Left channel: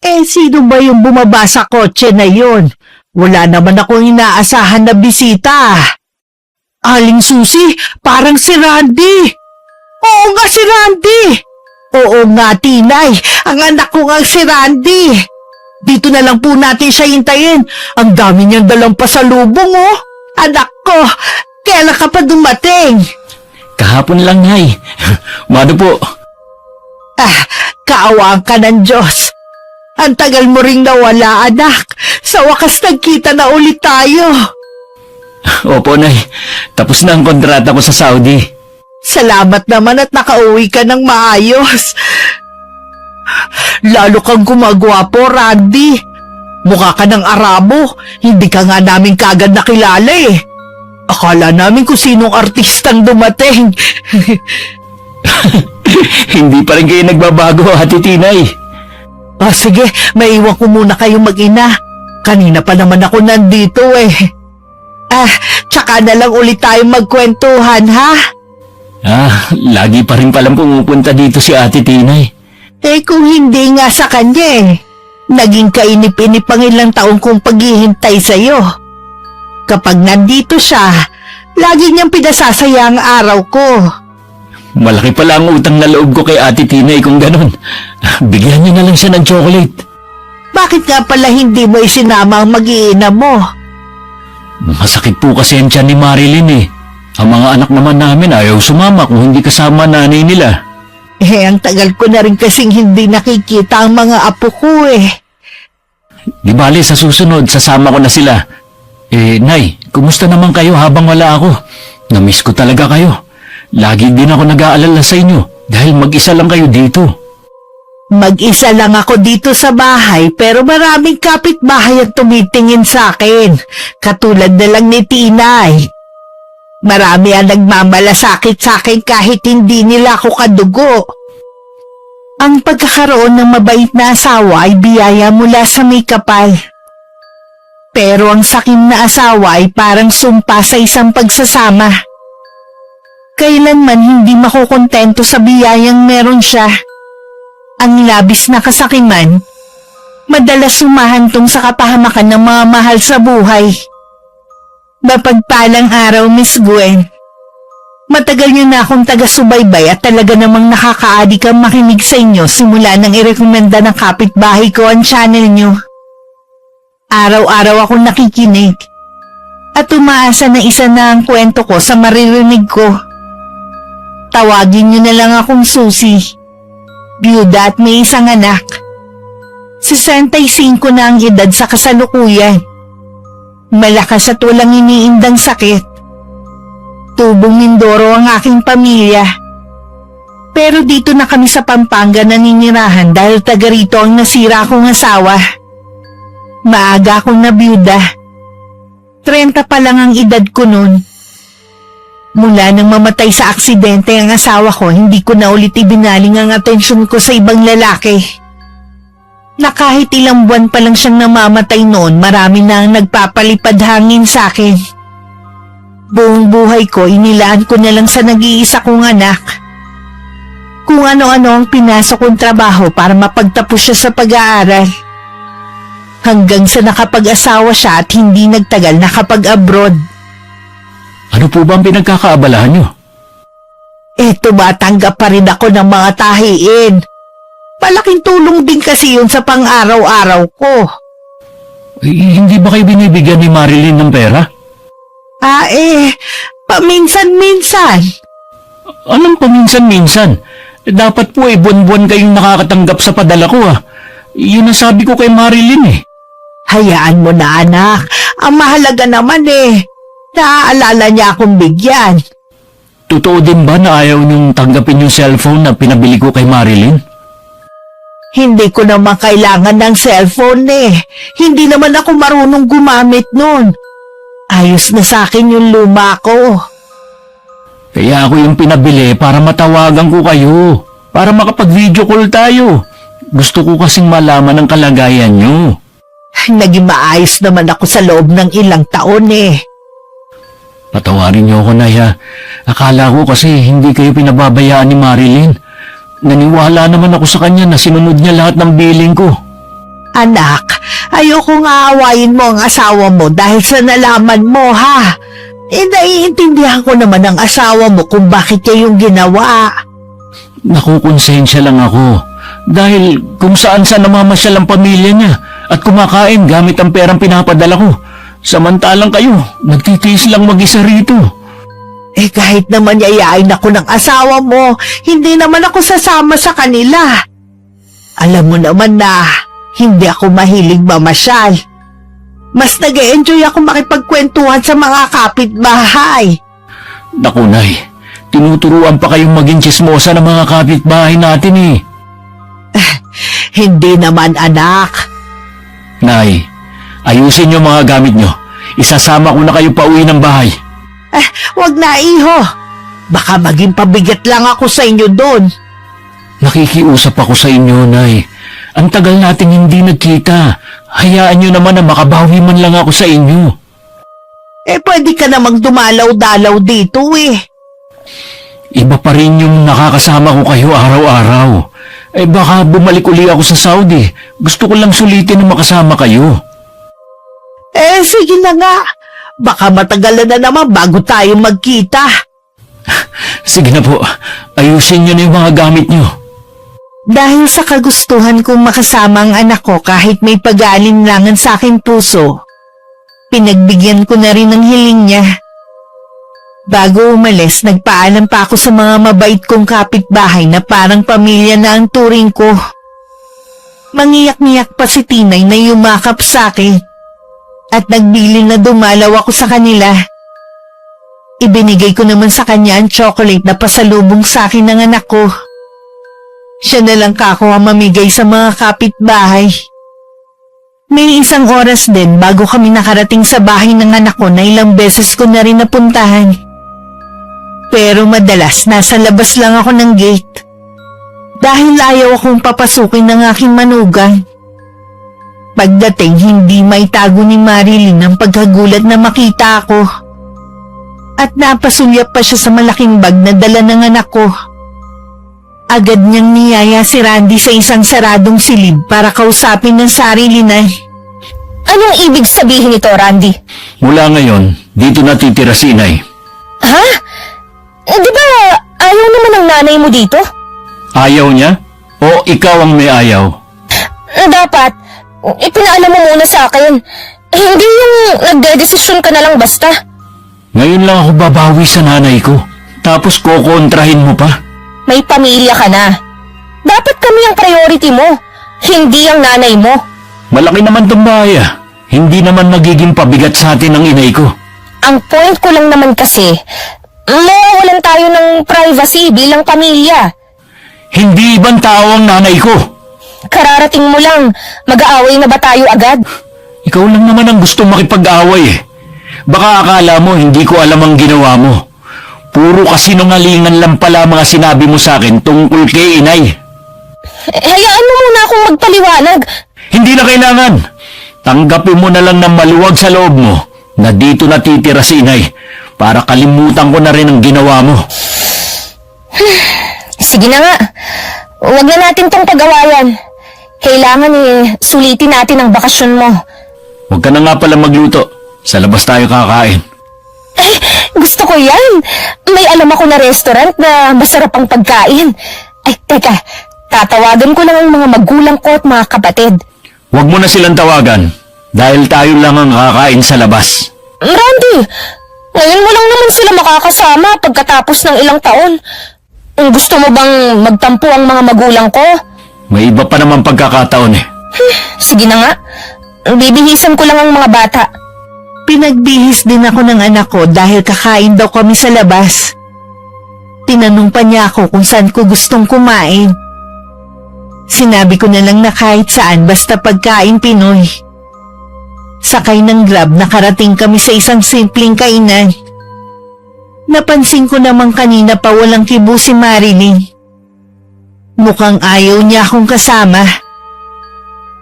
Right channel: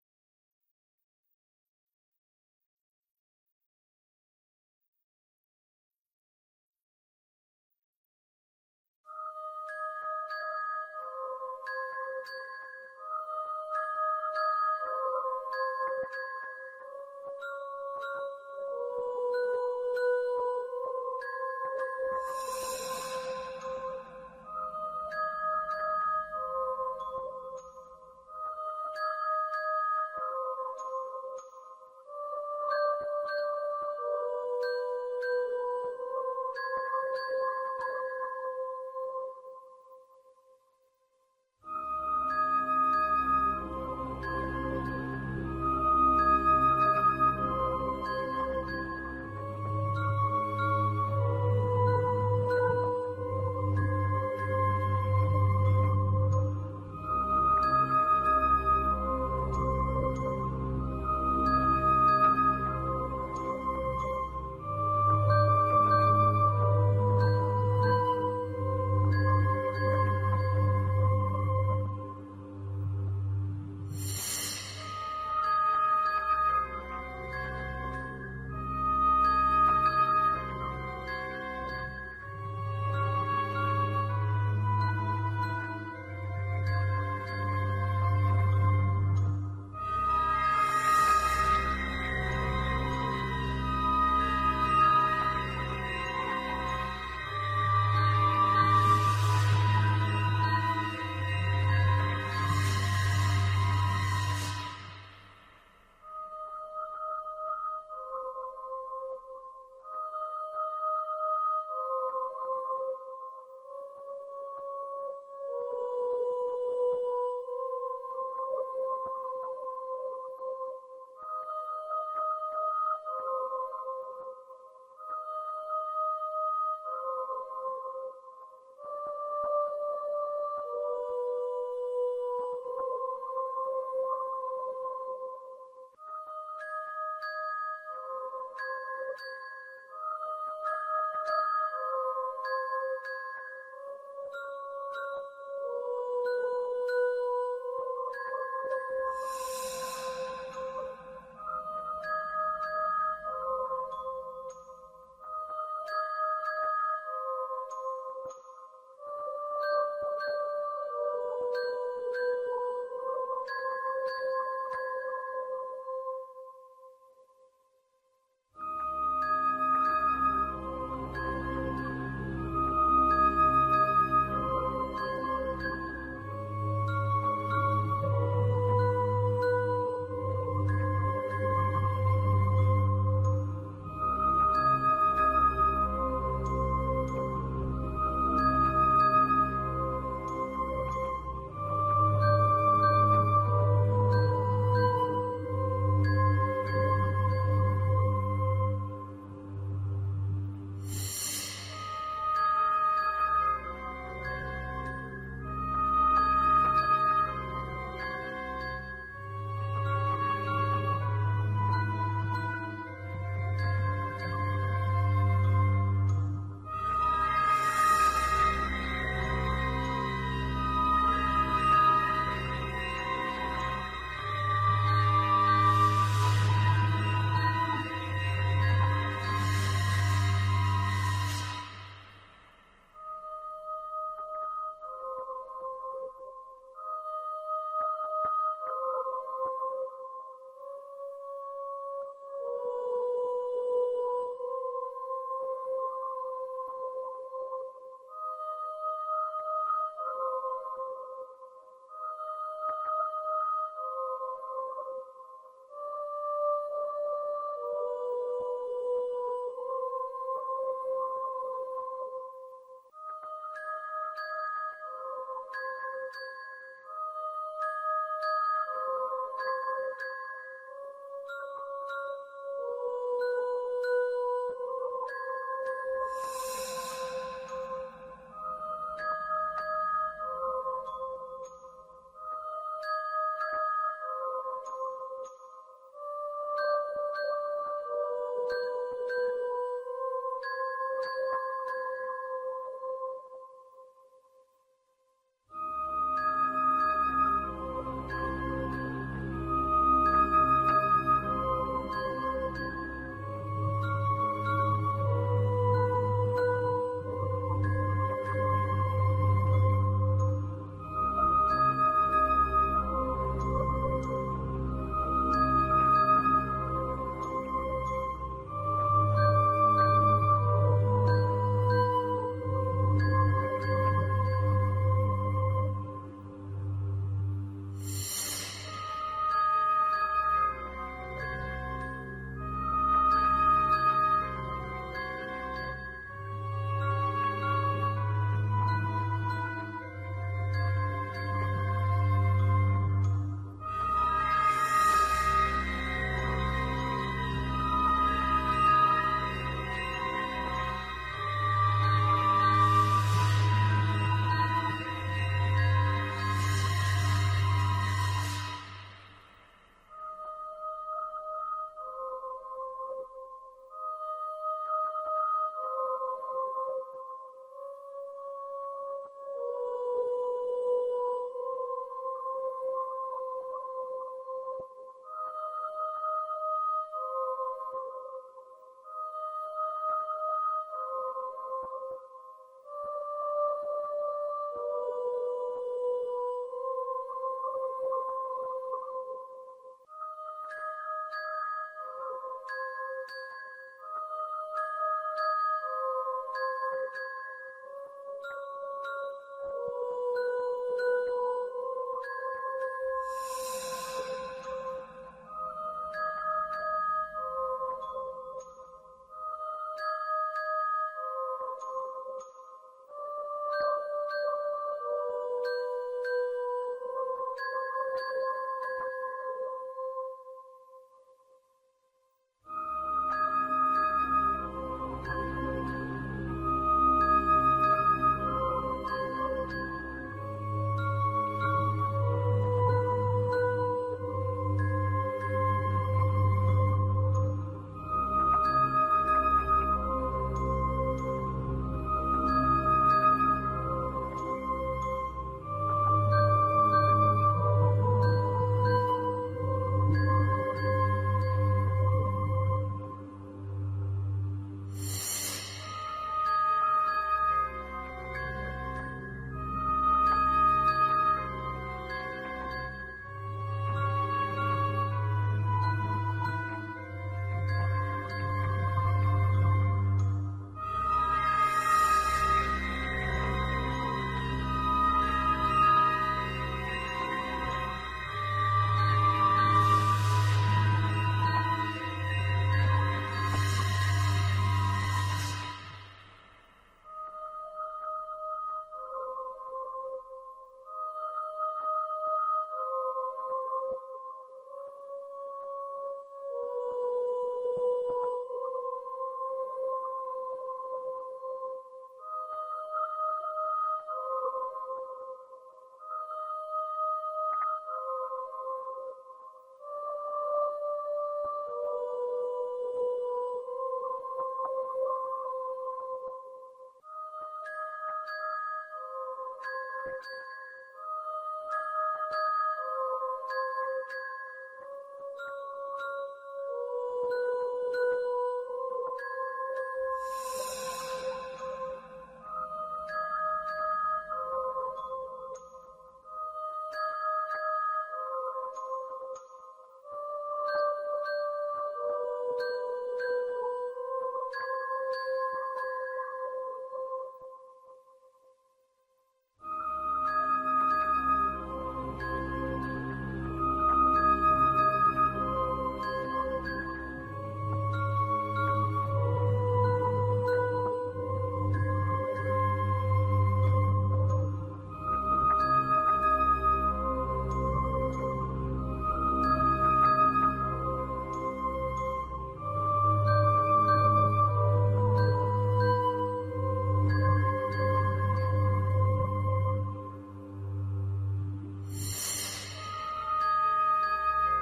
Sino ba yung bumaba sa kotse na yun? Wala naman akong inaasahan na bisita. Aling Susi, parang si Randy. Oo nga, si Randy. Oo nga, Tinay. Ang anak ko nga si Randy. Dito na lang po natin siya hintayin. Ang dami niyang dalang pasalubong, oh. Anak ko, kailan ka pa dumating? Kahapon lang, Nay. Mano po? Kaawaan ka ng Diyos. Ang tagal mo ring nawala, anak. Sa wakas nagkita na ulit tayo. Opo, Nay. Tapos na ang kontrata ko sa Saudi. Salamat naman at nakauwi ka ng maayos. Lalo kang gumagwapo, Randy. Mukha ka ng Arabo. Hindi ka nga namin kagad nakilala eh. Akala namin kung sinong artistang dumating. Hindi pa rin kayo nagbabago, Ate Tinay. Sige, maiwan ko muna kayong mag-ina. Kanina pa naman ako nandito eh. Tsaka na lang ulit tayong magkwentuhan, ha? Lagi pa rin palang pumupunta dito si Ate Tinay. Kung hindi nga sa kanya eh. Naging kainip-inip ang ilang taong kong paghihintay sa'yo. Kapag nandito siya, lagi niyang pinasasaya ang araw ko. Malaki pala ang utang na loob ko kay Ate Tinay kung ganon. Bigyan niyo na lang siya ng chocolate. Bakit nga pala hindi mo isinama ang mag-iina mo? Masakit po kasi ang tiyan ni Marilyn eh. Ang mga anak naman namin ayaw sumama kung hindi kasama nanay nila. Ang tagal ko na rin kasing hindi nakikita ang mga apo ko eh. Di bale, sa susunod, sasama ko na sila. Nay, kumusta naman kayo habang wala ako? Namiss ko talaga kayo. Lagi din ako nag-aalala sa inyo dahil mag-isa lang kayo dito. Mag-isa lang ako dito sa bahay pero maraming kapitbahay ang tumitingin sa akin. Katulad na lang ni Tinay. Marami ang nagmamalasakit sa akin kahit hindi nila ako kadugo. Ang pagkakaroon ng mabait na asawa ay biyaya mula sa may kapal. Pero ang sakim na asawa ay parang sumpa sa isang pagsasama. Kailanman hindi makukontento sa biyayang meron siya. Ang labis na kasakiman, madalas sumahantong sa kapahamakan ng mga mahal sa buhay. Mapagpalang araw, Miss Gwen. Matagal niyo na akong taga-subaybay at talaga namang nakakaadik ang makinig sa inyo simula nang irekomenda ng kapitbahay ko ang channel niyo. Araw-araw akong nakikinig at umaasa na isa na ang kwento ko sa maririnig ko. Tawagin niyo na lang akong Susi. Biyuda at may isang anak. 65 na ang edad sa kasalukuyan. Malakas at walang iniindang sakit. Tubong Mindoro ang aking pamilya. Pero dito na kami sa Pampanga naninirahan dahil taga rito ang nasira kong asawa. Maaga akong nabiyuda. 30 pa lang ang edad ko noon. Mula nang mamatay sa aksidente ang asawa ko, hindi ko na ulit ibinaling ang atensyon ko sa ibang lalaki. Na kahit ilang buwan pa lang siyang namamatay noon, marami na ang nagpapalipad hangin sa akin. Buong buhay ko, inilaan ko na lang sa nag-iisa kong anak. Kung ano-ano ang pinasok kong trabaho para mapagtapos siya sa pag-aaral. Hanggang sa nakapag-asawa siya at hindi nagtagal nakapag-abroad. Ano po ba ang pinagkakaabalahan niyo? Tumatanggap pa rin ako ng mga tahiin. Malaking tulong din kasi yun sa pang-araw-araw ko. Hindi ba kayo binibigyan ni Marilyn ng pera? Paminsan-minsan. Anong paminsan-minsan? Dapat po buwan-buwan kayong nakakatanggap sa padala ko Yun ang sabi ko kay Marilyn eh. Hayaan mo na anak. Ang mahalaga naman naaalala niya akong bigyan. Totoo din ba na ayaw niyong tanggapin yung cellphone na pinabili ko kay Marilyn? Hindi ko naman kailangan ng cellphone Hindi naman ako marunong gumamit nun. Ayos na sa akin yung luma ko. Kaya ako yung pinabili para matawagan ko kayo. Para makapag-video call tayo. Gusto ko kasing malaman ang kalagayan niyo. Naging maayos naman ako sa loob ng ilang taon Patawarin niyo ako, Nay. Akala ko kasi hindi kayo pinababayaan ni Marilyn. Naniwala naman ako sa kanya na sinunod niya lahat ng billing ko. Anak, ayokong aawayin mo ang asawa mo dahil sa nalaman mo, ha? Naiintindihan ko naman ang asawa mo kung bakit niya yung ginawa. Nakukonsensya lang ako. Dahil kung saan-saan namamasyal ang pamilya niya at kumakain gamit ang perang pinapadala ko. Samantalang kayo, nagtitiis lang mag-isa rito. Kahit naman yayain ako ng asawa mo, hindi naman ako sasama sa kanila. Alam mo naman na hindi ako mahilig mamasyal. Mas nag-e-enjoy ako makipagkwentuhan sa mga kapitbahay. Naku, Nay, tinuturuan pa kayong maging tsismosa ng mga kapitbahay natin eh. Hindi naman, anak. Nay, ayusin niyo mga gamit niyo. Isasama ko na kayo pauwi ng bahay. Wag na, iho. Baka maging pabigat lang ako sa inyo doon. Nakikiusap ako sa inyo, Nay. Ang tagal nating hindi nagkita. Hayaan niyo naman na makabawi man lang ako sa inyo. Pwede ka namang dumalaw-dalaw dito eh. Iba pa rin yung nakakasama ko kayo araw-araw. Baka bumalik uli ako sa Saudi. Gusto ko lang sulitin na makasama kayo. Sige na nga. Baka matagalan na naman bago tayo magkita. Sige na po, ayusin niyo na yung mga gamit niyo. Dahil sa kagustuhan kong makasama ang anak ko kahit may pag-aalinlangan sa aking puso, pinagbigyan ko na rin ang hiling niya. Bago umalis, nagpaalam pa ako sa mga mabait kong kapitbahay na parang pamilya na ang turing ko. Mangiyak-ngiyak pa si Tinay na yumakap sa akin at nagbilin na dumalaw ako sa kanila. Ibinigay ko naman sa kanya ang chocolate na pasalubong sa akin ng anak ko. Siya na lang kako ang mamigay sa mga kapitbahay. May isang oras din bago kami nakarating sa bahay ng anak ko na ilang beses ko na rin napuntahan. Pero madalas nasa labas lang ako ng gate. Dahil ayaw akong papasukin ng aking manugang. Pagdating hindi maitago ni Marilyn ang pagkagulat na makita ako. At napasulyap pa siya sa malaking bag na dala ng anak ko. Agad niyang niyaya si Randy sa isang saradong silid para kausapin ng sarili na. Anong ibig sabihin nito, Randy? Mula ngayon, dito natitira si Inay. Ha? Di ba ayaw naman ng nanay mo dito? Ayaw niya? O ikaw ang may ayaw? Dapat, ipinaalam mo muna sa akin. Hindi yung nagdedesisyon ka na lang basta. Ngayon lang ako babawi sa nanay ko. Tapos kokontrahin mo pa. May pamilya ka na. Dapat kami ang priority mo, hindi ang nanay mo. Malaki naman tong bahay ah. Hindi naman magiging pabigat sa atin ang inay ko. Ang point ko lang naman kasi, mawawalan tayo ng privacy bilang pamilya. Hindi ibang tao ang nanay ko. Kararating mo lang, mag-aaway na ba tayo agad? Ikaw lang naman ang gustong makipag-away eh. Baka akala mo hindi ko alam ang ginawa mo. Puro kasinungalingan lang pala mga sinabi mo sa akin tungkol kay Inay. Hayaan mo muna akong magpaliwanag. Hindi na kailangan. Tanggapin mo na lang ng maluwag sa loob mo na dito natitira si Inay para kalimutan ko na rin ang ginawa mo. Sige na nga. Huwag na natin tong pag-awayan. Kailangan sulitin natin ang bakasyon mo. Huwag ka na nga pala magluto. Sa labas tayo kakain. Gusto ko yan. May alam ako na restaurant na masarap ang pagkain. Teka. Tatawagan ko lang ang mga magulang ko at mga kapatid. Huwag mo na silang tawagan dahil tayo lang ang kakain sa labas. Randy, ngayon mo lang naman sila makakasama pagkatapos ng ilang taon. Gusto mo bang magtampo ang mga magulang ko? May iba pa naman pagkakataon eh. Sige na nga. Bibihisan ko lang ang mga bata. Pinagbihis din ako ng anak ko dahil kakain daw kami sa labas. Tinanong pa niya ako kung saan ko gustong kumain. Sinabi ko na lang na kahit saan basta pagkain Pinoy. Sakay ng Grab nakarating kami sa isang simpleng kainan. Napansin ko naman kanina pa walang kibo si Marilyn. Mukhang ayaw niya akong kasama.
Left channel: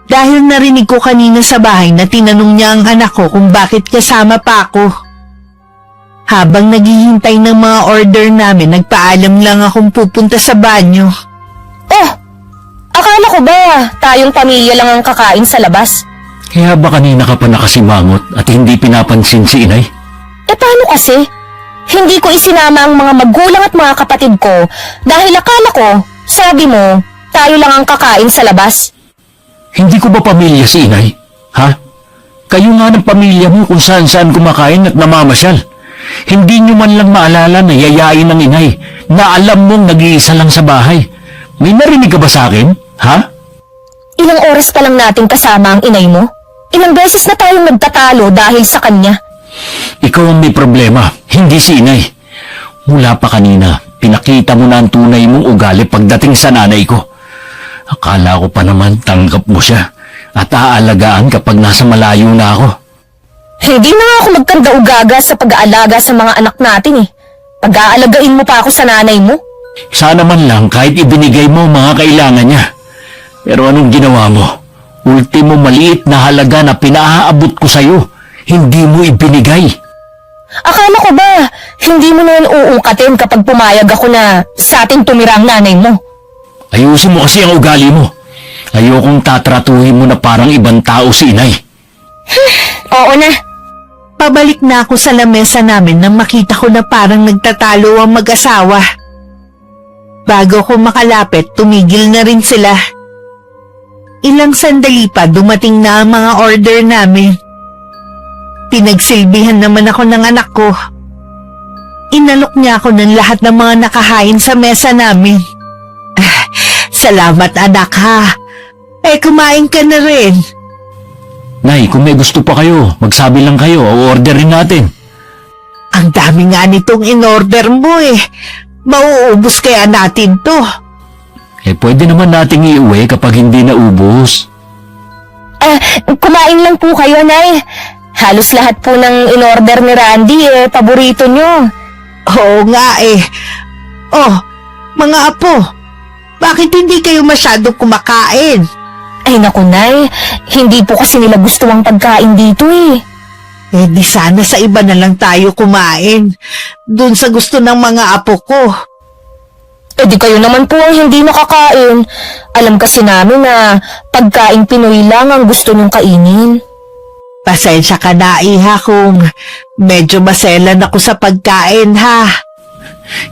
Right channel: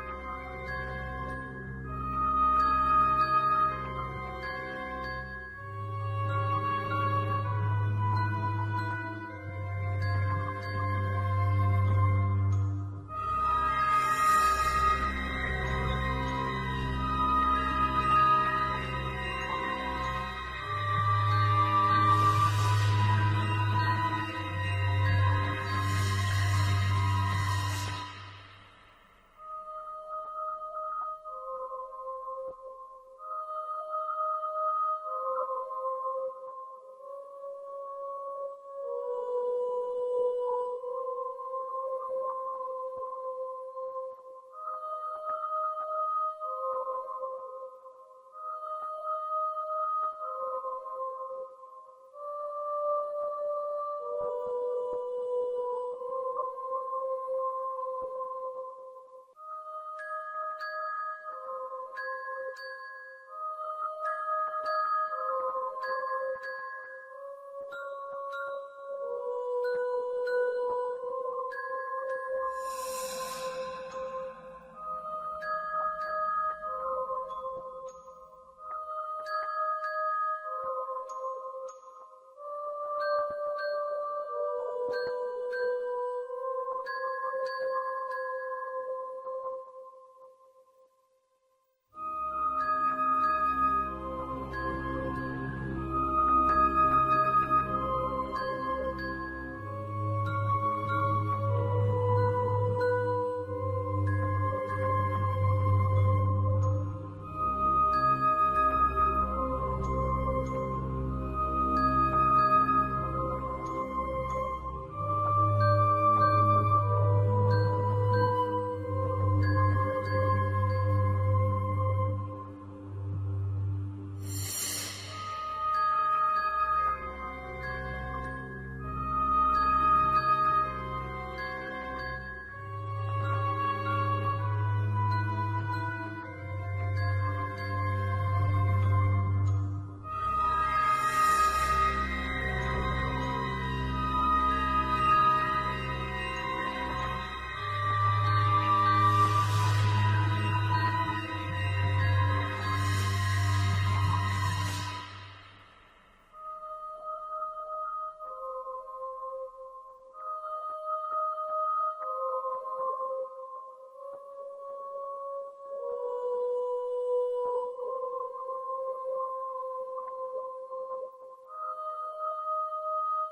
Dahil narinig ko kanina sa bahay na tinanong niya ang anak ko kung bakit kasama pa ako. Habang naghihintay ng mga order namin, nagpaalam lang akong pupunta sa banyo. Oh, akala Akala ko ba tayong pamilya lang ang kakain sa labas? Kaya ba kanina ka pa nakasimangot at hindi pinapansin si inay? Paano kasi? Hindi ko isinama ang mga magulang at mga kapatid ko dahil akala ko, sabi mo, tayo lang ang kakain sa labas. Hindi ko ba pamilya si inay? Ha? Kayo nga ng pamilya mo kung saan-saan kumakain at namamasyal. Hindi nyo man lang maalala na yayain ng inay na alam mong nag-iisa lang sa bahay. May narinig ka ba sa akin? Ha? Ilang oras pa lang natin kasama ang inay mo? Ilang beses na tayong nagtatalo dahil sa kanya. Ikaw ang may problema, hindi si inay. Mula pa kanina, pinakita mo na ang tunay mong ugali pagdating sa nanay ko. Akala ko pa naman tanggap mo siya at aalagaan kapag nasa malayo na ako. Hindi na nga ako magkanda-ugaga sa pag-aalaga sa mga anak natin eh. Pag-aalagain mo pa ako sa nanay mo? Sana man lang kahit ibinigay mo ang mga kailangan niya. Pero anong ginawa mo? Ultimo maliit na halaga na pinaaabot ko sa'yo, hindi mo ibinigay. Akala ko ba, hindi mo na yan uungkatin kapag pumayag ako na sa ating tumira ang nanay mo? Ayusin mo kasi ang ugali mo. Ayokong tatratuhin mo na parang ibang tao si inay. Oo na. Pabalik na ako sa lamesa namin nang makita ko na parang nagtatalo ang mag-asawa. Bago ko makalapit, tumigil na rin sila. Ilang sandali pa dumating na ang mga order namin. Pinagsilbihan naman ako ng anak ko. Inalok niya ako ng lahat ng mga nakahain sa mesa namin. Salamat anak ha. Kumain ka na rin. Nay, kung may gusto pa kayo, magsabi lang kayo o orderin natin. Ang dami nga nitong in-order mo eh. Mauubos kaya natin to. Pwede naman nating iuwi kapag hindi naubos. Kumain lang po kayo, Nay. Halos lahat po ng in-order ni Randy paborito nyo. Oo nga eh. Oh, mga apo, bakit hindi kayo masyadong kumakain? Ay naku, Nay. Hindi po kasi nila gusto ang pagkain dito eh. Di sana sa iba na lang tayo kumain. Doon sa gusto ng mga apo ko. Di kayo naman po ang hindi nakakain. Alam kasi namin na pagkain Pinoy lang ang gusto nyong kainin. Pasensya ka na, iha, kung medyo maselan ako sa pagkain, ha?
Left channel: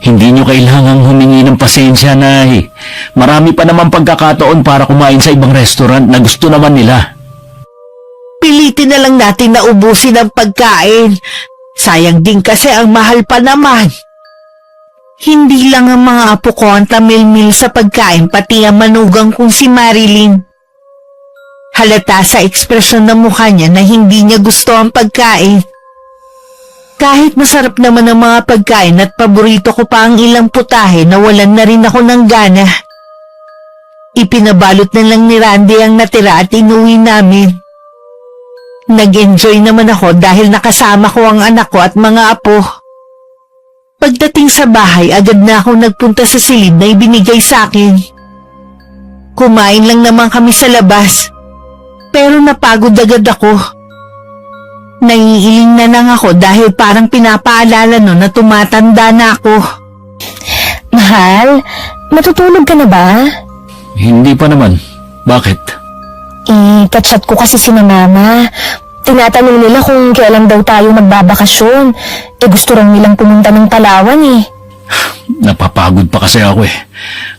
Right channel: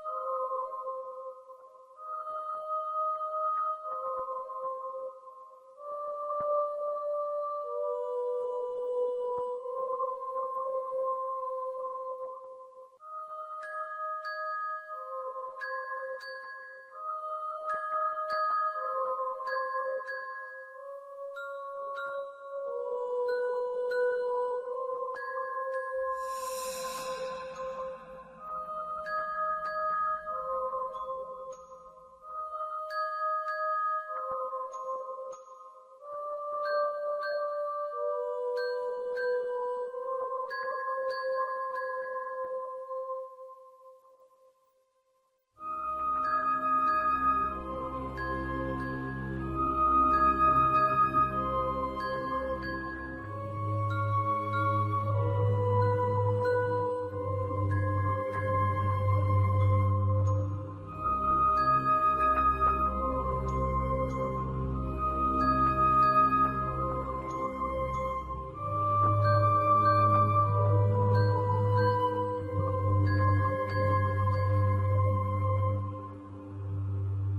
Hindi nyo kailangang humingi ng pasensya, Nay. Marami pa naman pagkakataon para kumain sa ibang restaurant na gusto naman nila. Pilitin na lang natin na ubusin ang pagkain. Sayang din kasi ang mahal pa naman. Hindi lang ang mga apo ko ang tamil-mil sa pagkain, pati ang manugang kong si Marilyn. Halata sa ekspresyon ng mukha niya na hindi niya gusto ang pagkain. Kahit masarap naman ang mga pagkain at paborito ko pa ang ilang putahe, nawalan na rin ako ng gana. Ipinabalot na lang ni Randy ang natira at inuwi namin. Nag-enjoy naman ako dahil nakasama ko ang anak ko at mga apo. Pagdating sa bahay, agad na ako nagpunta sa silid na ibinigay sa akin. Kumain lang naman kami sa labas, pero napagod agad ako. Naiiling na lang ako dahil parang pinapaalala no na tumatanda na ako. Mahal, matutulog ka na ba? Hindi pa naman. Bakit? Kachat ko kasi si Mama. Tinatanong nila kung kailan daw tayo magbabakasyon. Gusto raw nilang pumunta ng Palawan eh. Napapagod pa kasi ako eh.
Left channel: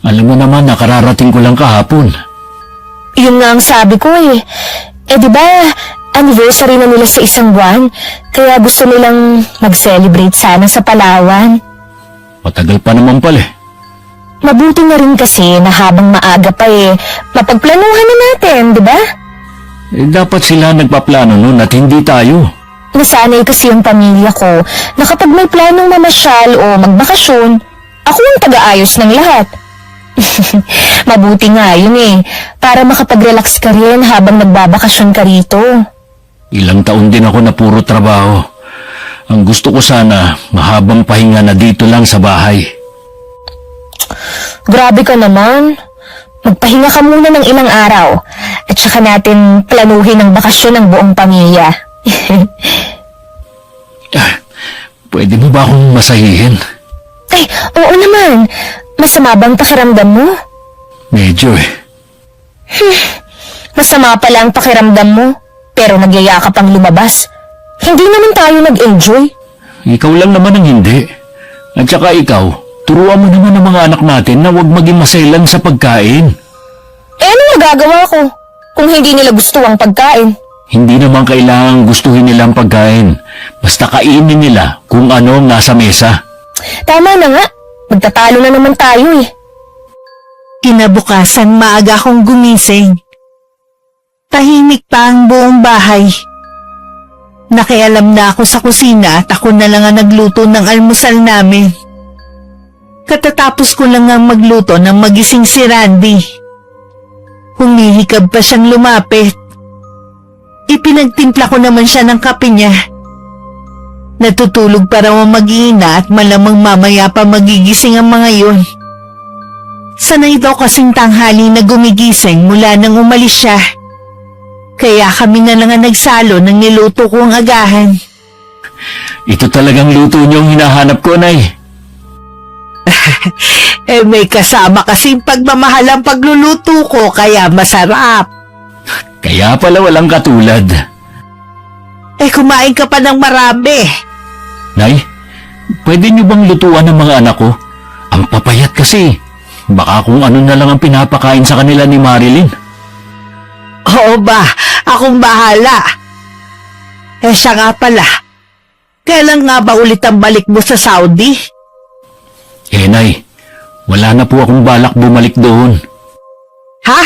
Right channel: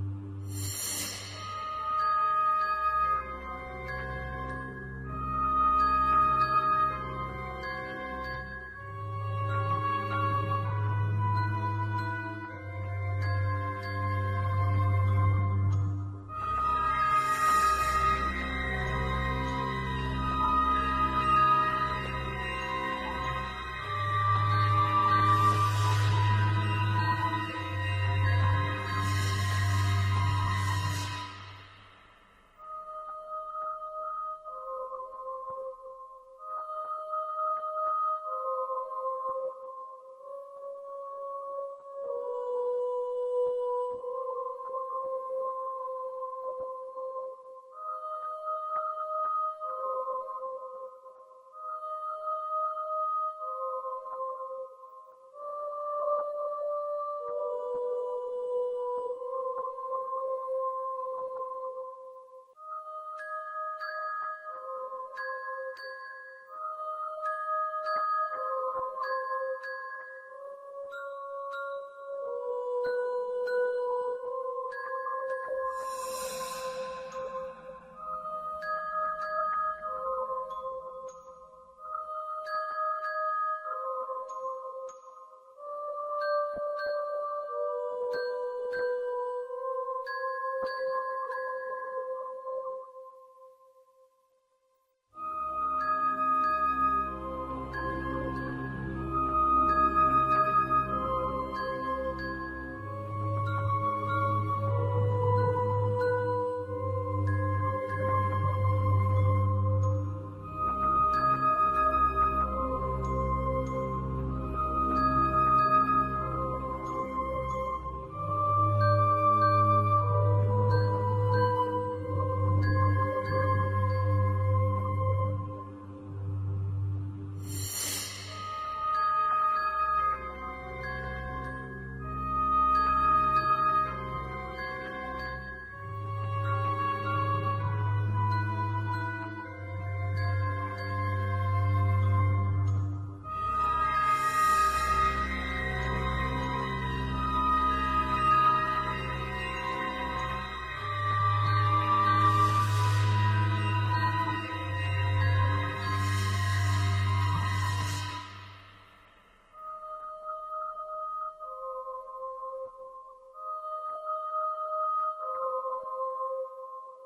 Alam mo naman, nakararating ko lang kahapon. Yun nga ang sabi ko eh. Di ba, anniversary na nila sa isang buwan, kaya gusto nilang mag-celebrate sana sa Palawan. Matagal pa naman pala eh. Mabuti na rin kasi na habang maaga pa mapagplanuhan na natin, di ba? Dapat sila nagpaplano nun at hindi tayo. Nasanay kasi yung pamilya ko na kapag may planong mamasyal o magbakasyon, ako ang taga-ayos ng lahat. Mabuti nga yun para makapag-relax ka rin habang nagbabakasyon ka rito. Ilang taon din ako na puro trabaho. Ang gusto ko sana, mahabang pahinga na dito lang sa bahay. Grabe ka naman. Magpahinga ka muna ng ilang araw at saka natin planuhin ang bakasyon ng buong pamilya. Pwede mo ba akong masahihin? Ay, oo naman. Masama bang pakiramdam mo? Medyo eh. Masama pala ang pakiramdam mo, pero nagyaya ka pang lumabas. Hindi naman tayo nag-enjoy. Ikaw lang naman ang hindi. At saka ikaw, turuan mo naman ang mga anak natin na huwag maging maselan sa pagkain. Eh ano magagawa ko kung hindi nila gusto ang pagkain? Hindi naman kailangang gustuhin nila ang pagkain. Basta kainin nila kung ano ang nasa mesa. Tama na nga, magtatalo na naman tayo eh. Kinabukasan maaga akong gumising. Tahimik pa ang buong bahay. Nakialam na ako sa kusina at ako na lang ang nagluto ng almusal namin. Katatapos ko lang ang magluto nang magising si Randy. Humihikab pa siyang lumapit. Ipinagtimpla ko naman siya ng kape niya. Natutulog pa raw ang mag-iina at malamang mamaya pa magigising ang mga yun. Sanay daw kasing tanghali na gumigising mula nang umalis siya. Kaya kami na lang ang nagsalo ng niluto kong agahan. Ito talagang luto niyong hinahanap ko, Nay. May kasama kasing pagmamahal ang pagluluto ko kaya masarap. Kaya pala walang katulad. Kumain ka pa ng marami. Nay, pwede niyo bang lutuan ng mga anak ko? Ang papayat kasi. Baka kung ano na lang ang pinapakain sa kanila ni Marilyn. Oo ba, akong bahala. Siya nga pala. Kailan nga ba ulit ang balik mo sa Saudi? Nay, wala na po akong balak bumalik doon. Ha?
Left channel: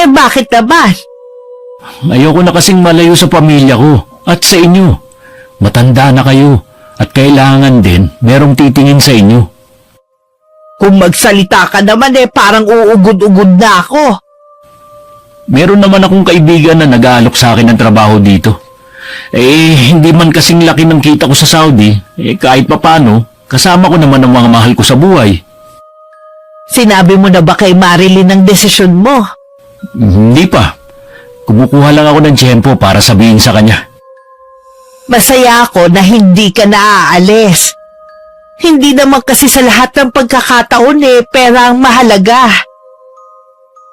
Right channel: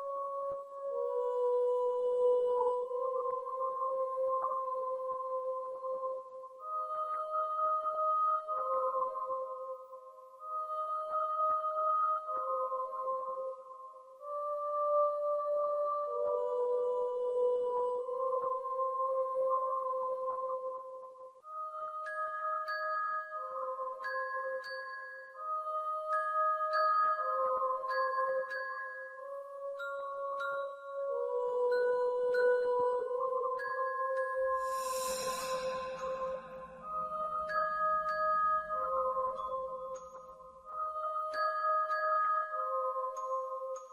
Bakit naman? Ayoko na kasing malayo sa pamilya ko at sa inyo. Matanda na kayo at kailangan din merong titingin sa inyo. Kung magsalita ka naman parang uugod-ugod na ako. Meron naman akong kaibigan na nag-aalok sa akin ng trabaho dito. Hindi man kasing laki ng kita ko sa Saudi, kahit papano, kasama ko naman ang mga mahal ko sa buhay. Sinabi mo na ba kay Marilyn ang desisyon mo? Hindi pa. Kumukuha lang ako ng tiyempo para sabihin sa kanya. Masaya ako na hindi ka naaalis. Hindi naman kasi sa lahat ng pagkakataon pera ang mahalaga.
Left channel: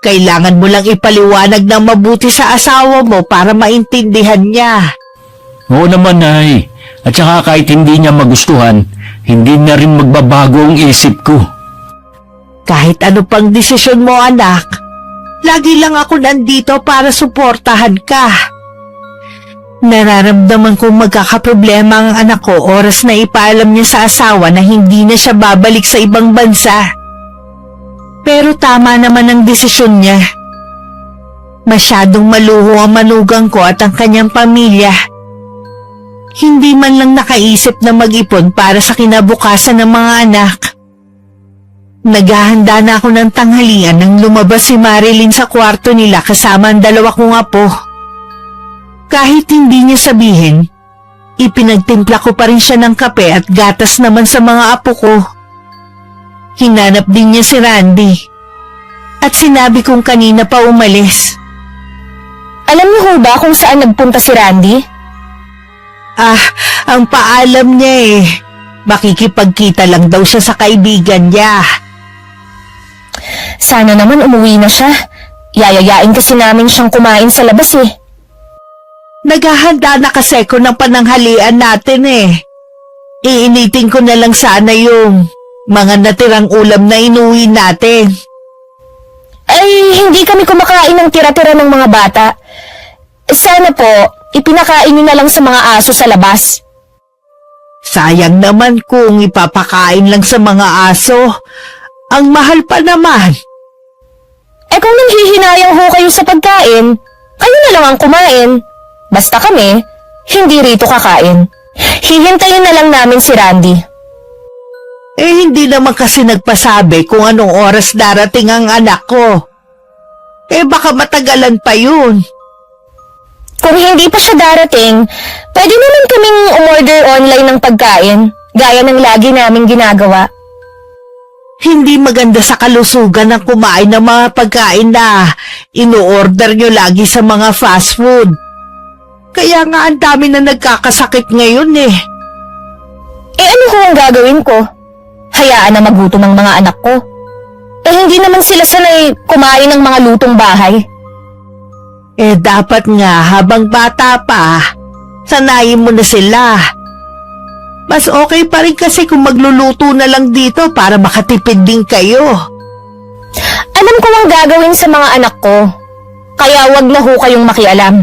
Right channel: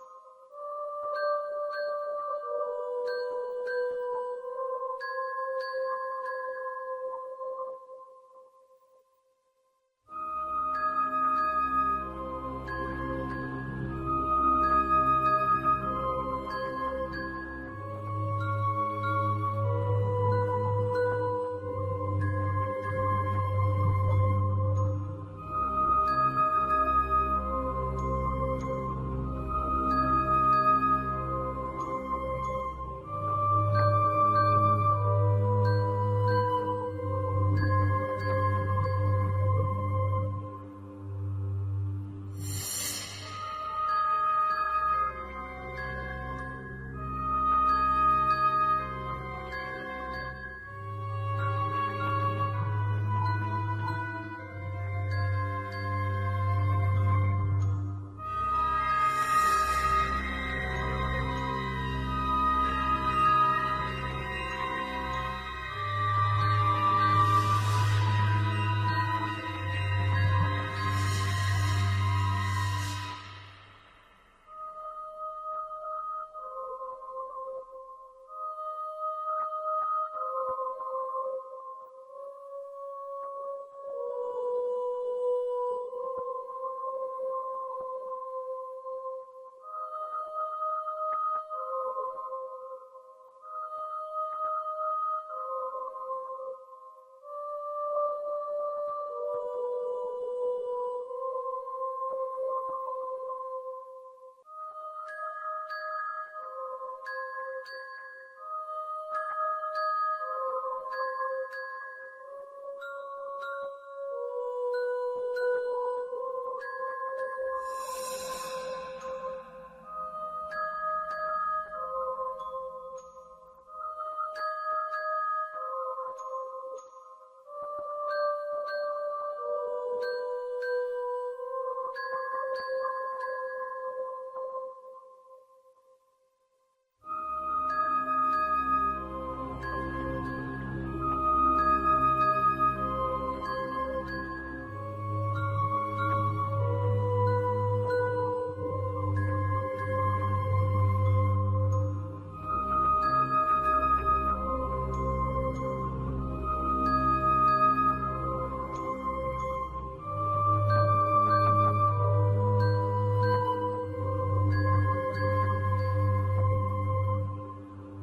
Kailangan mo lang ipaliwanag ng mabuti sa asawa mo para maintindihan niya. Oo naman, Nay. At saka kahit hindi niya magustuhan, hindi na rin magbabago ang isip ko. Kahit ano pang desisyon mo, anak, lagi lang ako nandito para suportahan ka. Nararamdaman kong magkakaproblema ang anak ko oras na ipaalam niya sa asawa na hindi na siya babalik sa ibang bansa. Pero tama naman ang desisyon niya. Masyadong maluho ang manugang ko at ang kanyang pamilya. Hindi man lang nakaisip na mag-ipon para sa kinabukasan ng mga anak. Naghahanda na ako ng tanghalian nang lumabas si Marilyn sa kwarto nila kasama ang dalawa kong apo. Kahit hindi niya sabihin, ipinagtimpla ko pa rin siya ng kape at gatas naman sa mga apo ko. Hinanap din niya si Randy. At sinabi kong kanina pa umalis. Alam niyo ho ba kung saan nagpunta si Randy? Ang paalam niya makikipagkita lang daw siya sa kaibigan niya. Sana naman umuwi na siya. Yayayain kasi namin siyang kumain sa labas Naghahanda na kasi ko ng pananghalian natin Iinitin ko na lang sana yung mga natirang ulam na inuwi natin. Ay, hindi kami kumakain ng tira-tira ng mga bata. Sana po, ipinakain niyo na lang sa mga aso sa labas. Sayang naman kung ipapakain lang sa mga aso. Ang mahal pa naman. Kung nanghihinayang ho kayo sa pagkain, kayo na lang ang kumain. Basta kami, hindi rito kakain. Hihintayin na lang namin si Randy. Hindi naman kasi nagpasabi kung anong oras darating ang anak ko. Baka matagalan pa yun. Kung hindi pa siya darating, pwede naman kaming umorder online ng pagkain, gaya ng lagi naming ginagawa. Hindi maganda sa kalusugan ang kumain ng mga pagkain na ino-order nyo lagi sa mga fast food. Kaya nga ang dami na nagkakasakit ngayon Ano ho ang gagawin ko? Hayaan na magutom ang mga anak ko. hindi naman sila sanay kumain ng mga lutong bahay. Dapat nga habang bata pa, sanayin mo na sila. Mas okay pa rin kasi kung magluluto na lang dito para makatipid din kayo. Alam ko ang gagawin sa mga anak ko, kaya wag na ho kayong makialam.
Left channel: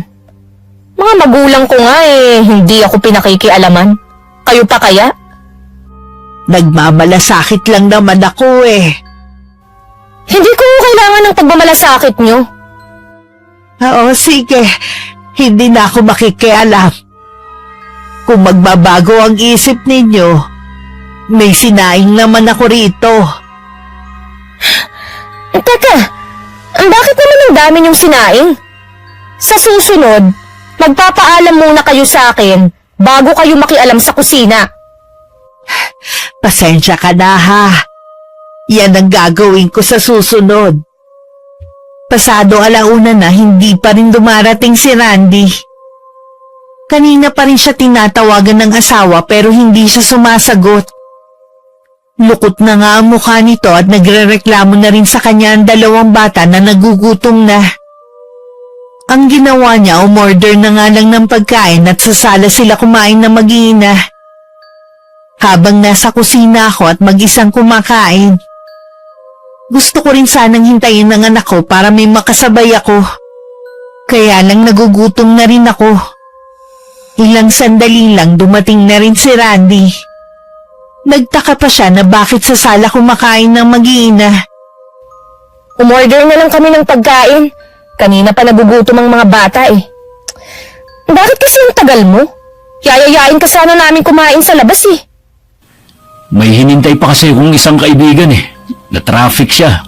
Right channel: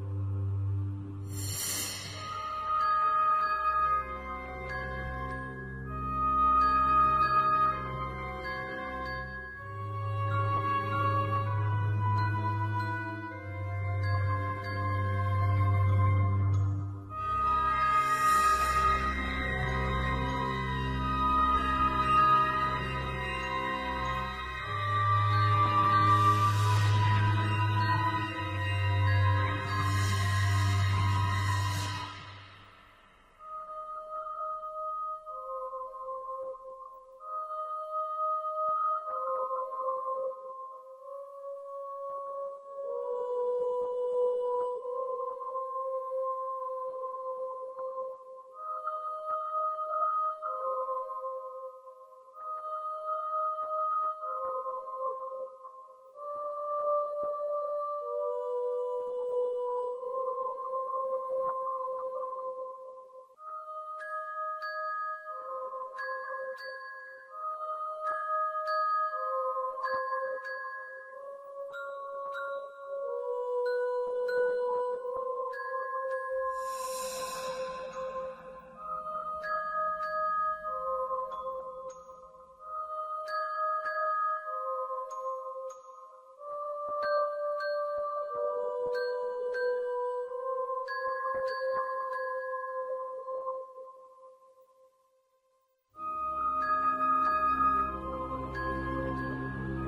Mga magulang ko nga hindi ako pinakikialaman. Kayo pa kaya? Nagmamalasakit lang naman ako Hindi ko kailangan ng pagmamalasakit nyo. Oo, sige. Hindi na ako makikialam. Kung magbabago ang isip ninyo, may sinaing naman ako rito. Teka, bakit naman ang dami niyong sinaing? Sa susunod, magpapaalam muna kayo sa akin bago kayo makialam sa kusina. Pasensya ka na ha. Yan ang gagawin ko sa susunod. Pasado alauna na hindi pa rin dumarating si Randy. Kanina pa rin siya tinatawagan ng asawa pero hindi siya sumasagot. Lukot na nga ang mukha nito at nagrereklamo na rin sa kanya ang dalawang bata na nagugutom na. Ang ginawa niya, umorder na nga lang ng pagkain at sa sala sila kumain na mag-iina. Habang nasa kusina ako at mag-isang kumakain, gusto ko rin sanang hintayin ng anak ko para may makasabay ako. Kaya lang nagugutom na rin ako. Ilang sandali lang dumating na rin si Randy. Nagtaka pa siya na bakit sa sala kumakain ng mag-iina. Umorder na lang kami ng pagkain. Kanina pa nagugutom ang mga bata Bakit kasi ang tagal mo? Yayayain ka sana namin kumain sa labas May hinintay pa kasi akong isang kaibigan Na-traffic siya.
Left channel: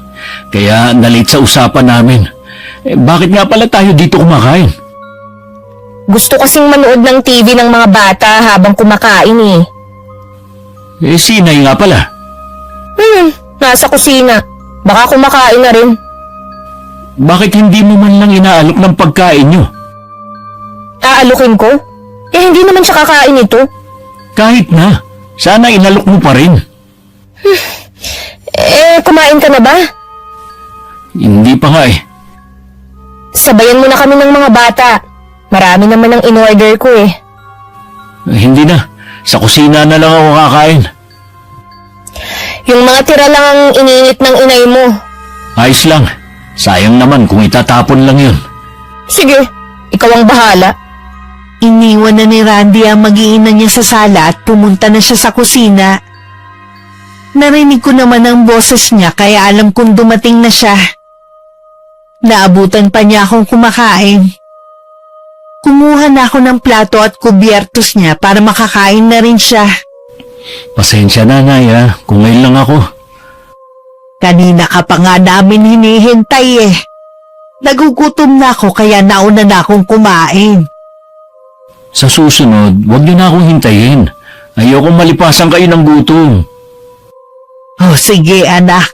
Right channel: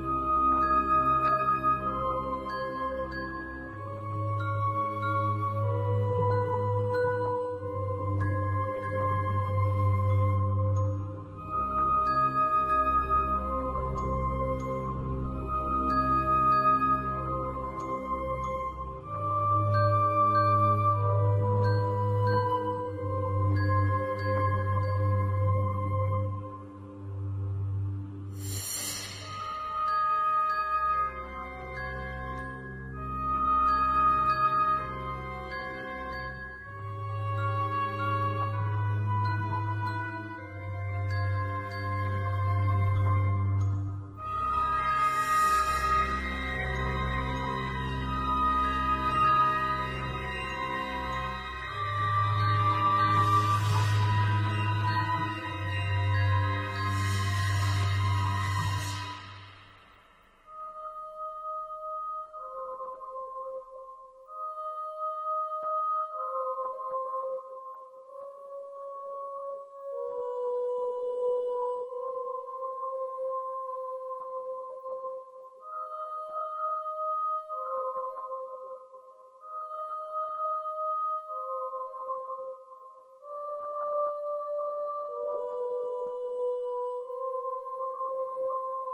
Kaya nalate sa usapan namin. Bakit nga pala tayo dito kumakain? Gusto kasing manood ng TV ng mga bata habang kumakain Sinay nga pala. Nasa kusina. Baka kumakain na rin. Bakit hindi mo man lang inaalok ng pagkain nyo? Aalukin ko? Hindi naman siya kakain ito. Kahit na. Sana inalok mo pa rin. Kumain ka na ba? Hindi pa nga Sabayan mo na kami ng mga bata. Marami naman ang in-order ko Hindi na. Sa kusina na lang ako kakain. Yung mga tira lang ang iniinit ng inay mo. Ayos lang. Sayang naman kung itatapon lang yun. Sige, ikaw ang bahala. Iniwan na ni Randy ang mag-iina niya sa sala at pumunta na siya sa kusina. Narinig ko naman ang boses niya kaya alam kong dumating na siya. Naabutan pa niya akong kumakain. Kumuha na ako ng plato at kubyertos niya para makakain na rin siya. Pasensya na, Nay, kung ngayon lang ako. Kanina ka pa nga namin hinihintay Nagugutom na ako kaya nauna na akong kumain. Sa susunod, huwag niyo na akong hintayin. Ayokong malipasan kayo ng gutom. Oh, sige anak.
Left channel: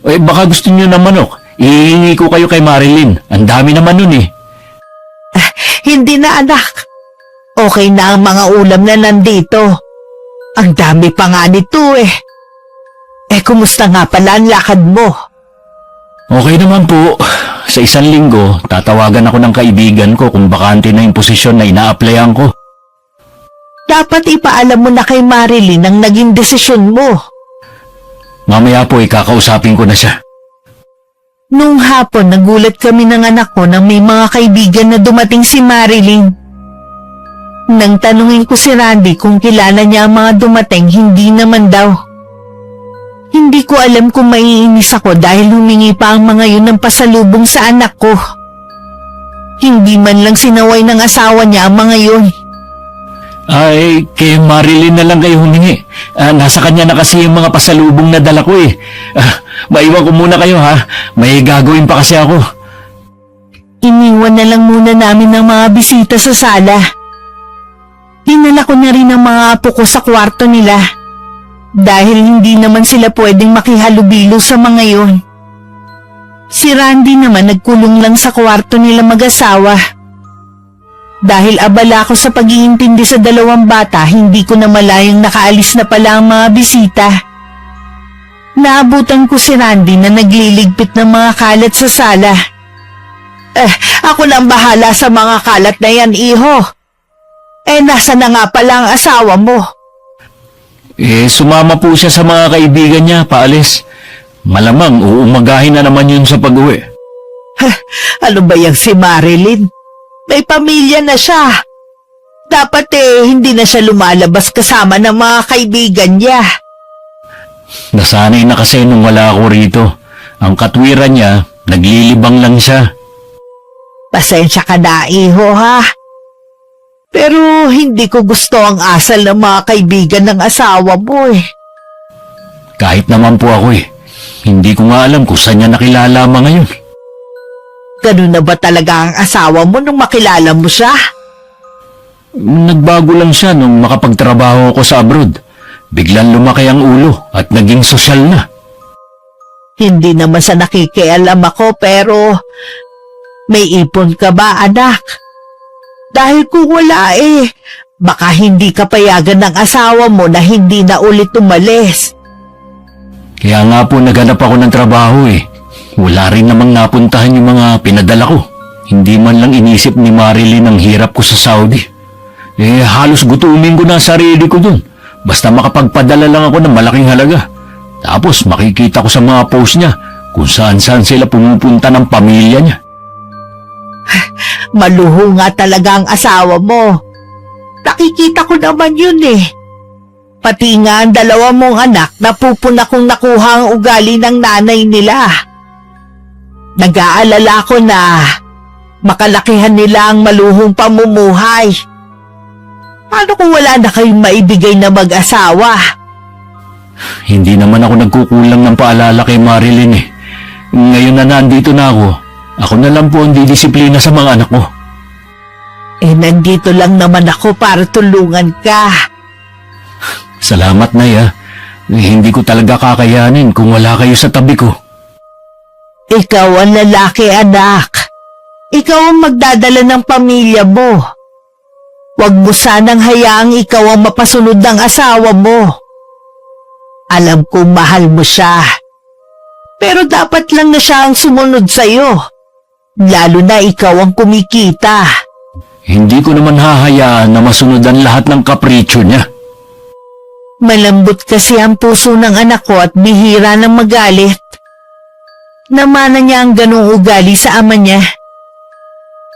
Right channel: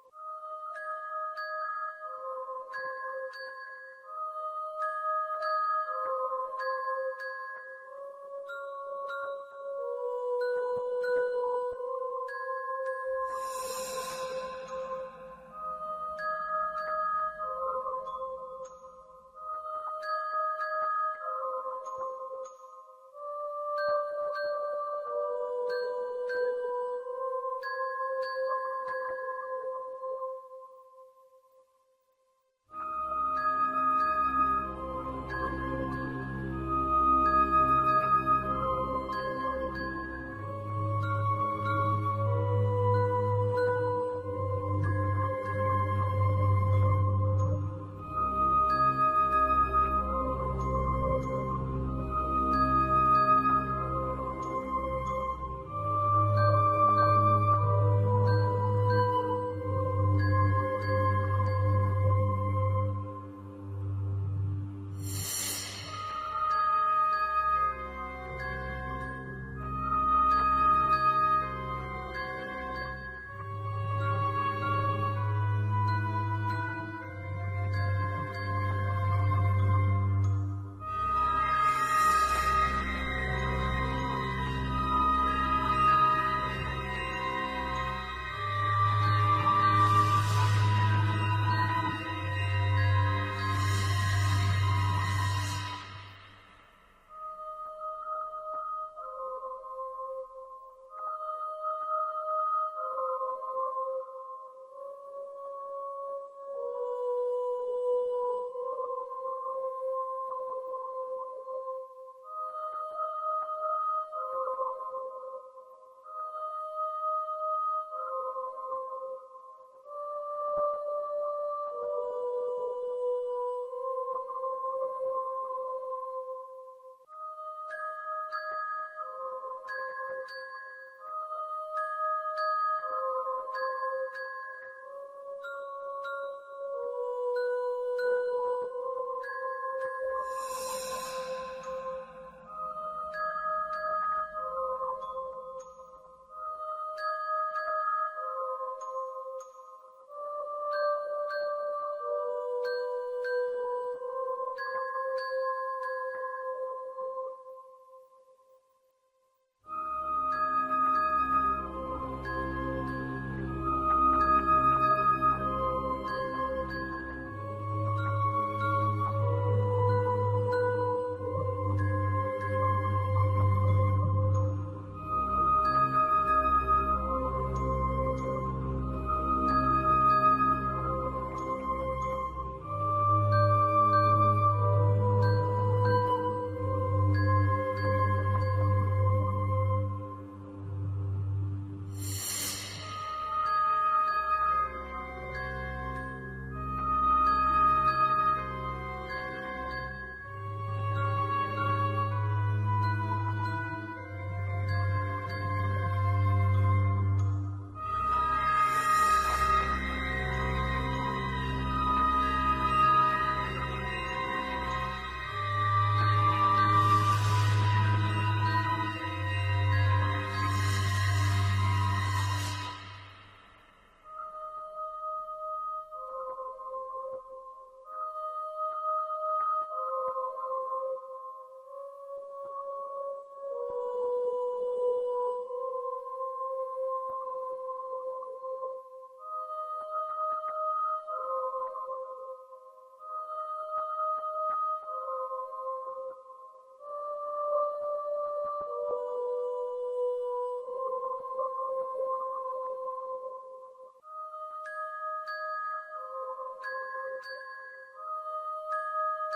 Baka gusto niyo ng manok. Ihingi ko kayo kay Marilyn. Ang dami naman nun Hindi na anak. Okay na ang mga ulam na nandito. Ang dami pa nga nito kumusta nga pala ang lakad mo? Okay naman po. Sa isang linggo, tatawagan ako ng kaibigan ko kung bakante na yung posisyon na ina-applyan ko. Dapat ipaalam mo na kay Marilyn ang naging desisyon mo. Mamaya po ikakausapin ko na siya. Nung hapon, nagulat kami ng anak ko na may mga kaibigan na dumating si Marilyn. Nang tanungin ko si Randy kung kilala niya ang mga dumating, hindi naman daw. Hindi ko alam kung maiinis ako dahil humingi pa ang mga yun ng pasalubong sa anak ko. Hindi man lang sinaway ng asawa niya ang mga yun. Ay, kay Marilyn na lang kayo humingi. Nasa kanya na kasi yung mga pasalubong na dala ko maiwan ko muna kayo May gagawin pa kasi ako. Iniwan na lang muna namin ng mga bisita sa sala. Dinala ko na rin ang mga apo ko sa kwarto nila. Dahil hindi naman sila pwedeng makihalubilo sa mga yun. Si Randy naman nagkulong lang sa kwarto nila mag-asawa. Dahil abala ako sa pag-iintindi sa dalawang bata, hindi ko na malayang nakaalis na pala ang mga bisita. Naabutan ko si Randy na nagliligpit ng mga kalat sa sala. Ako na ang bahala sa mga kalat na yan, iho. Nasa na nga pala ang asawa mo? Sumama po siya sa mga kaibigan niya, paalis. Malamang uumagahin na naman yun sa pag-uwi. Ano ba yung si Marilyn? May pamilya na siya. Dapat hindi na siya lumalabas kasama ng mga kaibigan niya. Nasanay na kasi nung wala ako rito. Ang katwiran niya, naglilibang lang siya. Pasensya ka na, iho, ha? Pero hindi ko gusto ang asal ng mga kaibigan ng asawa mo Kahit naman po ako Hindi ko nga alam kung saan niya nakilala ngayon. Ganun na ba talaga ang asawa mo nung makilala mo siya? Nagbago lang siya nung makapagtrabaho ako sa abroad. Biglang lumaki ang ulo at naging sosyal na. Hindi naman sa nakikialam ako pero may ipon ka ba, anak? Dahil kung wala baka hindi ka payagan ng asawa mo na hindi na ulit umalis. Kaya nga po naghanap ako ng trabaho Wala rin namang napuntahan yung mga pinadala ko. Hindi man lang inisip ni Marilyn ang hirap ko sa Saudi. Halos gutumin ko na ang sarili ko dun. Basta makapagpadala lang ako ng malaking halaga. Tapos makikita ko sa mga post niya kung saan-saan sila pumupunta ng pamilya niya. Maluho nga talaga ang asawa mo. Nakikita ko naman yun Pati nga ang dalawa mong anak napupuna kong nakuha ang ugali ng nanay nila. Nag-aalala ko na makalakihan nila ang maluhong pamumuhay. Paano kung wala na kayong maibigay na mag-asawa? Hindi naman ako nagkukulang ng paalala kay Marilyn Ngayon na nandito na ako na lang po ang didisiplina sa mga anak ko. Nandito lang naman ako para tulungan ka. Salamat, Nay, Hindi ko talaga kakayanin kung wala kayo sa tabi ko. Ikaw ang lalaki, anak. Ikaw ang magdadala ng pamilya mo. Huwag mo sanang hayaang ikaw ang mapasunod ng asawa mo. Alam kong mahal mo siya. Pero dapat lang na siya ang sumunod sa'yo. Lalo na ikaw ang kumikita. Hindi ko naman hahayaan na masunod ang lahat ng kapritsyo niya. Malambot kasi ang puso ng anak ko at bihira ng magalit. Namana niya ang ganong ugali sa ama niya.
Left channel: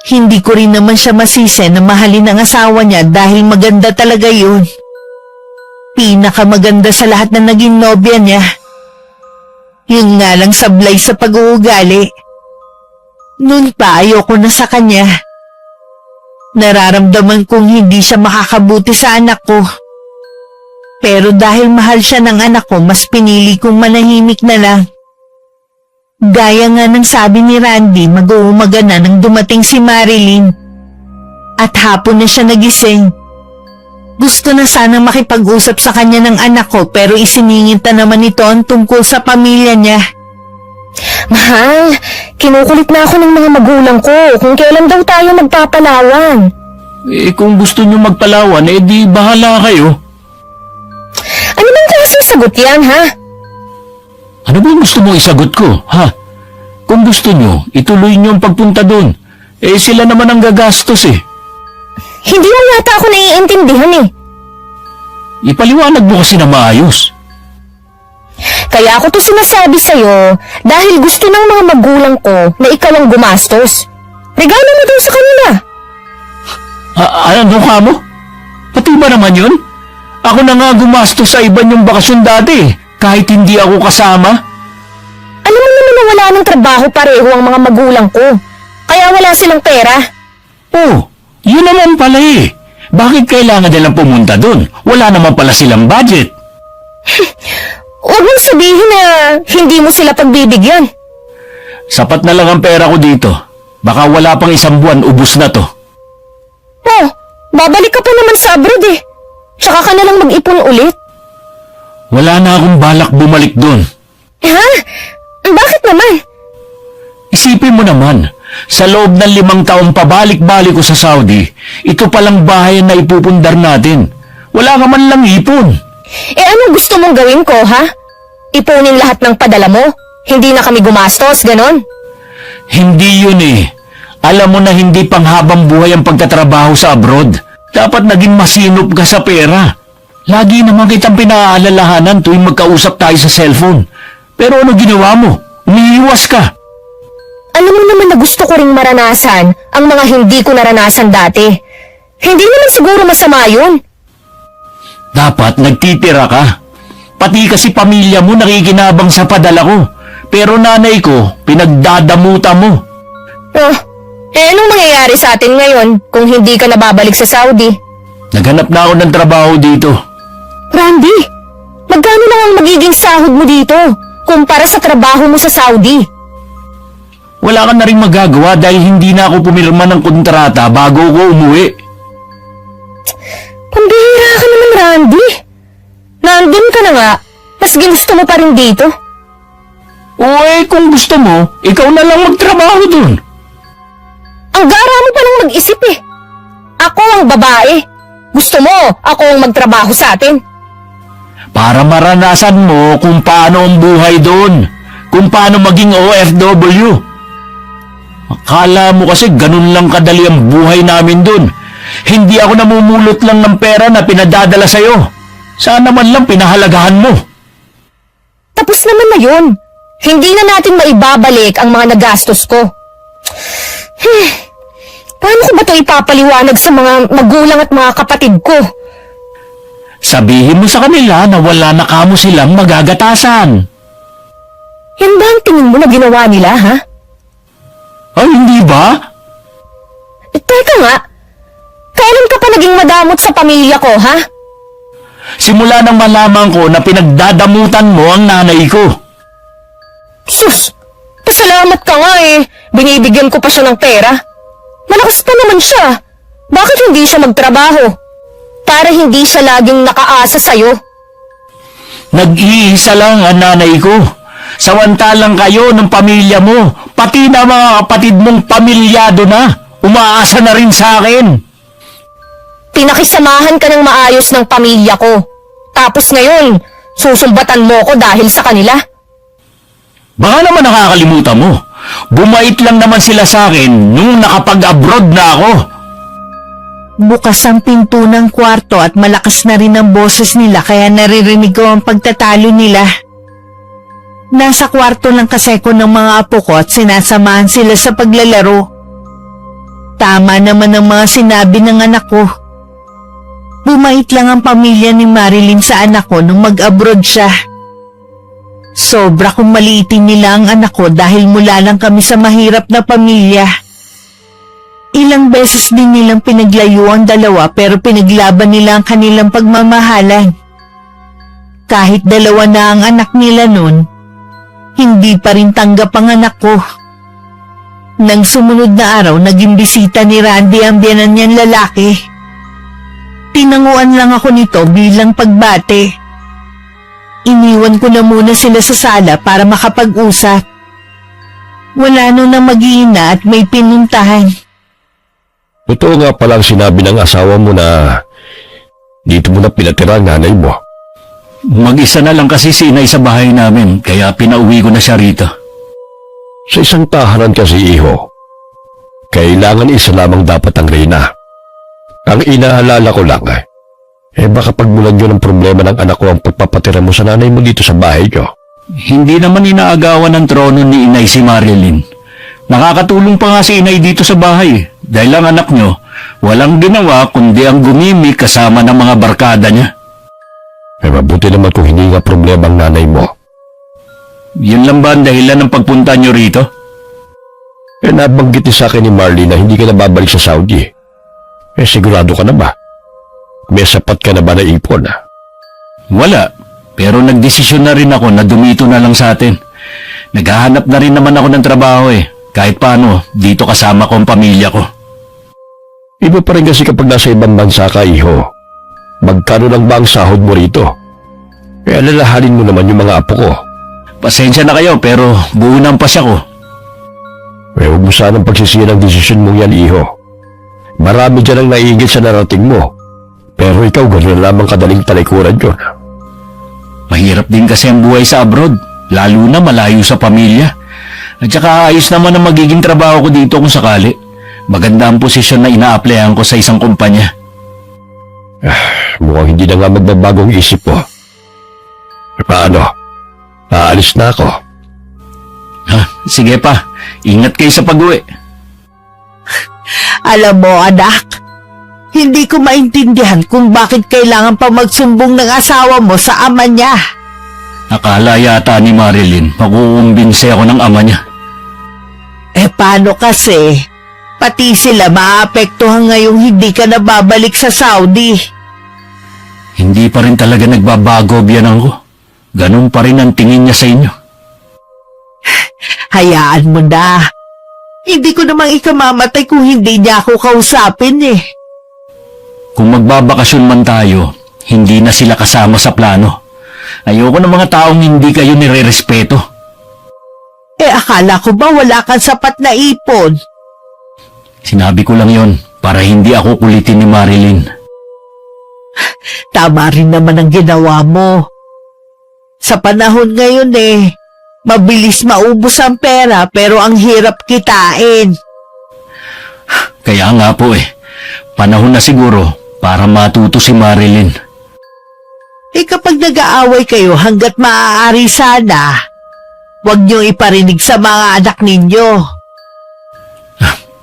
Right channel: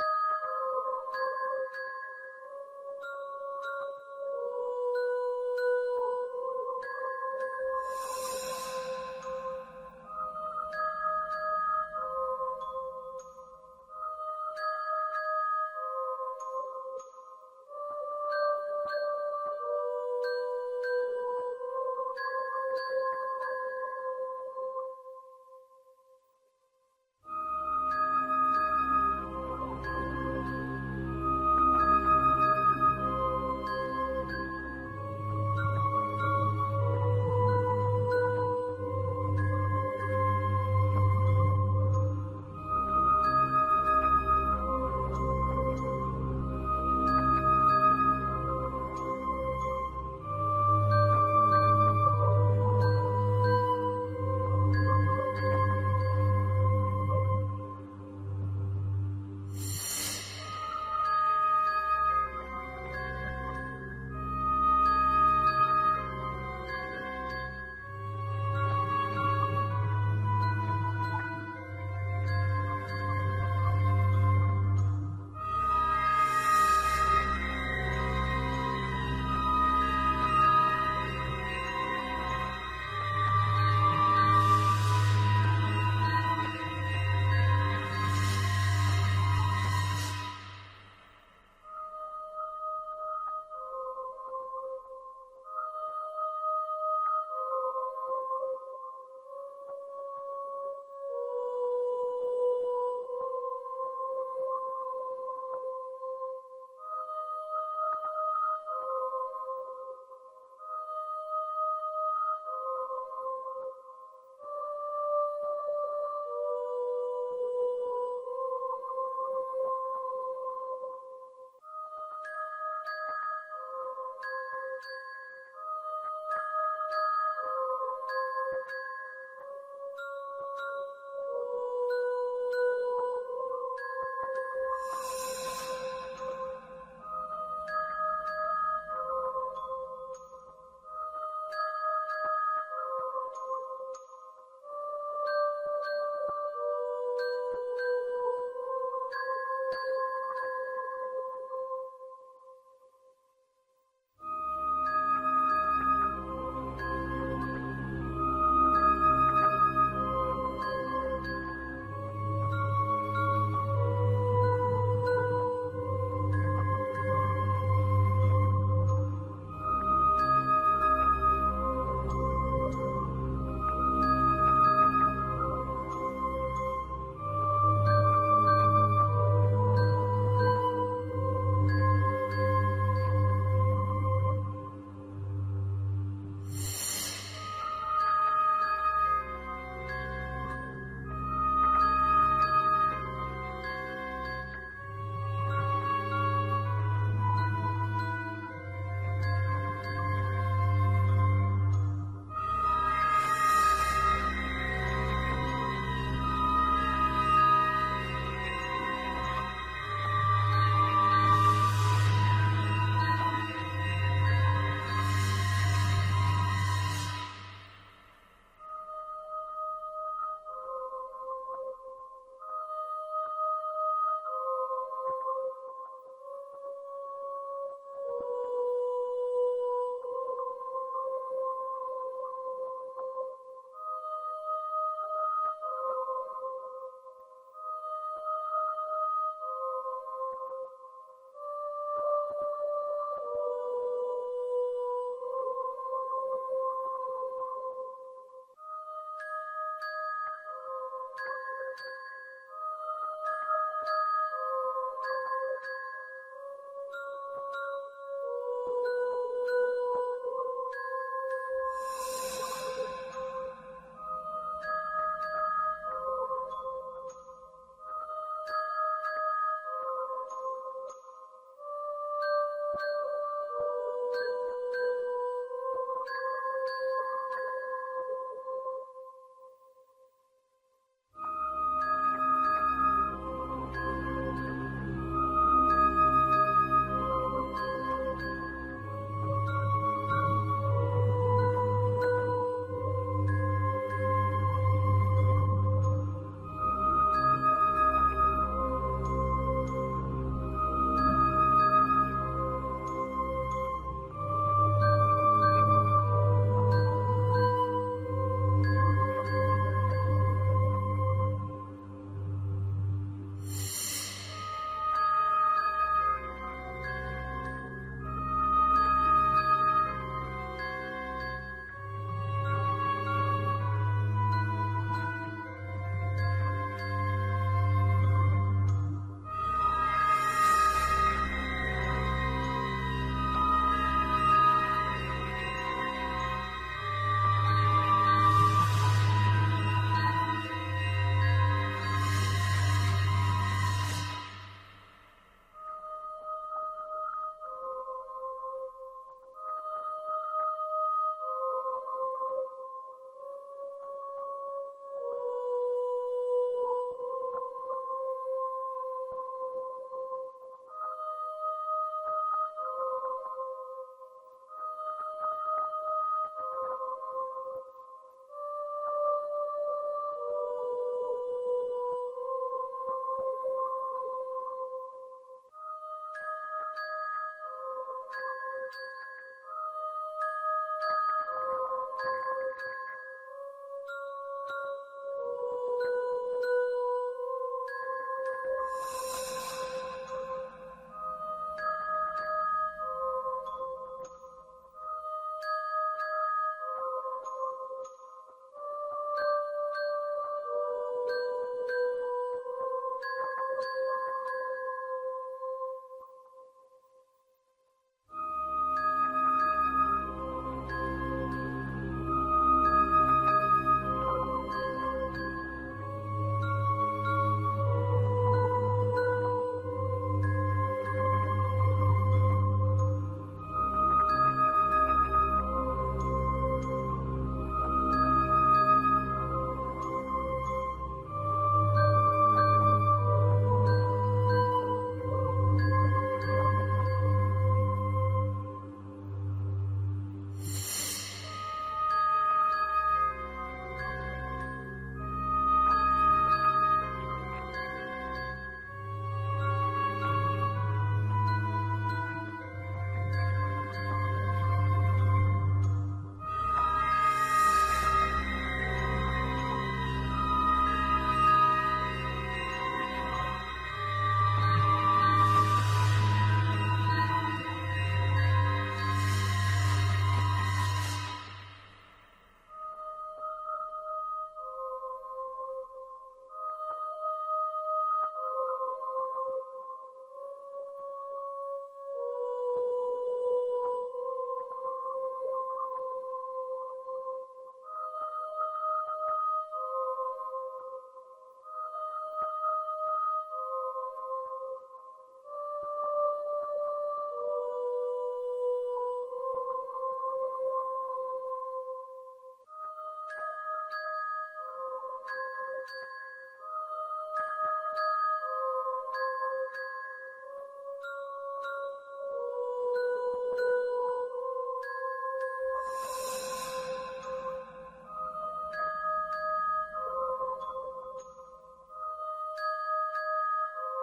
Hindi ko rin naman siya masisi na mahalin ang asawa niya dahil maganda talaga yun. Pinakamaganda sa lahat na naging nobya niya. Yun nga lang sablay sa pag-uugali. Noon pa ayoko na sa kanya. Nararamdaman kong hindi siya makakabuti sa anak ko. Pero dahil mahal siya ng anak ko, mas pinili kong manahimik na lang. Gaya nga ng sabi ni Randy, mag-uumaga na nang dumating si Marilyn. At hapon na siya nagising. Gusto na sanang makipag-usap sa kanya ng anak ko pero isiningit na naman ito ang tungkol sa pamilya niya. Mahal, kinukulit na ako ng mga magulang ko kung kailan daw tayo magpapalawan. Kung gusto niyo magpalawan, di bahala kayo. Ano bang klaseng sagot yan, ha? Ano ba gusto mo isagot ko, ha? Kung gusto niyo, ituloy niyo ang pagpunta doon. Sila naman ang gagastos Hindi mo yata ako naiintindihan Ipaliwanag mo kasi na maayos. Kaya ako to sinasabi sa'yo dahil gusto ng mga magulang ko na ikaw ang gumastos. Regalo mo daw sa kanila. Ano ka mo? Pati ba naman yun? Ako na nga gumastos sa iba niyong bakasyon dati, kahit hindi ako kasama. Alam mo naman na wala ng trabaho pareho ang mga magulang ko. Kaya wala silang pera. Oh, yun naman pala Bakit kailangan nilang pumunta doon? Wala naman pala silang budget. Huwag mong sabihin na hindi mo sila pagbibigyan. Sapat na lang ang pera ko dito. Baka wala pang 1 buwan, ubus na to. Oh, babalik ka pa naman sa abroad Tsaka ka na lang mag-ipon ulit. Wala na akong balak bumalik doon. Ha? Bakit naman? Isipin mo naman, sa loob ng 5 taong pabalik-balik ko sa Saudi, ito palang bahay na ipupundar natin. Wala ka man lang ipon. Anong gusto mong gawin ko, ha? Ipunin lahat ng padala mo? Hindi na kami gumastos, ganon? Hindi yun eh. Alam mo na hindi panghabang buhay ang pagtatrabaho sa abroad. Dapat naging masinop ka sa pera. Lagi naman kitang pinaalalahanan tuwing magkausap tayo sa cellphone. Pero ano ginawa mo? Umiiwas ka. Alam mo naman na gusto ko ring maranasan ang mga hindi ko naranasan dati. Hindi naman siguro masama yun. Dapat nagtitira ka. Pati kasi pamilya mo nakikinabang sa padala ko. Pero nanay ko, pinagdadamutan mo. Oh, anong mangyayari sa atin ngayon kung hindi ka nababalik sa Saudi? Naghanap na ako ng trabaho dito. Randy, magkano lang ang magiging sahod mo dito kumpara sa trabaho mo sa Saudi? Wala ka na rin magagawa dahil hindi na ako pumirma ng kontrata bago ko umuwi. Pambihira ka naman, Randy. Nandun ka na nga, mas ginusto mo pa rin dito. Kung gusto mo, ikaw na lang magtrabaho dun. Ang gara mo pa lang mag-isip eh. Ako ang babae. Gusto mo, ako ang magtrabaho sa atin. Para maranasan mo kung paano ang buhay doon. Kung paano maging OFW. Akala mo kasi ganun lang kadali ang buhay namin doon. Hindi ako namumulot lang ng pera na pinadadala sa'yo. Sana man lang pinahalagahan mo. Tapos naman na yun. Hindi na natin maibabalik ang mga nagastos ko. Paano ko ba ito ipapaliwanag sa mga magulang at mga kapatid ko? Sabihin mo sa kanila na wala na kamo silang magagatasan. Yan ba ang tingin mo na ginawa nila, ha? Ay, hindi ba? Teka nga, kailan ka pa naging madamot sa pamilya ko, ha? Simula nang malaman ko na pinagdadamutan mo ang nanay ko. Sus, pasalamat ka nga eh. Binibigyan ko pa siya ng pera. Malakas pa naman siya. Bakit hindi siya magtrabaho? Para hindi siya laging nakaasa sa'yo. Nag-iisa lang ang nanay ko. Samantalang kayo ng pamilya mo, pati na mga kapatid mong pamilyado na, umaasa na rin sa akin. Pinakisamahan ka ng maayos ng pamilya ko. Tapos ngayon, susumbatan mo ko dahil sa kanila. Baka naman nakakalimutan mo. Bumait lang naman sila sa akin nung nakapag-abroad na ako. Bukas ang pinto ng kwarto at malakas na rin ang boses nila kaya naririnig ko ang pagtatalo nila. Nasa kwarto lang kasi ko ng mga apo ko at sinasamahan sila sa paglalaro. Tama naman ang mga sinabi ng anak ko. Bumait lang ang pamilya ni Marilyn sa anak ko nung mag-abroad siya. Sobra kong maliitin nila ang anak ko dahil mula lang kami sa mahirap na pamilya. Ilang beses din nilang pinaglayo ang dalawa pero pinaglaban nila ang kanilang pagmamahalan. Kahit dalawa na ang anak nila nun, hindi pa rin tanggap ang anak ko. Nang sumunod na araw, naging bisita ni Randy ang biyanan niyang lalaki. Tinanguan lang ako nito bilang pagbate. Iniwan ko na muna sila sa sala para makapag-usap. Wala nung na mag-iina at may pinuntahan. Totoo nga palang sinabi ng asawa mo na dito mo na pinatira ang nanay mo. Mag-isa na lang kasi si inay sa bahay namin, kaya pinauwi ko na siya rito. Sa isang tahanan kasi, iho, kailangan isa lamang dapat ang reyna. Ang inaalala ko lang, baka pagmulan yun ang problema ng anak ko ang pagpapatira mo sa nanay mo dito sa bahay ko. Hindi naman inaagawan ng trono ni inay si Marilyn. Nakakatulong pa nga si inay dito sa bahay dahil ang anak nyo walang ginawa kundi ang gumimik kasama ng mga barkada niya. Mabuti naman kung hindi nga problema ang nanay mo. Yun lang ba ang dahilan ng pagpunta nyo rito? Nabanggit ni sa akin ni Marley na hindi ka na babalik sa Saudi. Sigurado ka na ba? May sapat ka na ba na ipon? Wala, pero nagdesisyon na rin ako na dumito na lang sa atin. Naghahanap na rin naman ako ng trabaho kahit paano dito kasama ko ang pamilya ko. Iba pa rin kasi kapag nasa ibang bansa ka, iho. Magkano lang ba ang sahod mo rito? Alalahanin mo naman yung mga apo ko. Pasensya na kayo pero buo na ang pasya ko. Huwag mo sanang pagsisiyan ang desisyon mong yan, iho. Marami dyan ang naiigit sa narating mo. Pero ikaw, gano'n lamang kadaling talikuran yun. Mahirap din kasi ang buhay sa abroad, lalo na malayo sa pamilya. At saka ayos naman ang magiging trabaho ko dito kung sakali. Maganda ang posisyon na ina-applyan ko sa isang kumpanya. Mukhang hindi na nga magbabagong isip mo. Paano? Aalis na ako. Ha, sige pa, ingat kayo sa pag-uwi. Alam mo, anak, hindi ko maintindihan kung bakit kailangan pa magsumbong ng asawa mo sa ama niya. Akala yata ni Marilyn makukumbinse ako ng ama niya. Paano kasi? Pati sila maapektuhan ngayong hindi ka na babalik sa Saudi. Hindi pa rin talaga nagbabago biyanang ko. Ganun pa rin ang tingin niya sa inyo. Hayaan mo na. Hindi ko namang ikamamatay kung hindi niya ako kausapin eh. Kung magbabakasyon man tayo, hindi na sila kasama sa plano. Ayoko ng mga taong hindi kayo nire-respeto. Akala ko ba wala kang sapat na ipon? Sinabi ko lang yon para hindi ako kulitin ni Marilyn. Tama rin naman ang ginawa mo. Sa panahon ngayon mabilis maubos ang pera pero ang hirap kitain. Kaya nga po panahon na siguro para matuto si Marilyn. Kapag nag-aaway kayo hanggat maaari sana, huwag niyo iparinig sa mga anak ninyo.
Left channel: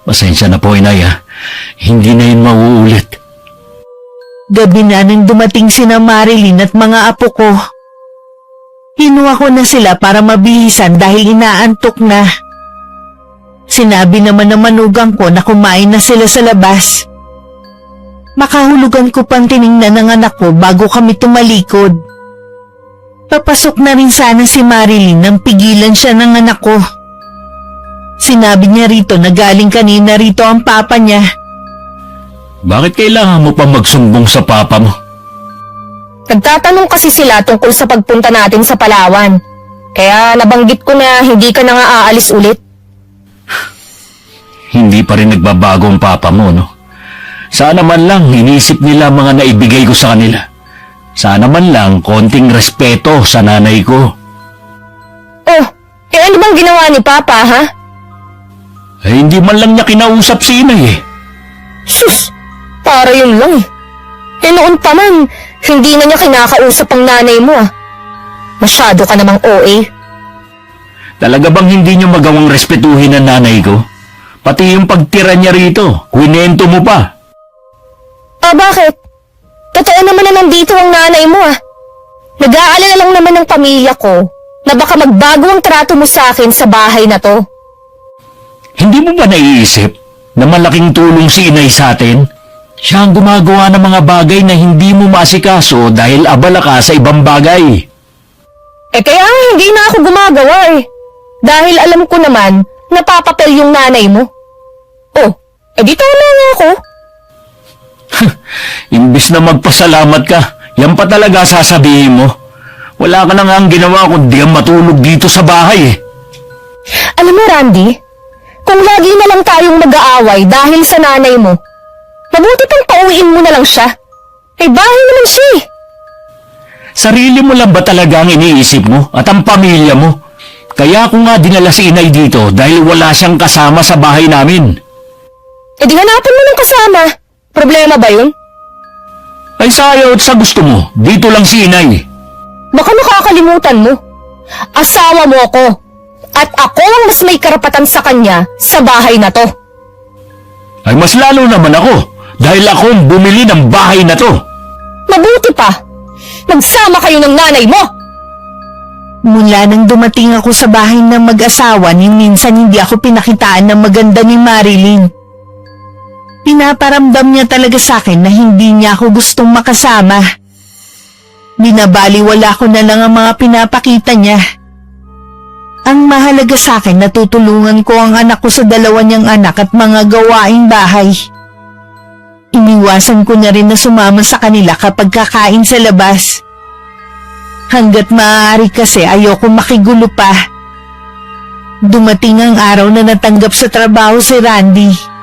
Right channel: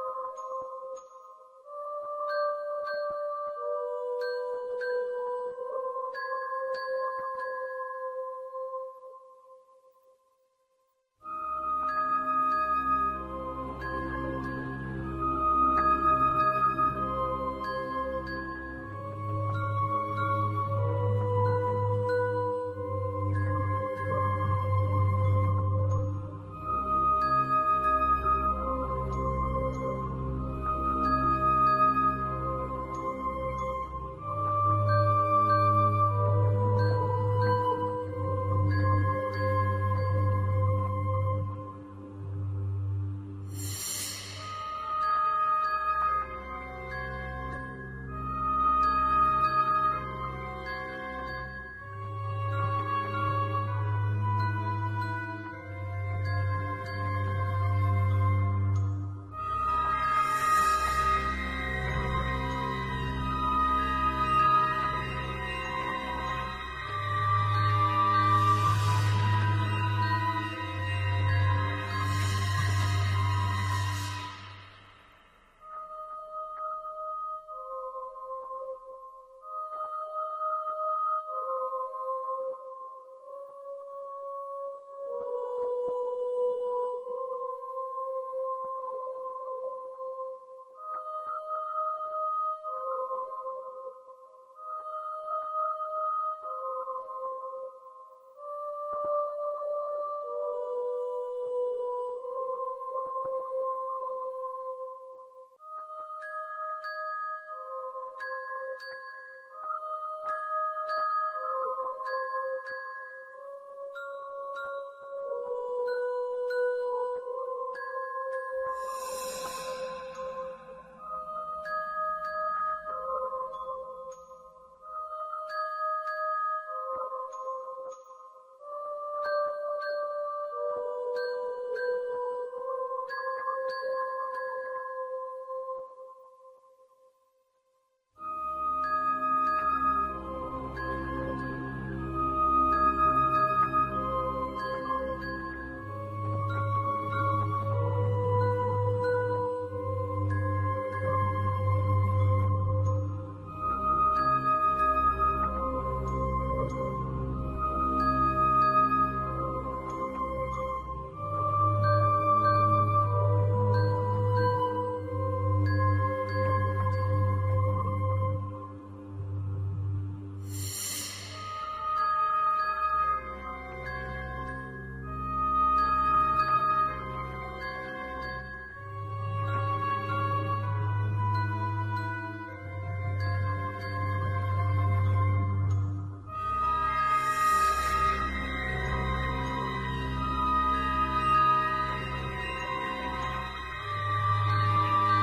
Pasensya na po, inay Hindi na yun mauulit. Gabi na nang dumating sina Marilyn at mga apo ko. Hinuha ko na sila para mabihisan dahil inaantok na. Sinabi naman ng manugang ko na kumain na sila sa labas. Makahulugan ko pang tiningnan ng anak ko bago kami tumalikod. Papasok na rin sana si Marilyn nang pigilan siya ng anak ko. Sinabi niya rito na galing kanina rito ang papa niya. Bakit kailangan mo pa magsumbong sa papa mo? Nagtatanong kasi sila tungkol sa pagpunta natin sa Palawan. Kaya nabanggit ko na hindi ka na nga aalis ulit. Hindi pa rin nagbabago ang papa mo, no? Sana man lang inisip nila mga naibigay ko sa kanila. Sana man lang konting respeto sa nanay ko. Oh, ano bang ginawa ni Papa, ha? Hindi man lang niya kinausap si inay Sus, para yun lang noon pa man, hindi na niya kinakausap ang nanay mo, Masyado ka namang OA. Talaga bang hindi niyo magawang respetuhin ang nanay ko? Pati yung pagtira niya rito, kwinento mo pa. Bakit? Totoo naman na nandito ang nanay mo, Nag-aalala lang naman ng pamilya ko na baka magbago ang trato mo sa akin sa bahay na to. Hindi mo ba naiisip na malaking tulong si inay sa atin? Siya ang gumagawa ng mga bagay na hindi mo maasikaso dahil abala ka sa ibang bagay. Kaya hindi na ako gumagawa Dahil alam ko naman napapapel yung nanay mo. Di tama nga ako. Imbis na magpasalamat ka, yan pa talaga sasabihin mo. Wala ka na nga ang ginawa kundi ang matulog dito sa bahay Alam mo, Randy, kung lagi na lang tayong mag-aaway dahil sa nanay mo, mabuti pang pauwiin mo na lang siya. Bahay naman siya Sarili mo lang ba talaga ang iniisip mo at ang pamilya mo? Kaya ako nga dinala si inay dito dahil wala siyang kasama sa bahay namin. Di hanapin mo ng kasama. Problema ba yun? Ay sayaw at sa gusto mo, dito lang si inay. Baka nakakalimutan mo. Asawa mo ako. At ako ang mas may karapatan sa kanya sa bahay na to. Ay mas lalo naman ako dahil ako ang bumili ng bahay na to. Mabuti pa. Magsama kayo ng nanay mo. Mula nang dumating ako sa bahay ng mag-asawa, minsan hindi ako pinakitaan ng maganda ni Marilyn. Pinaparamdam niya talaga sa akin na hindi niya ako gustong makasama. Binabaliwala ko na lang ang mga pinapakita niya. Ang mahalaga sa akin, natutulungan ko ang anak ko sa dalawa niyang anak at mga gawaing bahay. Iniwasan ko na rin na sumama sa kanila kapag kakain sa labas. Hanggat maaari kasi ayoko makigulo pa. Dumating ang araw na natanggap sa trabaho si Randy.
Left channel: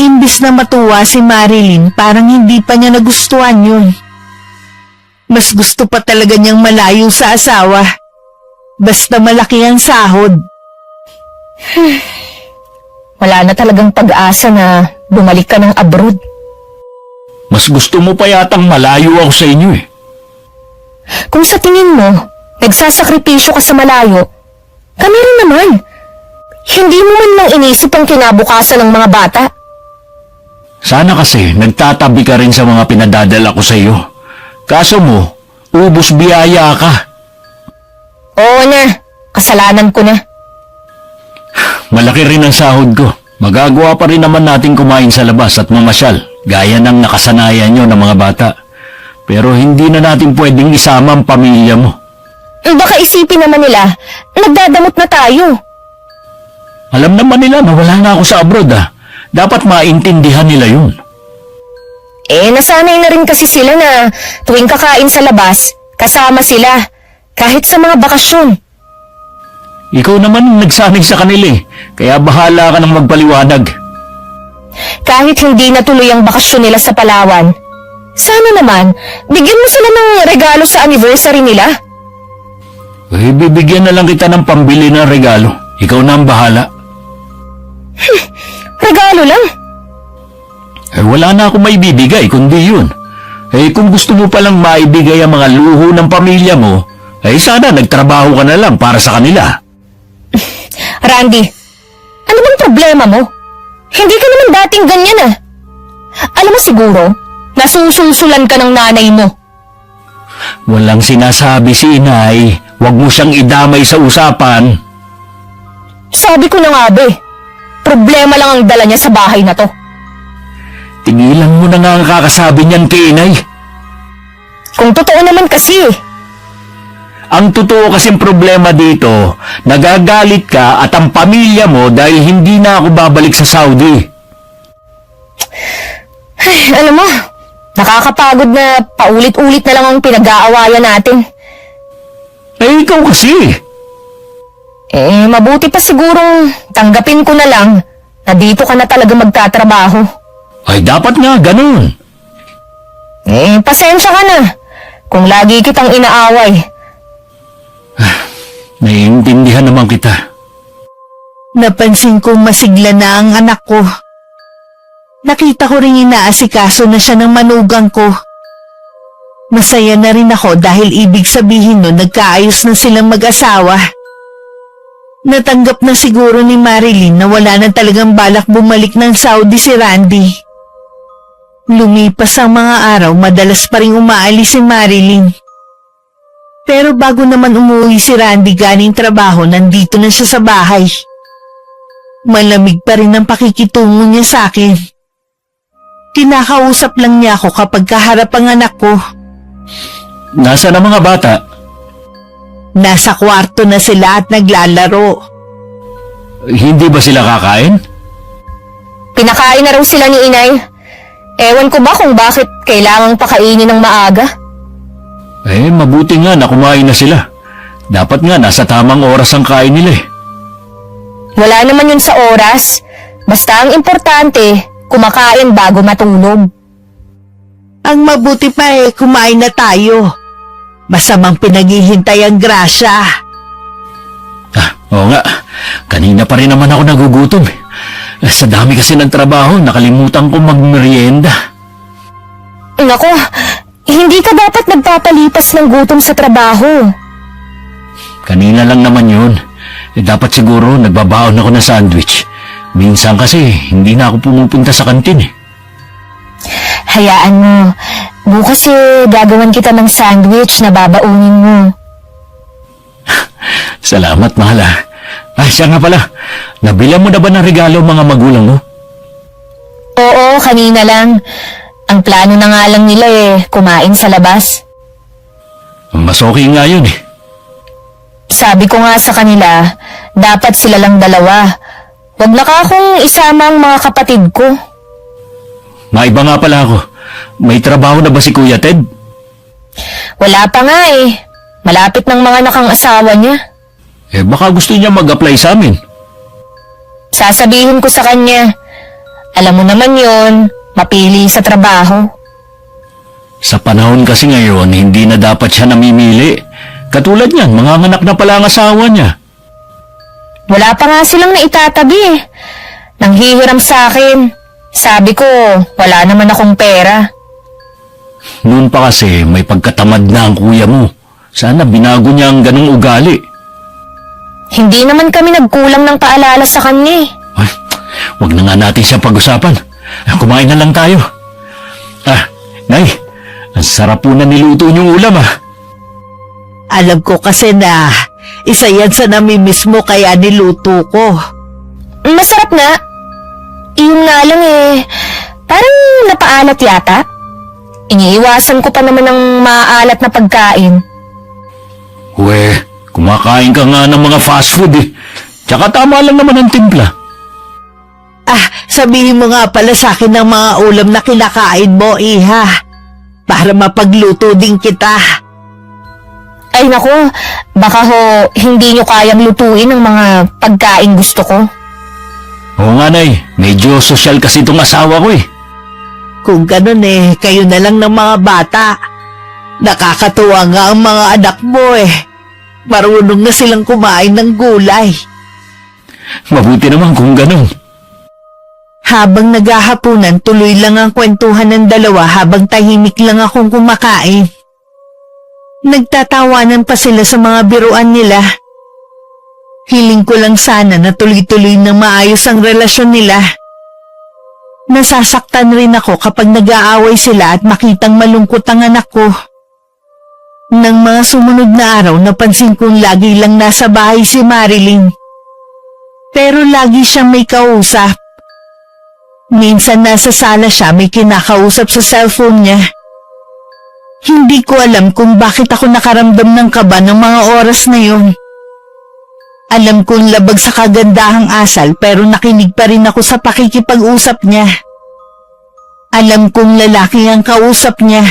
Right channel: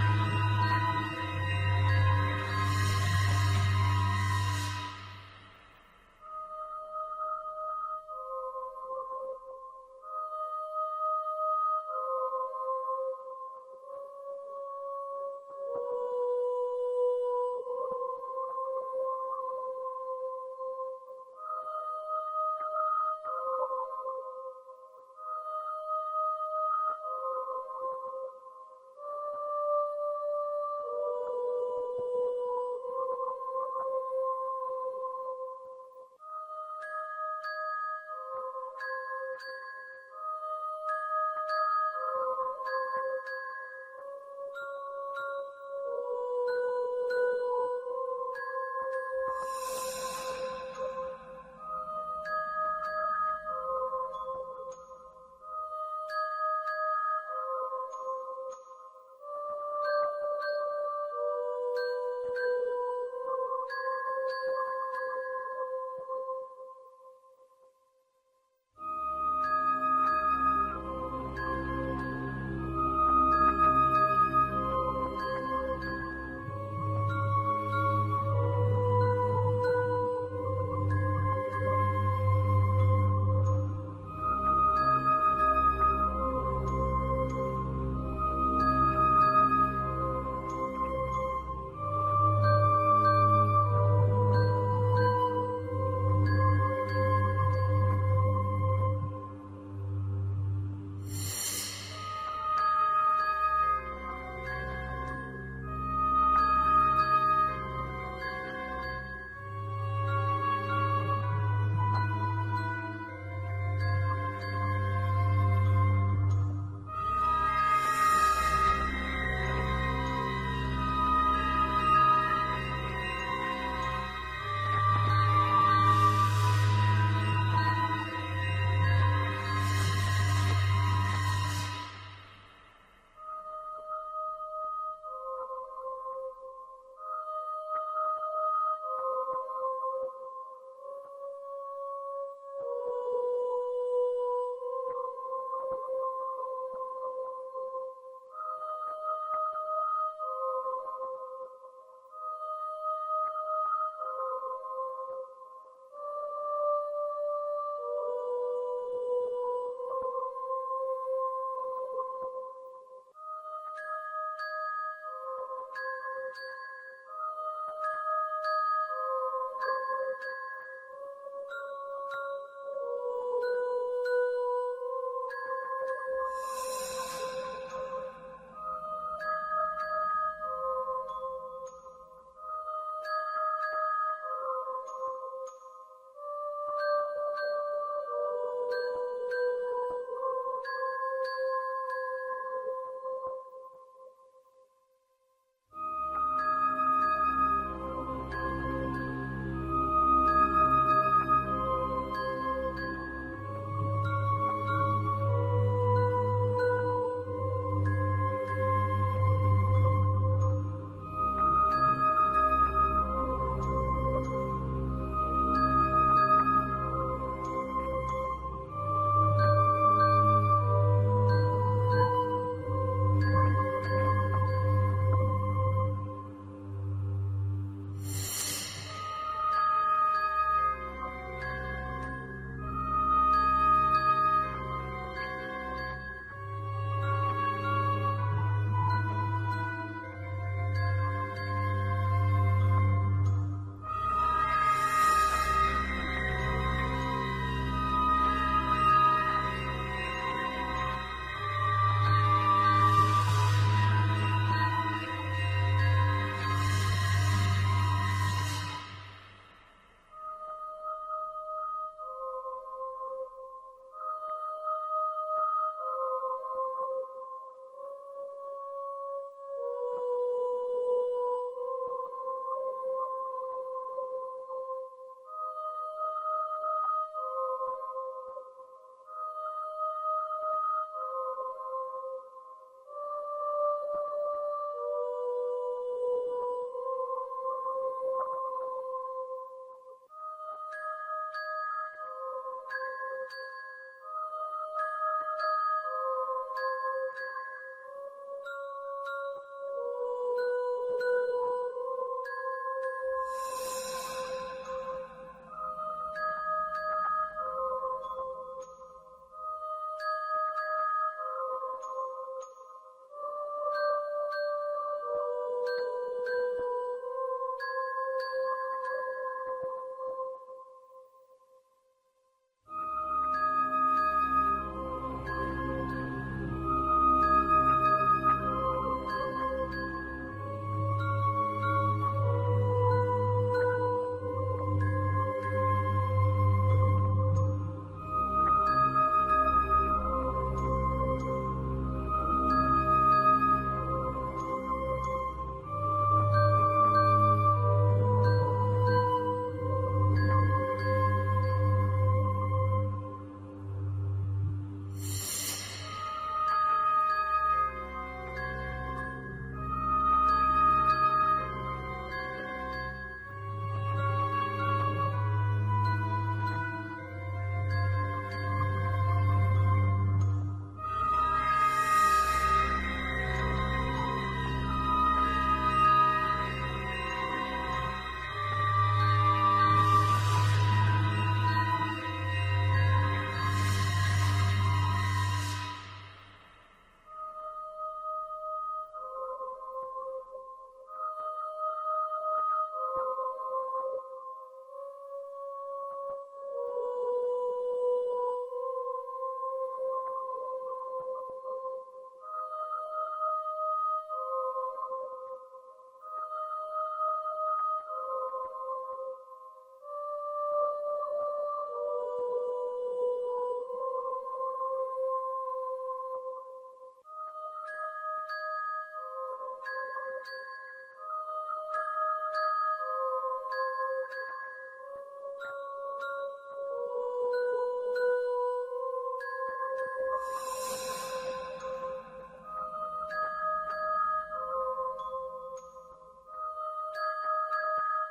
Imbis na matuwa si Marilyn, parang hindi pa niya nagustuhan yun. Mas gusto pa talaga niyang malayo sa asawa. Basta malaki ang sahod. Wala na talagang pag-asa na bumalik ka ng abroad. Mas gusto mo pa yatang malayo ako sa inyo eh. Kung sa tingin mo, nagsasakripisyo ka sa malayo, kami rin naman. Hindi mo man lang inisip ang kinabukasan ng mga bata. Sana kasi nagtatabi ka rin sa mga pinadadala ko sa iyo. Kaso mo, ubos biyaya ka. Oo na, kasalanan ko na. Malaki rin ang sahod ko. Magagawa pa rin naman natin kumain sa labas at mamasyal, gaya ng nakasanayan nyo ng mga bata. Pero hindi na natin pwedeng isama ang pamilya mo. Baka isipin naman nila, nagdadamot na tayo. Alam naman nila na wala na ako sa abroad ah. Dapat maintindihan nila yun. Nasanay na rin kasi sila na tuwing kakain sa labas, kasama sila, kahit sa mga bakasyon. Ikaw naman ang nagsanay sa kanila eh. Kaya bahala ka nang magpaliwanag. Kahit hindi natuloy ang bakasyon nila sa Palawan, sana naman, bigyan mo sila ng regalo sa anniversary nila. Bibigyan na lang kita ng pambili ng regalo. Ikaw na ang bahala. Regalo lang. Wala na akong maibibigay kundi yun. Kung gusto mo palang maibigay ang mga luho ng pamilya mo, sana nagtrabaho ka na lang para sa kanila. Randy, ano bang problema mo? Hindi ka naman dating ganyan ah. Alam mo siguro, nasusulsulan ka ng nanay mo. Walang sinasabi si inay. Huwag mo siyang idamay sa usapan. Sabi ko na nga ba problema lang ang dala niya sa bahay na to. Tigilan mo na nga ang kakasabi niyan kay inay. Kung totoo naman kasi Ang totoo kasing problema dito, nagagalit ka at ang pamilya mo dahil hindi na ako babalik sa Saudi. alam mo, nakakapagod na paulit-ulit na lang ang pinag-aawayan natin. Ikaw kasi. Mabuti pa sigurong tanggapin ko na lang na dito ka na talaga magtatrabaho. Ay dapat nga ganun. Pasensya ka na kung lagi kitang inaaway. Naiintindihan naman kita. Napansin kong masigla na ang anak ko. Nakita ko rin inaasikaso na siya ng manugang ko. Masaya na rin ako dahil ibig sabihin nun nagkaayos na silang mag-asawa. Natanggap na siguro ni Marilyn na wala na talagang balak bumalik ng Saudi si Randy. Lumipas ang mga araw, madalas pa rin umaalis si Marilyn. Pero bago naman umuwi si Randy galing trabaho, nandito na siya sa bahay. Malamig pa rin ang pakikitungo niya sa akin. Kinakausap lang niya ako kapag kaharap ang anak ko. Nasaan ang mga bata? Nasa kwarto na sila at naglalaro. Hindi ba sila kakain? Pinakain na raw sila ni inay. Ewan ko ba kung bakit kailangang pakainin ng maaga? Mabuti nga na kumain na sila. Dapat nga nasa tamang oras ang kain nila eh. Wala naman yun sa oras. Basta ang importante, kumakain bago matulog. Ang mabuti pa kumain na tayo. Masamang pinaghihintay ang grasya. Oo nga. Kanina pa rin naman ako nagugutom. Sa dami kasi ng trabaho, nakalimutan ko magmerienda. Nako, hindi ka dapat nagpapalipas ng gutom sa trabaho. Kanina lang naman yun. Dapat siguro nagbabaon ako ng sandwich. Minsan kasi hindi na ako pumupunta sa kantin eh. Hayaan mo. Bukas gagawan kita ng sandwich na babaunin mo. Salamat, mahal ah. Siya nga pala. Nabilan mo na ba ng regalo mga magulang mo? Oo, kanina lang. Ang plano na nga lang nila kumain sa labas. Mas okay nga yun eh. Sabi ko nga sa kanila, dapat sila lang dalawa. Wag na ka akong isama ang mga kapatid ko. Maiba nga pala ako. May trabaho na ba si Kuya Ted? Wala pa nga Malapit ng mga nakang asawa niya. Baka gusto niya mag-apply sa amin. Sasabihin ko sa kanya. Alam mo naman yon, mapili sa trabaho. Sa panahon kasi ngayon, hindi na dapat siya namimili. Katulad niyan, manganganak na pala ang asawa niya. Wala pa nga silang naitatabi eh. Nanghihiram sa akin. Sabi ko, wala naman akong pera. Noon pa kasi may pagkatamad na ang kuya mo. Sana binago niya ang ganong ugali. Hindi naman kami nagkulang ng paalala sa kanya eh. Ay, wag na nga natin siya pag-usapan. Kumain na lang tayo. Nay, ang sarap po na niluto niyong ulam Alam ko kasi na isa yan sa namimiss mo kaya niluto ko. Masarap nga. Iyon nga lang eh, parang napaalat yata. Iniiwasan ko pa naman ng maalat na pagkain. We, kumakain ka nga ng mga fast food eh. Tsaka tama lang naman ang timpla. Sabihin mo nga pala sa akin ng mga ulam na kinakain mo, Iha. Para mapagluto din kita. Ay nako, baka ho hindi nyo kayang lutuin ang mga pagkain gusto ko. Oo nga, Nay. Medyo sosyal kasi itong asawa ko eh. Kung ganun kayo na lang ng mga bata. Nakakatuwa nga ang mga anak mo Marunong na silang kumain ng gulay. Mabuti naman kung ganun. Habang naghahapunan, tuloy lang ang kwentuhan ng dalawa habang tahimik lang akong kumakain. Nagtatawanan pa sila sa mga biruan nila. Hiling ko lang sana na tuloy-tuloy na maayos ang relasyon nila. Nasasaktan rin ako kapag nag-aaway sila at makitang malungkot ang anak ko. Nang mga sumunod na araw, napansin kong lagi lang nasa bahay si Marilyn. Pero lagi siyang may kausap. Minsan nasa sala siya, may kinakausap sa cellphone niya. Hindi ko alam kung bakit ako nakaramdam ng kaba ng mga oras na yun. Alam kong labag sa kagandahang asal pero nakinig pa rin ako sa pakikipag-usap niya. Alam kong lalaki ang kausap niya.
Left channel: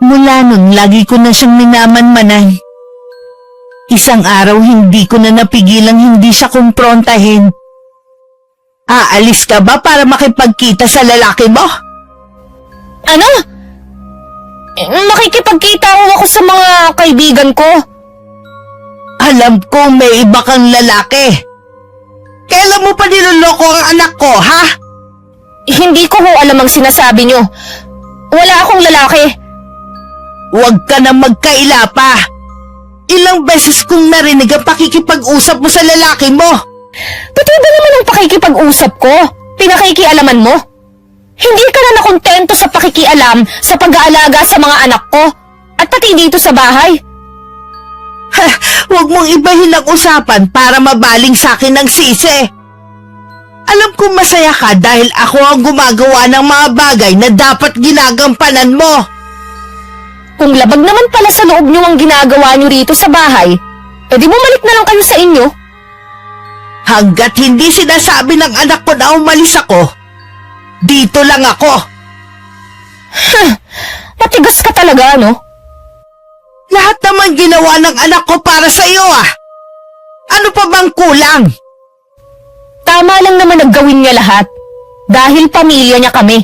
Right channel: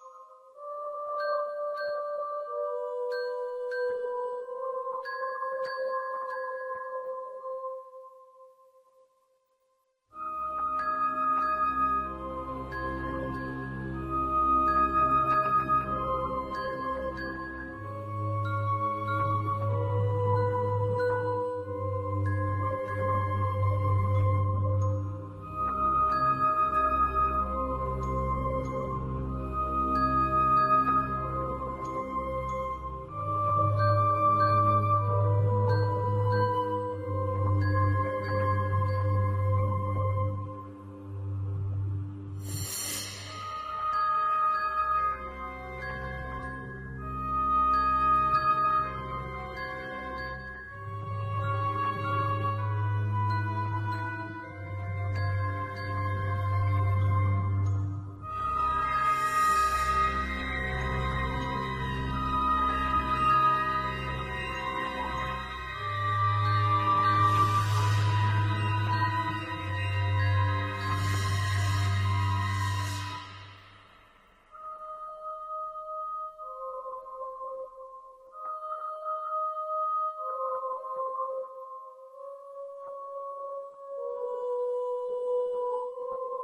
Mula nun, lagi ko na siyang minamanmanan. Isang araw hindi ko na napigilang hindi siya kumprontahin. Aalis ka ba para makipagkita sa lalaki mo? Ano? Makikipagkita ako sa mga kaibigan ko. Alam ko may iba kang lalaki. Kailan mo pa niloloko ang anak ko, ha? Hindi ko ho alam ang sinasabi nyo. Wala akong lalaki. Huwag ka na magkaila pa. Ilang beses kong narinig ang pakikipag-usap mo sa lalaki mo. Pati ba naman ang pakikipag-usap ko? Pinakikialaman mo? Hindi ka na nakontento sa pakikialam sa pag-aalaga sa mga anak ko at pati dito sa bahay. Huwag mong ibahin ang usapan para mabaling sa akin ng sisi. Alam kong masaya ka dahil ako ang gumagawa ng mga bagay na dapat ginagampanan mo. Kung labag naman pala sa loob nyo ang ginagawa nyo rito sa bahay, edi bumalik na lang kayo sa inyo. Hanggat hindi sinasabi ng anak ko na umalis ako, dito lang ako. Matigas ka talaga, no? Lahat naman ginawa ng anak ko para sa iyo Ano pa bang kulang? Tama lang naman naggawin niya lahat. Dahil pamilya niya kami.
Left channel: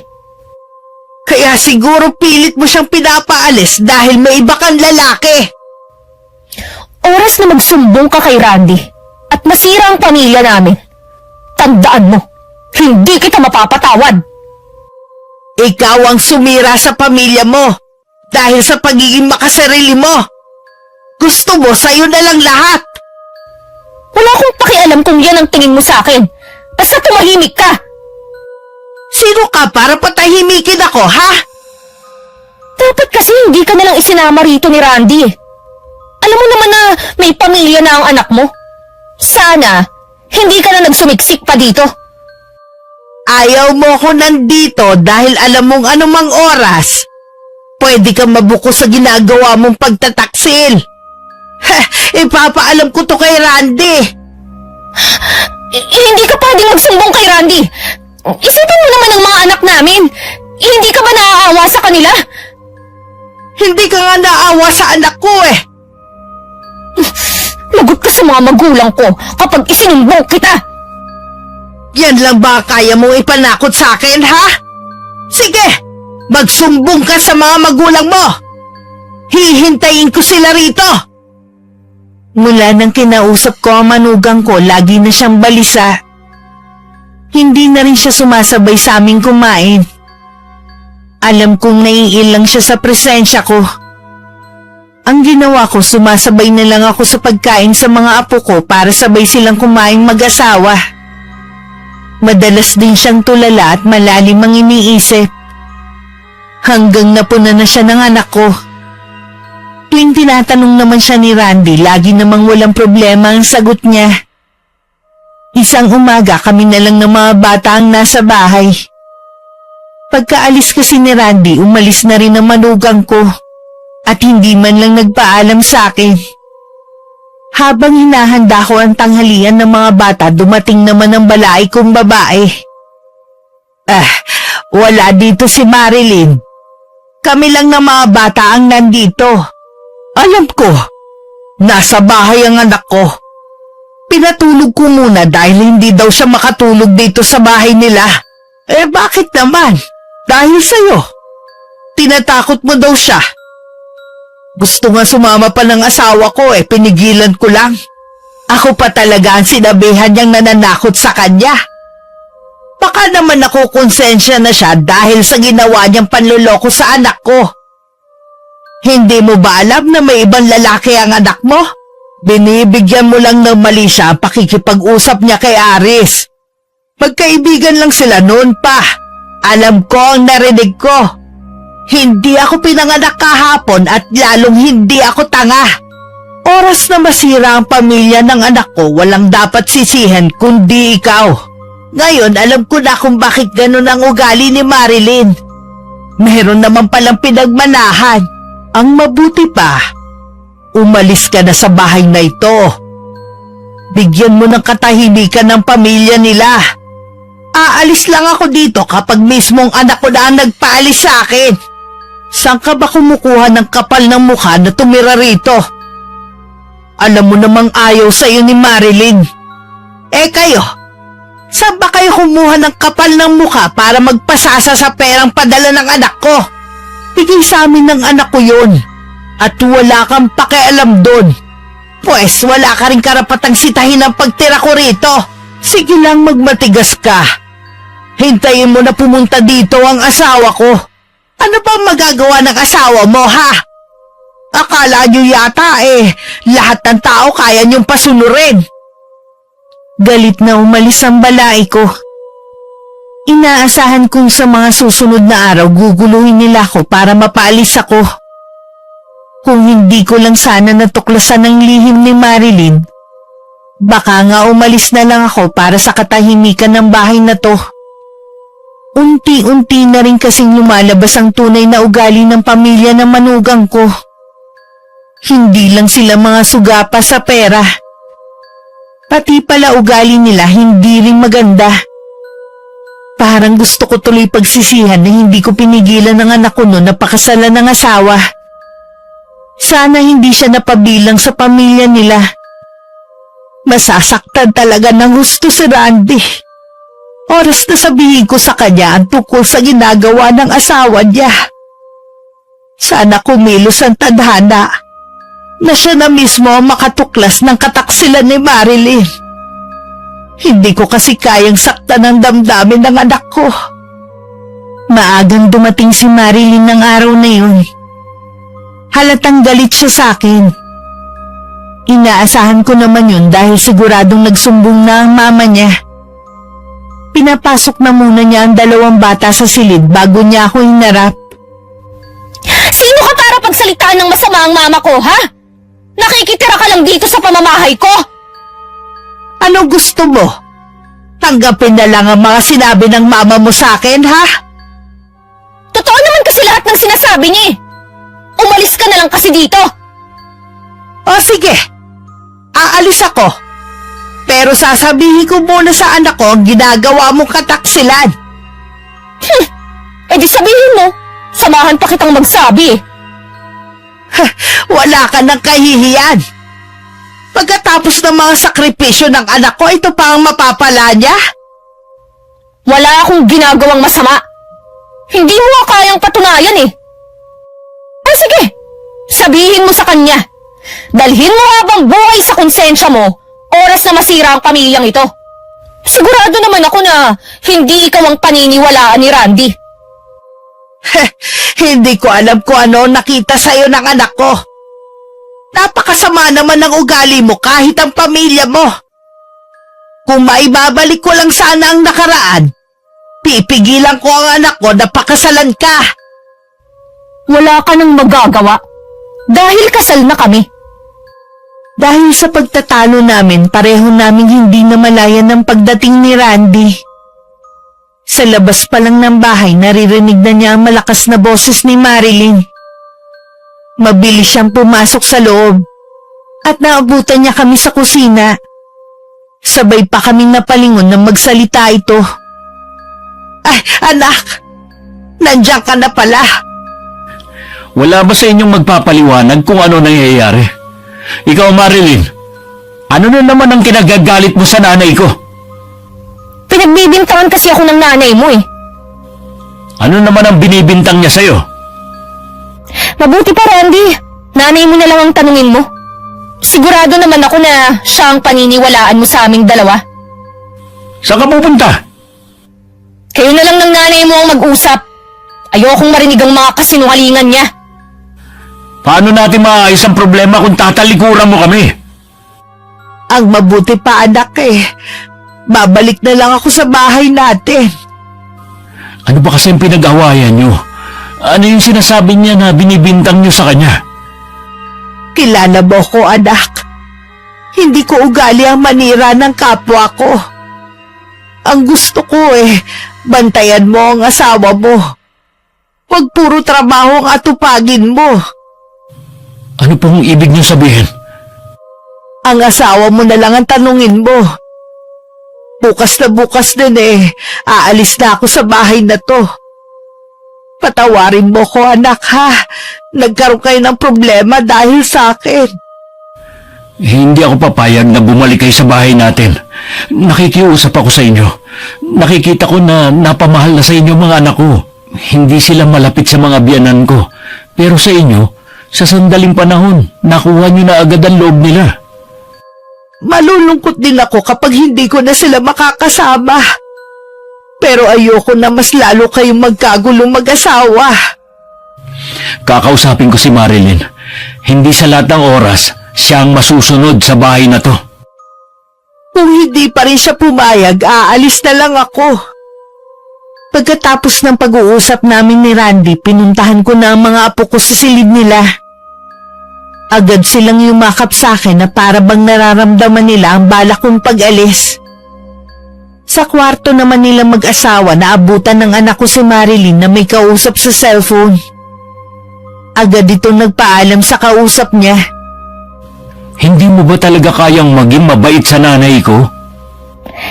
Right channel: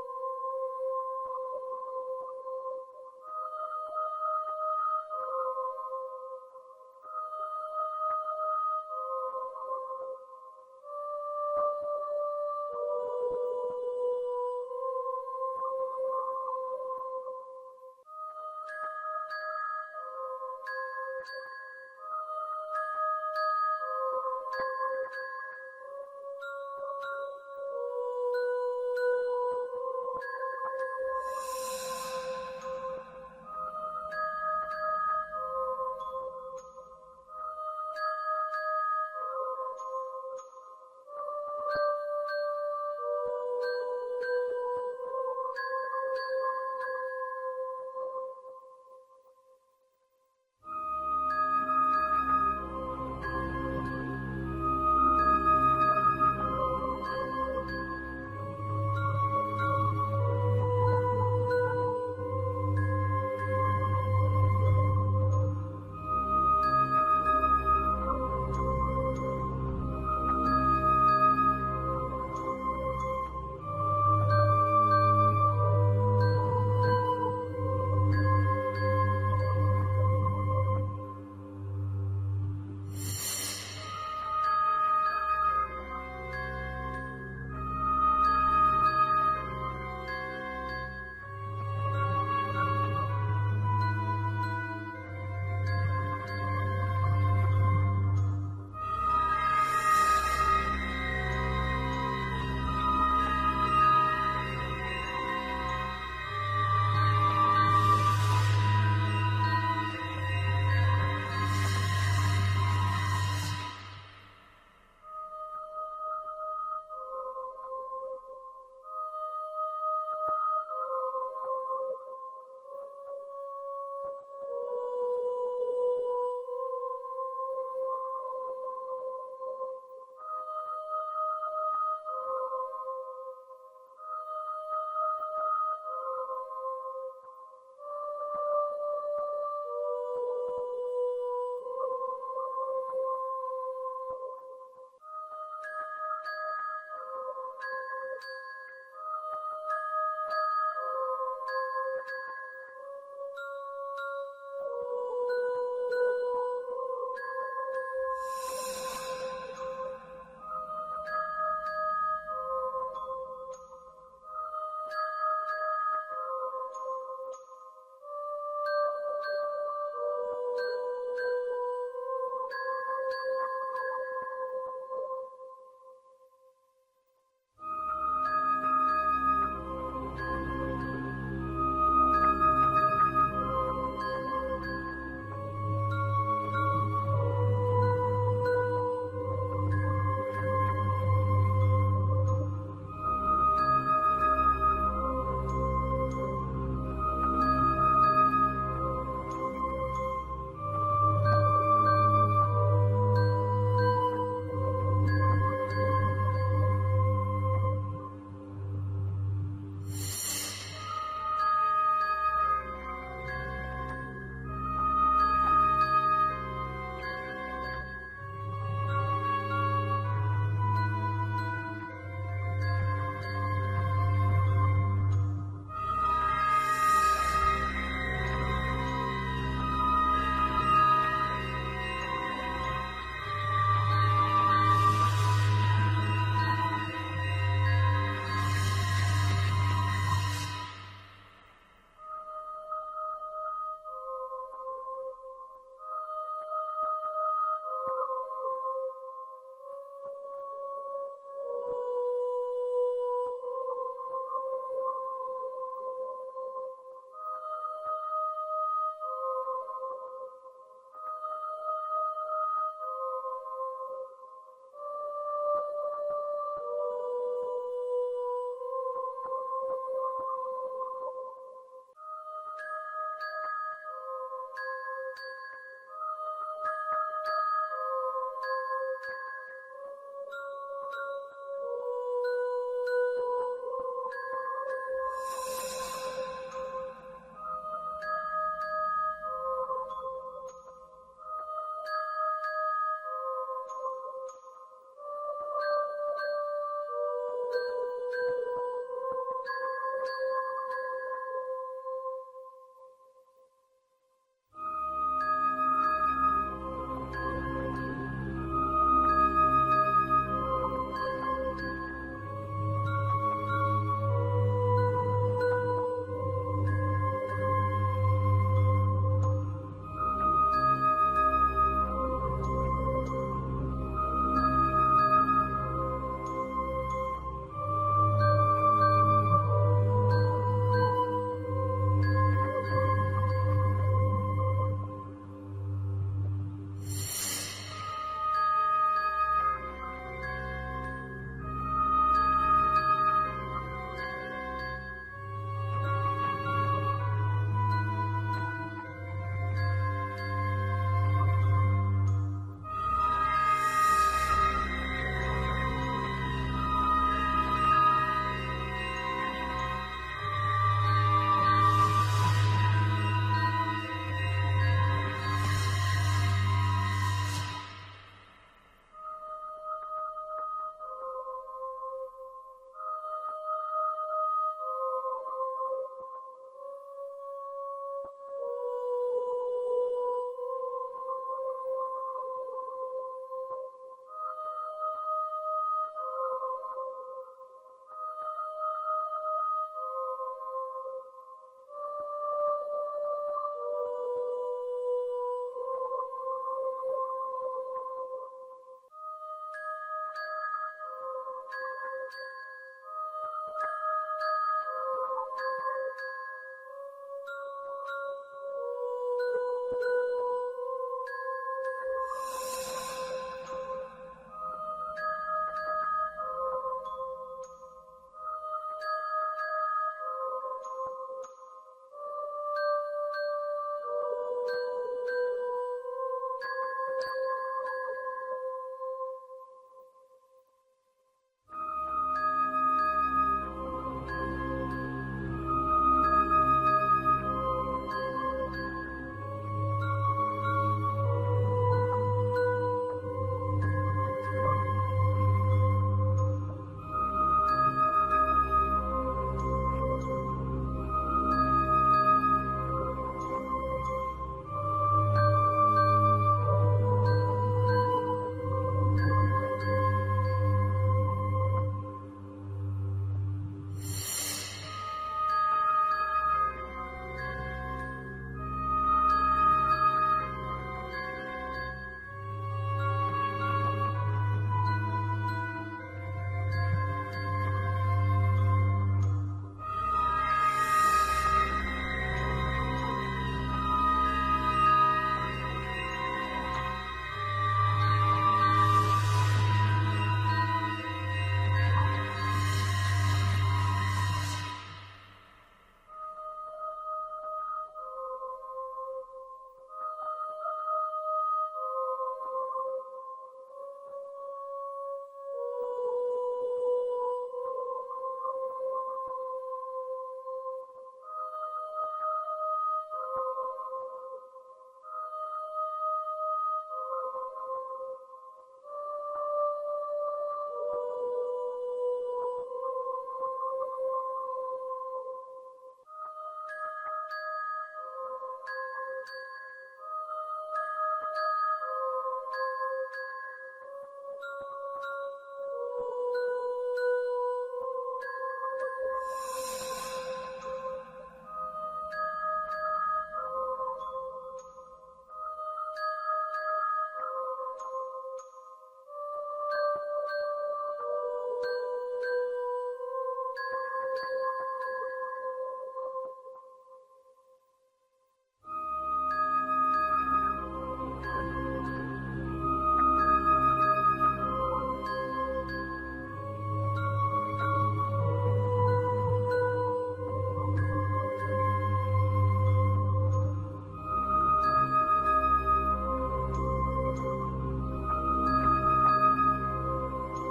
Kaya siguro pilit mo siyang pinapaalis dahil may iba kang lalaki. Oras na magsumbong ka kay Randy at masira ang pamilya namin. Tandaan mo, hindi kita mapapatawad. Ikaw ang sumira sa pamilya mo dahil sa pagiging makasarili mo. Gusto mo sa'yo na lang lahat. Wala akong pakialam kung yan ang tingin mo sa akin. Basta tumahimik ka. Sino ka para patahimikin ako, ha? Dapat kasi hindi ka nalang isinama rito ni Randy. Alam mo naman na may pamilya na ang anak mo. Sana, hindi ka na nagsumiksik pa dito. Ayaw mo ko nandito dahil alam mong anumang oras, pwede kang mabuko sa ginagawa mong pagtataksil. Ipapaalam ko to kay Randy. Hindi ka pwedeng magsumbong kay Randy. Isipin mo naman ang mga anak namin. Hindi ka ba naaawa sa kanila? Hindi ka nga naawa sa anak ko Lagot ka sa mga magulang ko kapag isinumbong kita. Yan lang ba kaya mong ipanakot sa akin, ha? Sige, Magsumbong ka sa mga magulang mo! Hihintayin ko sila rito! Mula nang kinausap ko ang manugang ko, lagi na siyang balisa. Hindi na rin siya sumasabay sa aming kumain. Alam kong naiilang siya sa presensya ko. Ang ginawa ko, sumasabay na lang ako sa pagkain sa mga apo ko para sabay silang kumain mag-asawa. Madalas din siyang tulala at malalim ang iniisip. Hanggang napuna na siya ng anak ko. Tuwing tinatanong naman siya ni Randy, lagi namang walang problema ang sagot niya. Isang umaga kami na lang ng mga bata ang nasa bahay. Pagkaalis kasi ni Randy, umalis na rin ang manugang ko at hindi man lang nagpaalam sa akin. Habang hinahanda ko ang tanghalian ng mga bata, dumating naman ang balaay kong babae. Wala dito si Marilyn. Kami lang ng mga bata ang nandito. Alam ko, nasa bahay ang anak ko. Pinatulog ko muna dahil hindi daw siya makatulog dito sa bahay nila. Bakit naman? Dahil sa'yo. Tinatakot mo daw siya. Gusto nga sumama pa ng asawa ko, pinigilan ko lang. Ako pa talaga ang sinabihan niyang nananakot sa kanya. Baka naman ako konsensya na siya dahil sa ginawa niyang panloloko sa anak ko. Hindi mo ba alam na may ibang lalaki ang anak mo? Binibigyan mo lang ng mali siya ang pakikipag-usap niya kay Aris. Magkaibigan lang sila noon pa. Alam ko ang narinig ko. Hindi ako pinanganak kahapon at lalong hindi ako tanga. Oras na masira ang pamilya ng anak ko, walang dapat sisihan kundi ikaw. Ngayon alam ko na kung bakit ganun ang ugali ni Marilyn. Meron naman palang pinagmanahan. Ang mabuti pa, umalis ka na sa bahay na ito. Bigyan mo ng katahimikan ng pamilya nila. Aalis lang ako dito kapag mismong anak ko na ang nagpaalis sa akin. Saan ka ba kumukuha ng kapal ng mukha na tumira rito? Alam mo namang ayaw sa'yo ni Marilyn. Kayo, saan ba kayo kumuha ng kapal ng mukha para magpasasa sa perang padala ng anak ko? Bigay sa amin ng anak ko yun. At wala kang pakialam doon. Pwes wala ka rin karapatang sitahin ang pagtira ko rito. Sige lang magmatigas ka. Hintayin mo na pumunta dito ang asawa ko. Ano ba magagawa ng asawa mo, ha? Akala nyo yata lahat ng tao kaya nyong pasunurin. Galit na umalis ang balay ko. Inaasahan kong sa mga susunod na araw guguluhin nila ako para mapaalis ako. Kung hindi ko lang sana natuklasan ang lihim ni Marilyn, baka nga umalis na lang ako para sa katahimikan ng bahay na to. Unti-unti na rin kasing lumalabas ang tunay na ugali ng pamilya ng manugang ko. Hindi lang sila mga sugapa sa pera. Pati pala ugali nila hindi rin maganda. Parang gusto ko tuloy pagsisihan na hindi ko pinigilan ng anak ko noon na pakasalan ng asawa. Sana hindi siya napabilang sa pamilya nila. Masasaktan talaga ng gusto si Randy. Oras na sabihin ko sa kanya ang tungkol sa ginagawa ng asawa niya. Sana kumilos ang tadhana na siya na mismo ang makatuklas ng kataksilan ni Marilyn. Hindi ko kasi kayang saktan ang damdamin ng anak ko. Maagang dumating si Marilyn ng araw na yun. Halatang galit siya sa akin. Inaasahan ko naman yun dahil siguradong nagsumbong na ang mama niya. Pinapasok na muna niya ang dalawang bata sa silid bago niya ako hinarap. Sino ka para pagsalitaan ng masama ang mama ko, ha? Nakikitira ka lang dito sa pamamahay ko. Ano gusto mo? Tanggapin na lang ang mga sinabi ng mama mo sa akin, ha? Totoo naman kasi lahat ng sinasabi niya. Umalis ka na lang kasi dito. O sige, aalis ako. Pero sasabihin ko muna sa anak ko ang ginagawa mong kataksilan. Di sabihin mo, samahan pa kitang magsabi. Wala ka ng kahihiyan. Pagkatapos ng mga sakripisyo ng anak ko, ito pa ang mapapala niya? Wala akong ginagawang masama. Hindi mo nga kayang patunayan eh. Ay sige, sabihin mo sa kanya. Dalhin mo habang buhay sa konsensya mo, oras na masira ang pamilyang ito. Sigurado naman ako na hindi ikaw ang paniniwalaan ni Randy. Hindi ko alam kung ano nakita sa'yo ng anak ko. Napakasama naman ng ugali mo kahit ang pamilya mo. Kung maibabalik ko lang sana ang nakaraan, pipigilan ko ang anak ko na pakasalan ka. Wala ka nang magagawa dahil kasal na kami. Dahil sa pagtatalo namin, pareho naming hindi namalayan ng pagdating ni Randy. Sa labas pa lang ng bahay, naririnig na niya ang malakas na boses ni Marilyn. Mabilis siyang pumasok sa loob at naabutan niya kami sa kusina. Sabay pa kaming napalingon nang magsalita ito. Ay, anak! Nandiyan ka na pala. Wala ba sa inyong magpapaliwanag kung ano nangyayari? Ikaw, Marilyn, ano na naman ang kinagagalit mo sa nanay ko? Pinagbibintangan kasi ako ng nanay mo eh. Ano naman ang binibintang niya sa'yo? Mabuti pa, Randy. Nanay mo na lang ang tanungin mo. Sigurado naman ako na siya ang paniniwalaan mo sa aming dalawa. Saan ka pupunta? Kayo na lang ng nanay mo ang mag-usap. Ayokong marinig ang mga kasinungalingan niya. Paano natin maayos ang problema kung tatalikuran mo kami? Ang mabuti pa, anak babalik na lang ako sa bahay natin. Ano ba kasi ang pinag-awayan niyo? Ano yung sinasabi niya na binibintang niyo sa kanya? Kilala mo ko, anak. Hindi ko ugali ang manira ng kapwa ko. Ang gusto ko bantayan mo ang asawa mo. Huwag puro trabaho ang atupagin mo. Ano pong ibig niyo sabihin? Ang asawa mo na lang ang tanungin mo. Bukas na bukas din aalis na ako sa bahay na to. Patawarin mo ko, anak, ha? Nagkaroon kayo ng problema dahil sa akin. Hindi ako papayag na bumalik kayo sa bahay natin. Nakikiusap ako sa inyo. Nakikita ko na napamahal na sa inyo mga anak ko. Hindi sila malapit sa mga biyanan ko. Pero sa inyo, sa sandaling panahon, nakuha niyo na agad ang loob nila. Malulungkot din ako kapag hindi ko na sila makakasama. Pero ayoko na mas lalo kayong magkagulong mag-asawa. Kakausapin ko si Marilyn. Hindi sa lahat ng oras, siya ang masusunod sa bahay na to. Kung hindi pa rin siya pumayag, aalis na lang ako. Pagkatapos ng pag-uusap namin ni Randy, pinuntahan ko na ang mga apo ko sa silid nila. Agad silang yumakap sa akin na para bang nararamdaman nila ang balak kong pag-alis. Sa kwarto naman nila mag-asawa, naabutan ng anak ko si Marilyn na may kausap sa cellphone. Agad itong nagpaalam sa kausap niya. Hindi mo ba talaga kayang maging mabait sa nanay ko?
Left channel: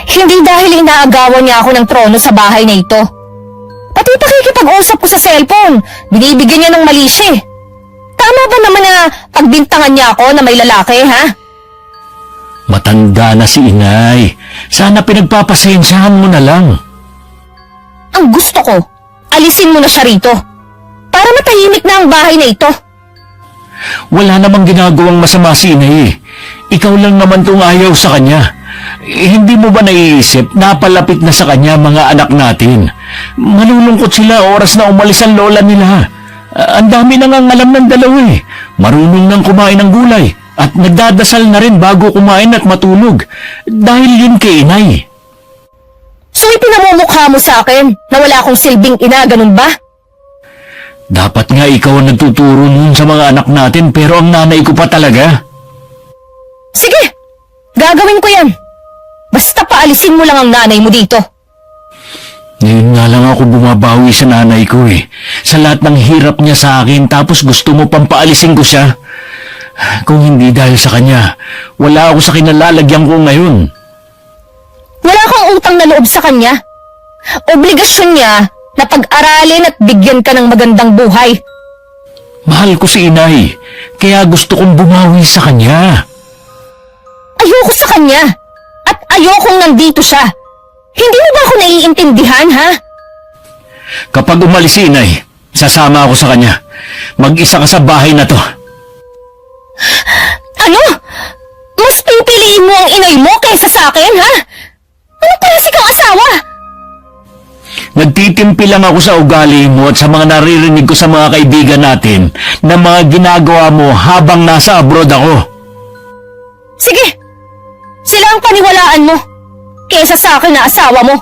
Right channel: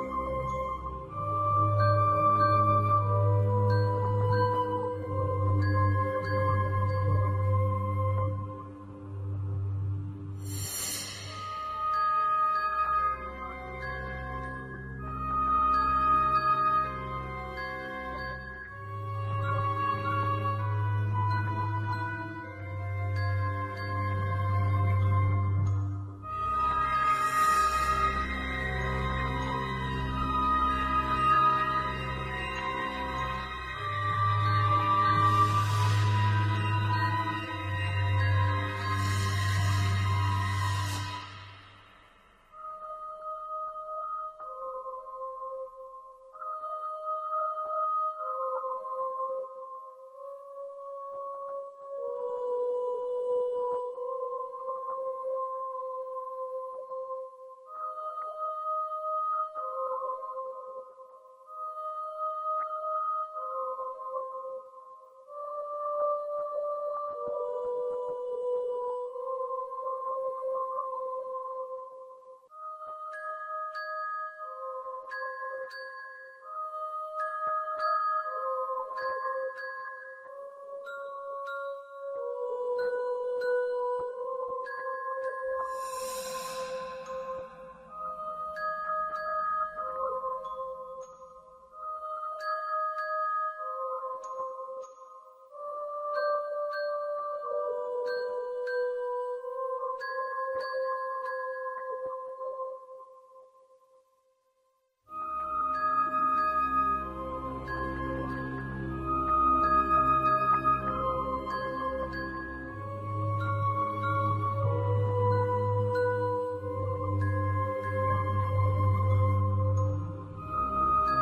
Hindi dahil inaagawan niya ako ng trono sa bahay na ito. Pati pakikipag-usap ko sa cellphone, binibigyan niya ng mali siya. Tama ba naman na pagbintangan niya ako na may lalaki, ha? Matanda na si inay. Sana pinagpapasensyahan mo na lang. Ang gusto ko, alisin mo na siya rito. Para matahimik na ang bahay na ito. Wala namang ginagawang masama si inay. Ikaw lang naman tong ayaw sa kanya. Hindi mo ba naiisip, napalapit na sa kanya mga anak natin? Malulungkot sila oras na umalis ang lola nila. Ang dami nang ang alam ng dalawa Marunong nang kumain ng gulay at nagdadasal na rin bago kumain at matulog. Dahil yun kay inay. So ipinamumukha mo sa akin na wala akong silbing ina, ganun ba? Dapat nga ikaw ang nagtuturo nun sa mga anak natin pero ang nanay ko pa talaga. Sige, gagawin ko yan. Basta paalisin mo lang ang nanay mo dito. Ngayon nga lang ako bumabawi sa nanay ko Sa lahat ng hirap niya sa akin tapos gusto mo pang paalisin ko siya. Kung hindi dahil sa kanya, wala ako sa kinalalagyan ko ngayon. Wala kang utang na loob sa kanya. Obligasyon niya na pag-aralin at bigyan ka ng magandang buhay. Mahal ko si inay, kaya gusto kong bumawi sa kanya. Ayoko sa kanya at ayokong nandito siya. Hindi mo ba ako naiintindihan, ha? Kapag umalis si inay, sasama ako sa kanya. Mag-isa ka sa bahay na to. Ano? Mas pipiliin mo ang inay mo kaysa sa akin, ha? Ano klase kang asawa? Nagtitimpi lang ako sa ugali mo at sa mga naririnig ko sa mga kaibigan natin na mga ginagawa mo habang nasa abroad ako. Sige, sila ang paniwalaan mo kaysa sa akin na asawa mo.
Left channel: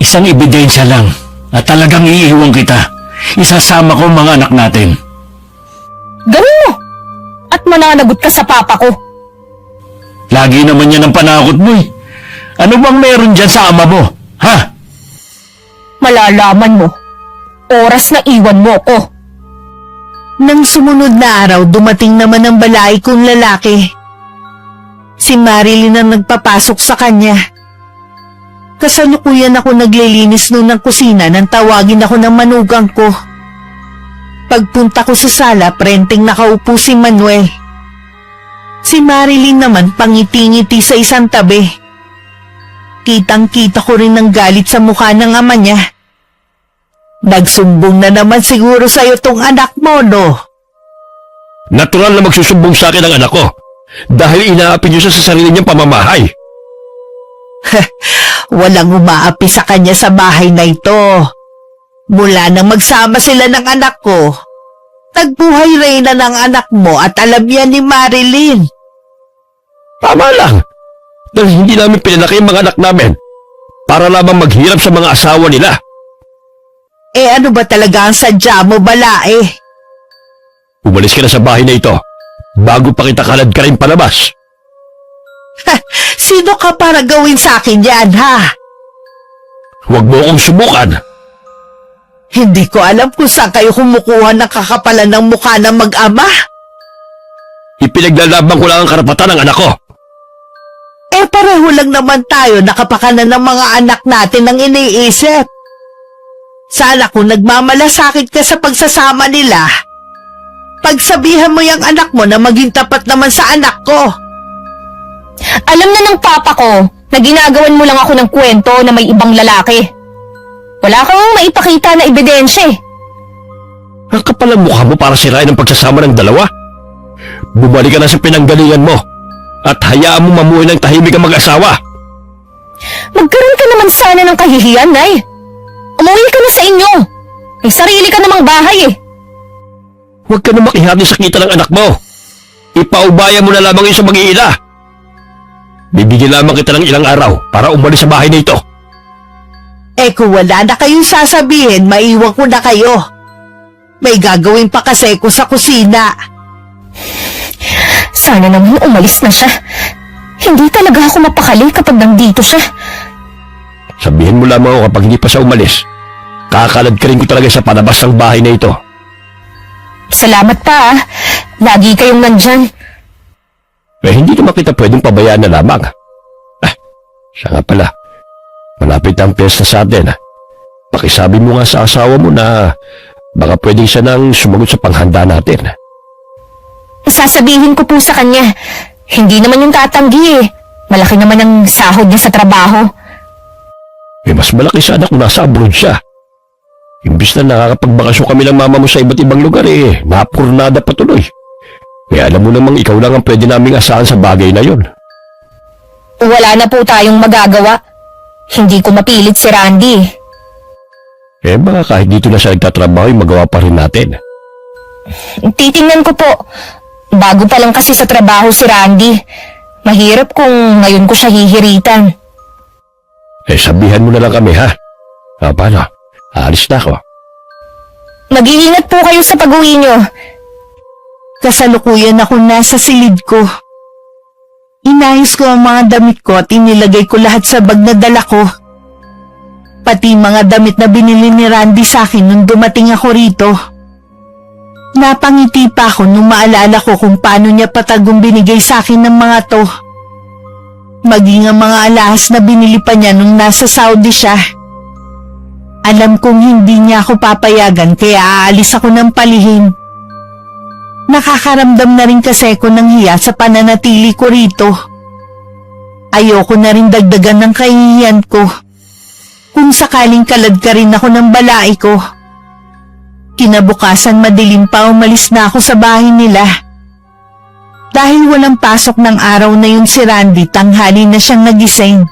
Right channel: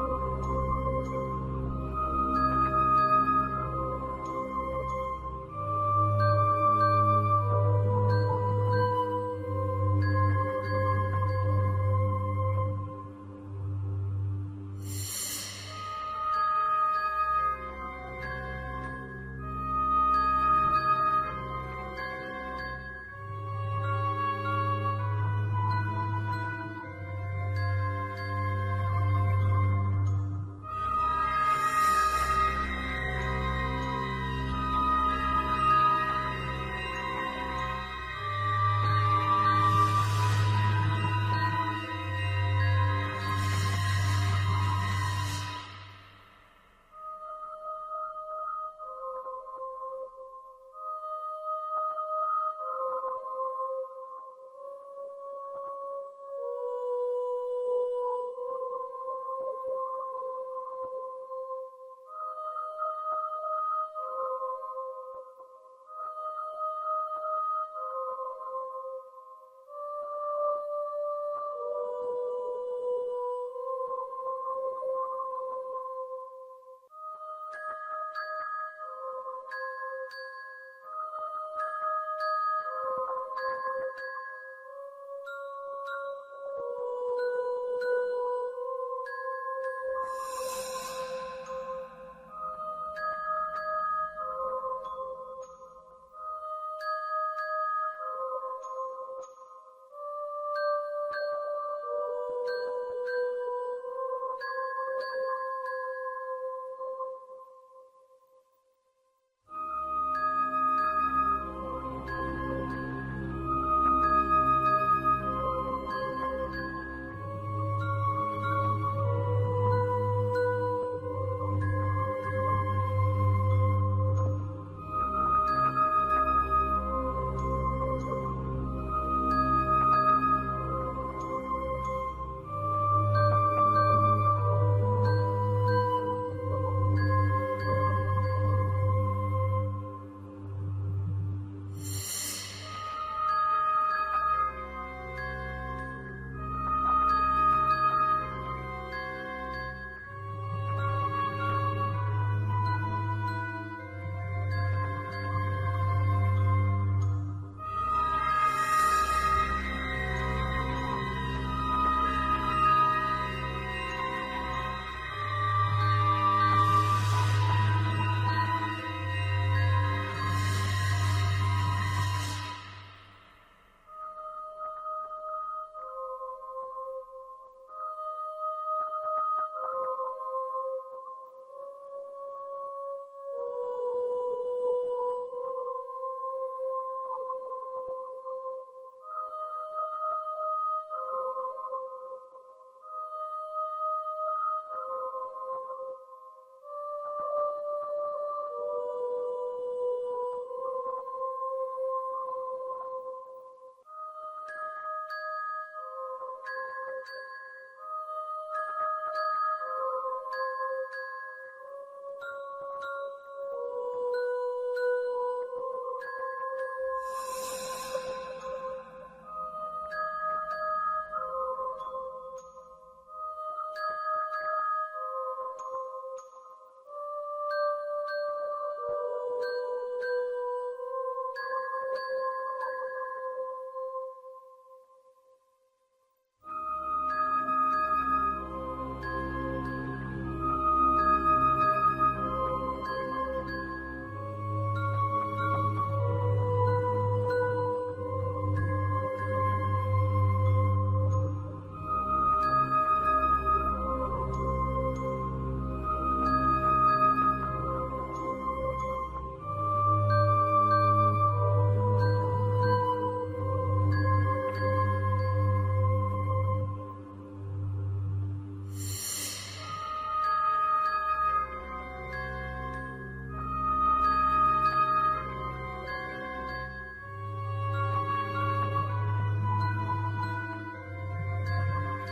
Isang ebidensya lang at talagang iiwan kita. Isasama ko ang mga anak natin. Gawin mo at mananagot ka sa papa ko. Lagi naman yan ang panakot mo eh. Ano bang meron dyan sa ama mo? Ha? Malalaman mo. Oras na iwan mo ko. Nang sumunod na araw, dumating naman ang balay kong lalaki. Si Marilyn ang nagpapasok sa kanya. Kasalukuyan ako naglilinis noon ng kusina nang tawagin ako ng manugang ko. Pagpunta ko sa sala, prenteng nakaupo si Manuel. Si Marilyn naman pangiti-ngiti sa isang tabi. Kitang-kita ko rin ang galit sa mukha ng ama niya. Nagsumbong na naman siguro sa'yo tong anak mo, no? Natural na magsusumbong sa akin ang anak ko dahil inaapi niyo siya sa sarili niyang pamamahay. Walang umaapi sa kanya sa bahay na ito. Mula nang magsama sila ng anak ko, tagbuhay reyna ng anak mo at alam yan ni Marilyn. Tama lang. Dahil hindi namin pinalaki ang mga anak namin para lamang maghirap sa mga asawa nila. Eh ano ba talaga ang sadya mo, balae? Umalis ka na sa bahay na ito bago pa kita kalad ka rin palabas. Sino ka para gawin sa akin yan, ha? Huwag mo akong subukan. Hindi ko alam kung saan kayo kumukuha ng kakapalan ng mukha ng mag-ama. Ipinaglalaban ko lang ang karapatan ng anak ko. Eh pareho lang naman tayo nakapakanan ng mga anak natin ang iniisip. Sana kung nagmamalasakit ka sa pagsasama nila, pagsabihan mo yung anak mo na maging tapat naman sa anak ko. Alam na ng papa ko na ginagawan mo lang ako ng kwento na may ibang lalaki. Wala kang maipakita na ebidensya eh. Ang kapal ang mukha mo para sirain ang pagsasama ng dalawa. Bumalik ka na sa pinanggalingan mo at hayaan mo mamuhay ng tahimik ang mag-asawa. Magkaroon ka naman sana ng kahihiyan, Nay. Umuwi ka na sa inyo. May sarili ka namang bahay eh. Huwag ka na makihati sa kita ng anak mo. Ipaubaya mo na lamang yun sa mag-iina. Bibigyan lamang kita ng ilang araw para umalis sa bahay na ito. Eh kung wala na kayong sasabihin, maiwan ko na kayo. May gagawin pa kasi ko sa kusina. Sana naman umalis na siya. Hindi talaga ako mapakali kapag nandito siya. Sabihin mo lamang ako kapag hindi pa siya umalis. Kakalad ka rin ko talaga sa palabas ng bahay na ito. Salamat pa ah. Lagi kayong nandyan. Eh hindi naman kita pwedeng pabayaan na lamang. Siya nga pala. Malapit ang piyesta sa atin. Pakisabi mo nga sa asawa mo na baka pwedeng siya nang sumagot sa panghanda natin. Sasabihin ko po sa kanya. Hindi naman yung tatanggi eh. Malaki naman ang sahod niya sa trabaho. Eh mas malaki sana kung nasa abroad siya. Imbis na nakakapagbakasyon kami ng mama mo sa iba't ibang lugar eh, napurnada patuloy. Kaya alam mo namang ikaw lang ang pwede naming asahan sa bagay na yon. Wala na po tayong magagawa. Hindi ko mapilit si Randy. Eh baka kahit dito na siya nagtatrabaho, magawa pa rin natin. Titingnan ko po. Bago pa lang kasi sa trabaho si Randy. Mahirap kung ngayon ko siya hihiritan. Eh sabihan mo na lang kami ha. Paano? Aalis na ako. Mag-iingat po kayo sa pag-uwi nyo. Kasalukuyan ako nasa silid ko. Inayos ko ang mga damit ko at inilagay ko lahat sa bag na dala ko. Pati mga damit na binili ni Randy sa akin nung dumating ako rito. Napangiti pa ako nung maalala ko kung paano niya patagong binigay sa akin ng mga to. Maging ang mga alahas na binili pa niya nung nasa Saudi siya. Alam kong hindi niya ako papayagan kaya aalis ako ng palihim. Nakakaramdam na rin kasi ako ng hiya sa pananatili ko rito. Ayoko na rin dagdagan ng kahihiyan ko. kung sakaling kalad ka rin ako ng balai ko. Kinabukasan madilim pa umalis na ako sa bahay nila. Dahil walang pasok ng araw na yun si Randy, tanghali na siyang nagising.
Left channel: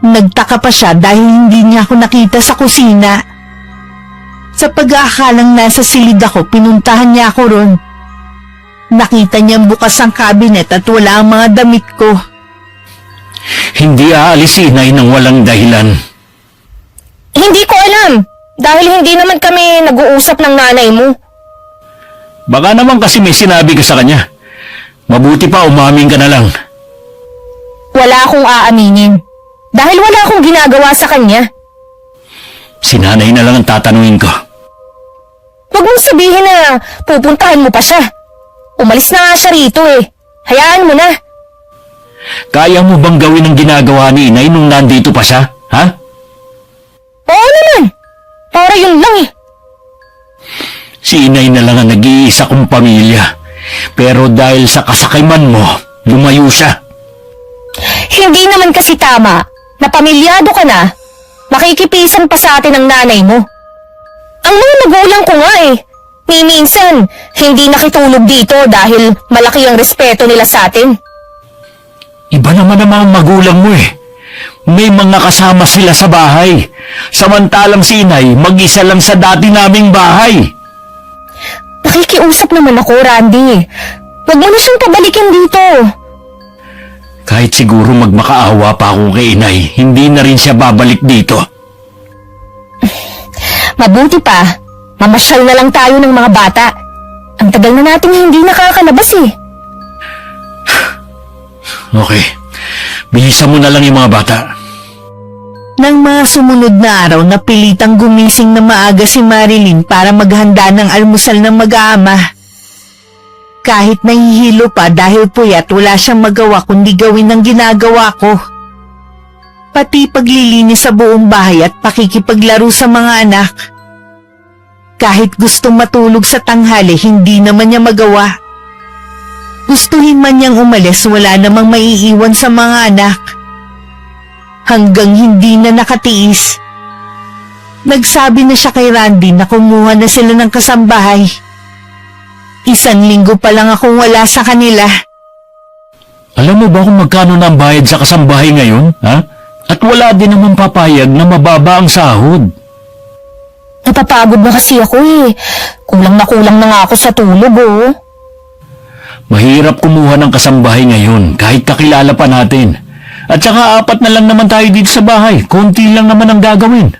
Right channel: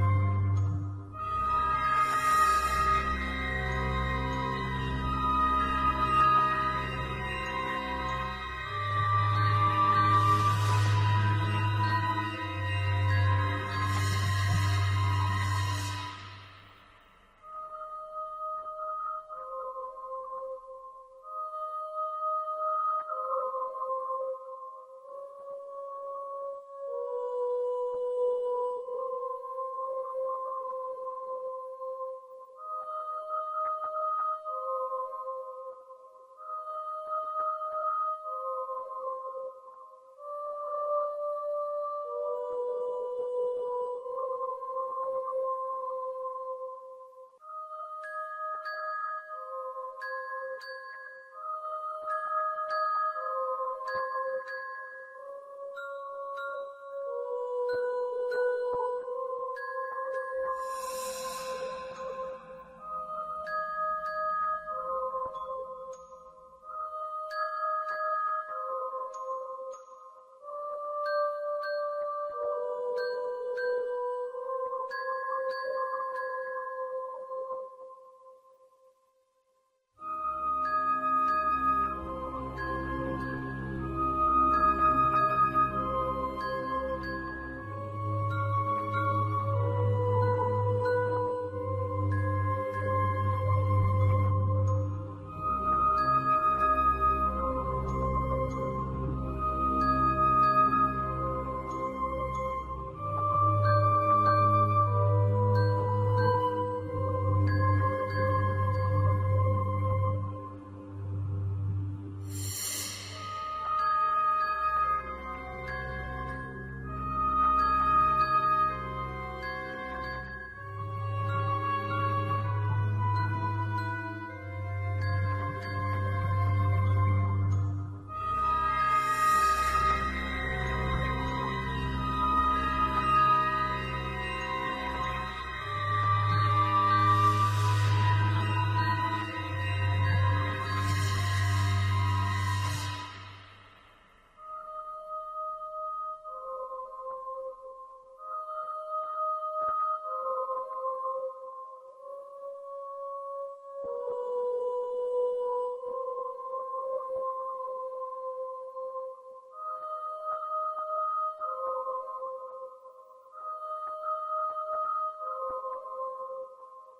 Nagtaka pa siya dahil hindi niya ako nakita sa kusina. Sa pag-aakalang nasa silid ako, pinuntahan niya ako ron. Nakita niyang bukas ang cabinet at wala ang mga damit ko. Hindi aalis si inay nang walang dahilan. Hindi ko alam. Dahil hindi naman kami nag-uusap ng nanay mo. Baka naman kasi may sinabi ka sa kanya. Mabuti pa umamin ka na lang. Wala akong aaminin. Dahil wala akong ginagawa sa kanya. Si nanay na lang ang tatanungin ko. Huwag mong sabihin na pupuntahan mo pa siya. Umalis na nga siya rito eh. Hayaan mo na. Kaya mo bang gawin ang ginagawa ni inay nung nandito pa siya? Ha? Oo naman. Para yun lang eh. Si inay na lang ang nag-iisa kong pamilya. Pero dahil sa kasakiman mo, lumayo siya. Hindi naman kasi tama na pamilyado ka na, makikipisan pa sa atin ang nanay mo. Ang mga magulang ko nga eh. Ni minsan, hindi nakitulog dito dahil malaki ang respeto nila sa atin. Iba naman ang mga magulang mo eh. May mga kasama sila sa bahay. Samantalang si inay, mag-isa lang sa dati naming bahay. Nakikiusap naman ako, Randy. Huwag mo na siyang pabalikin dito. Kahit siguro magmakaawa pa ako kay inay, hindi na rin siya babalik dito. Mabuti pa, mamasyal na lang tayo ng mga bata. Ang tagal na nating hindi nakakalabas eh. Okay, bilisan mo na lang yung mga bata. Nang mga sumunod na araw, napilitang gumising na maaga si Marilyn para maghanda ng almusal ng mag-aama. Kahit nahihilo pa dahil puyat, wala siyang magawa kundi gawin ang ginagawa ko. Pati paglilinis sa buong bahay at pakikipaglaro sa mga anak. Kahit gustong matulog sa tanghali, hindi naman niya magawa. Gustuhin man niyang umalis, wala namang maiiwan sa mga anak. Hanggang hindi na nakatiis. Nagsabi na siya kay Randy na kumuha na sila ng kasambahay. 1 linggo pa lang akong wala sa kanila. Alam mo ba kung magkano na ang bayad sa kasambahay ngayon, ha? At wala din naman papayag na mababa ang sahod. Napapagod na kasi ako eh. Kulang na nga ako sa tulog oh. Mahirap kumuha ng kasambahay ngayon kahit kakilala pa natin. At saka 4 na lang naman tayo dito sa bahay. Konti lang naman ang gagawin.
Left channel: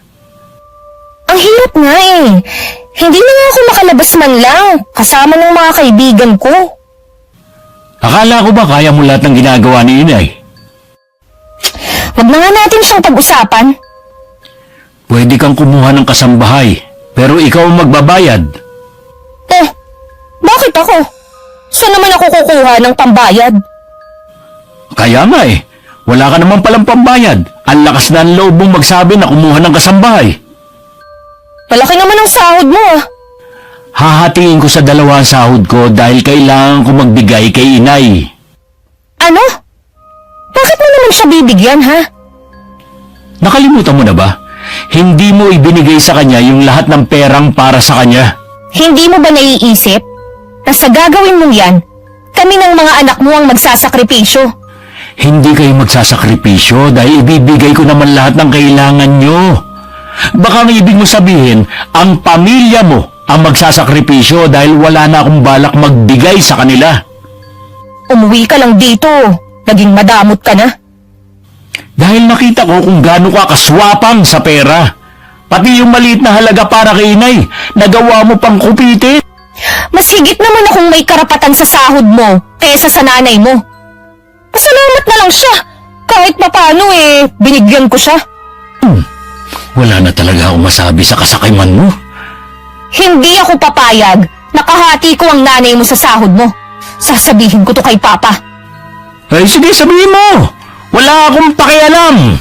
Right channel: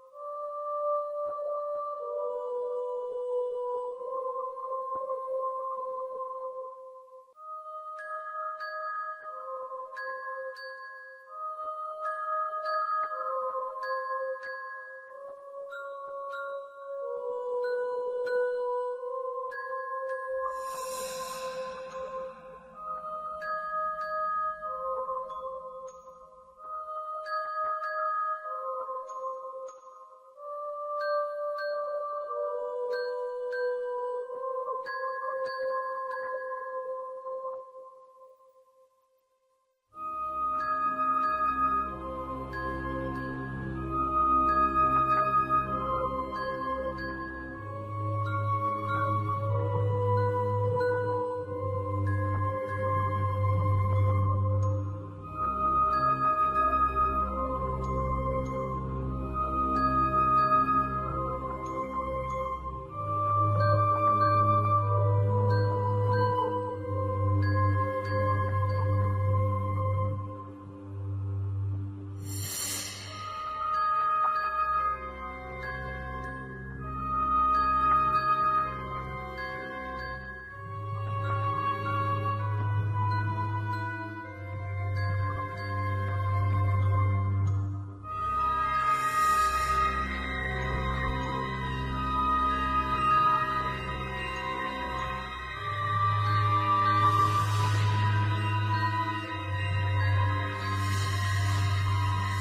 Ang hirap nga eh. Hindi na nga ako makalabas man lang kasama ng mga kaibigan ko. Akala ko ba kaya mo lahat ng ginagawa ni inay? Wag na nga natin siyang pag-usapan. Pwede kang kumuha ng kasambahay, pero ikaw ang magbabayad. Eh, bakit ako? Saan naman ako kukuha ng pambayad? Kaya nga eh, wala ka naman palang pambayad. Ang lakas na ang loob mong magsabi na kumuha ng kasambahay. Malaki naman ang sahod mo ah. Hahatiin ko sa 2 ang sahod ko dahil kailangan ko magbigay kay inay. Ano? Bakit mo naman siya bibigyan ha? Nakalimutan mo na ba? Hindi mo ibinigay sa kanya yung lahat ng perang para sa kanya. Hindi mo ba naiisip na sa gagawin mong yan, kami ng mga anak mo ang magsasakripisyo? Hindi kayo magsasakripisyo dahil ibibigay ko naman lahat ng kailangan nyo. Baka ang ibig mo sabihin, ang pamilya mo ang magsasakripisyo dahil wala na akong balak magbigay sa kanila. Umuwi ka lang dito. Naging madamot ka na. Dahil nakita ko kung gaano ka kaswapang sa pera. Pati yung maliit na halaga para kay inay, nagawa mo pang kupitin. Mas higit naman akong may karapatan sa sahod mo kaysa sa nanay mo. Pasalamat na lang siya. Kahit papano binigyan ko siya. Wala na talaga akong masabi sa kasakiman mo. Hindi ako papayag. Nakahati ko ang nanay mo sa sahod mo. Sasabihin ko to kay Papa. Ay sige, sabihin mo. Wala akong pakialam.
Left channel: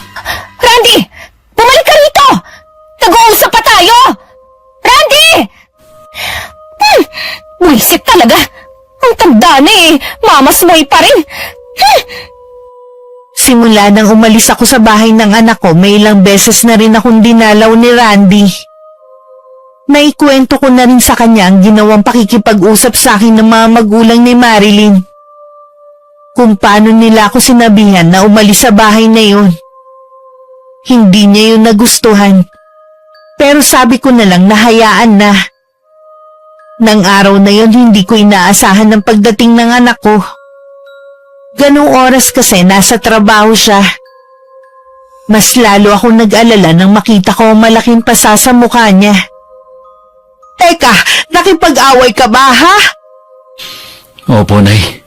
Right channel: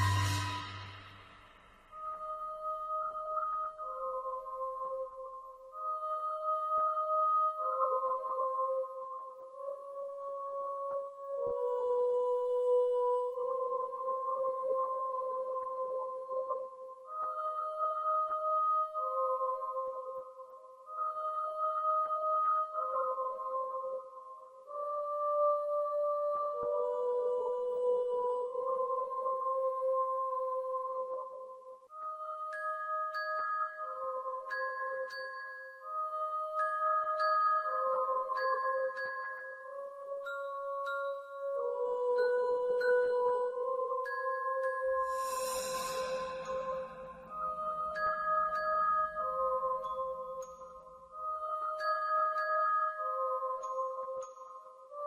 Randy! Bumalik ka rito! Nag-uusap pa tayo! Randy! Buisit talaga. Ang tanda na mamasmoy pa rin. Si Simula nang umalis ako sa bahay ng anak ko, may ilang beses na rin akong dinalaw ni Randy. Naikwento ko na rin sa kanya ang ginawang pakikipag-usap sa akin ng mga magulang ni Marilyn. Kung paano nila ako sinabihan na umalis sa bahay na yun. Hindi niya yun nagustuhan. Pero sabi ko na lang nahayaan na. Nang araw na yun, hindi ko inaasahan ng pagdating ng anak ko. Ganong oras kasi nasa trabaho siya. Mas lalo akong nag-alala nang makita ko ang malaking pasa sa mukha niya. Teka, nakipag-away ka ba, ha? Opo, Nay.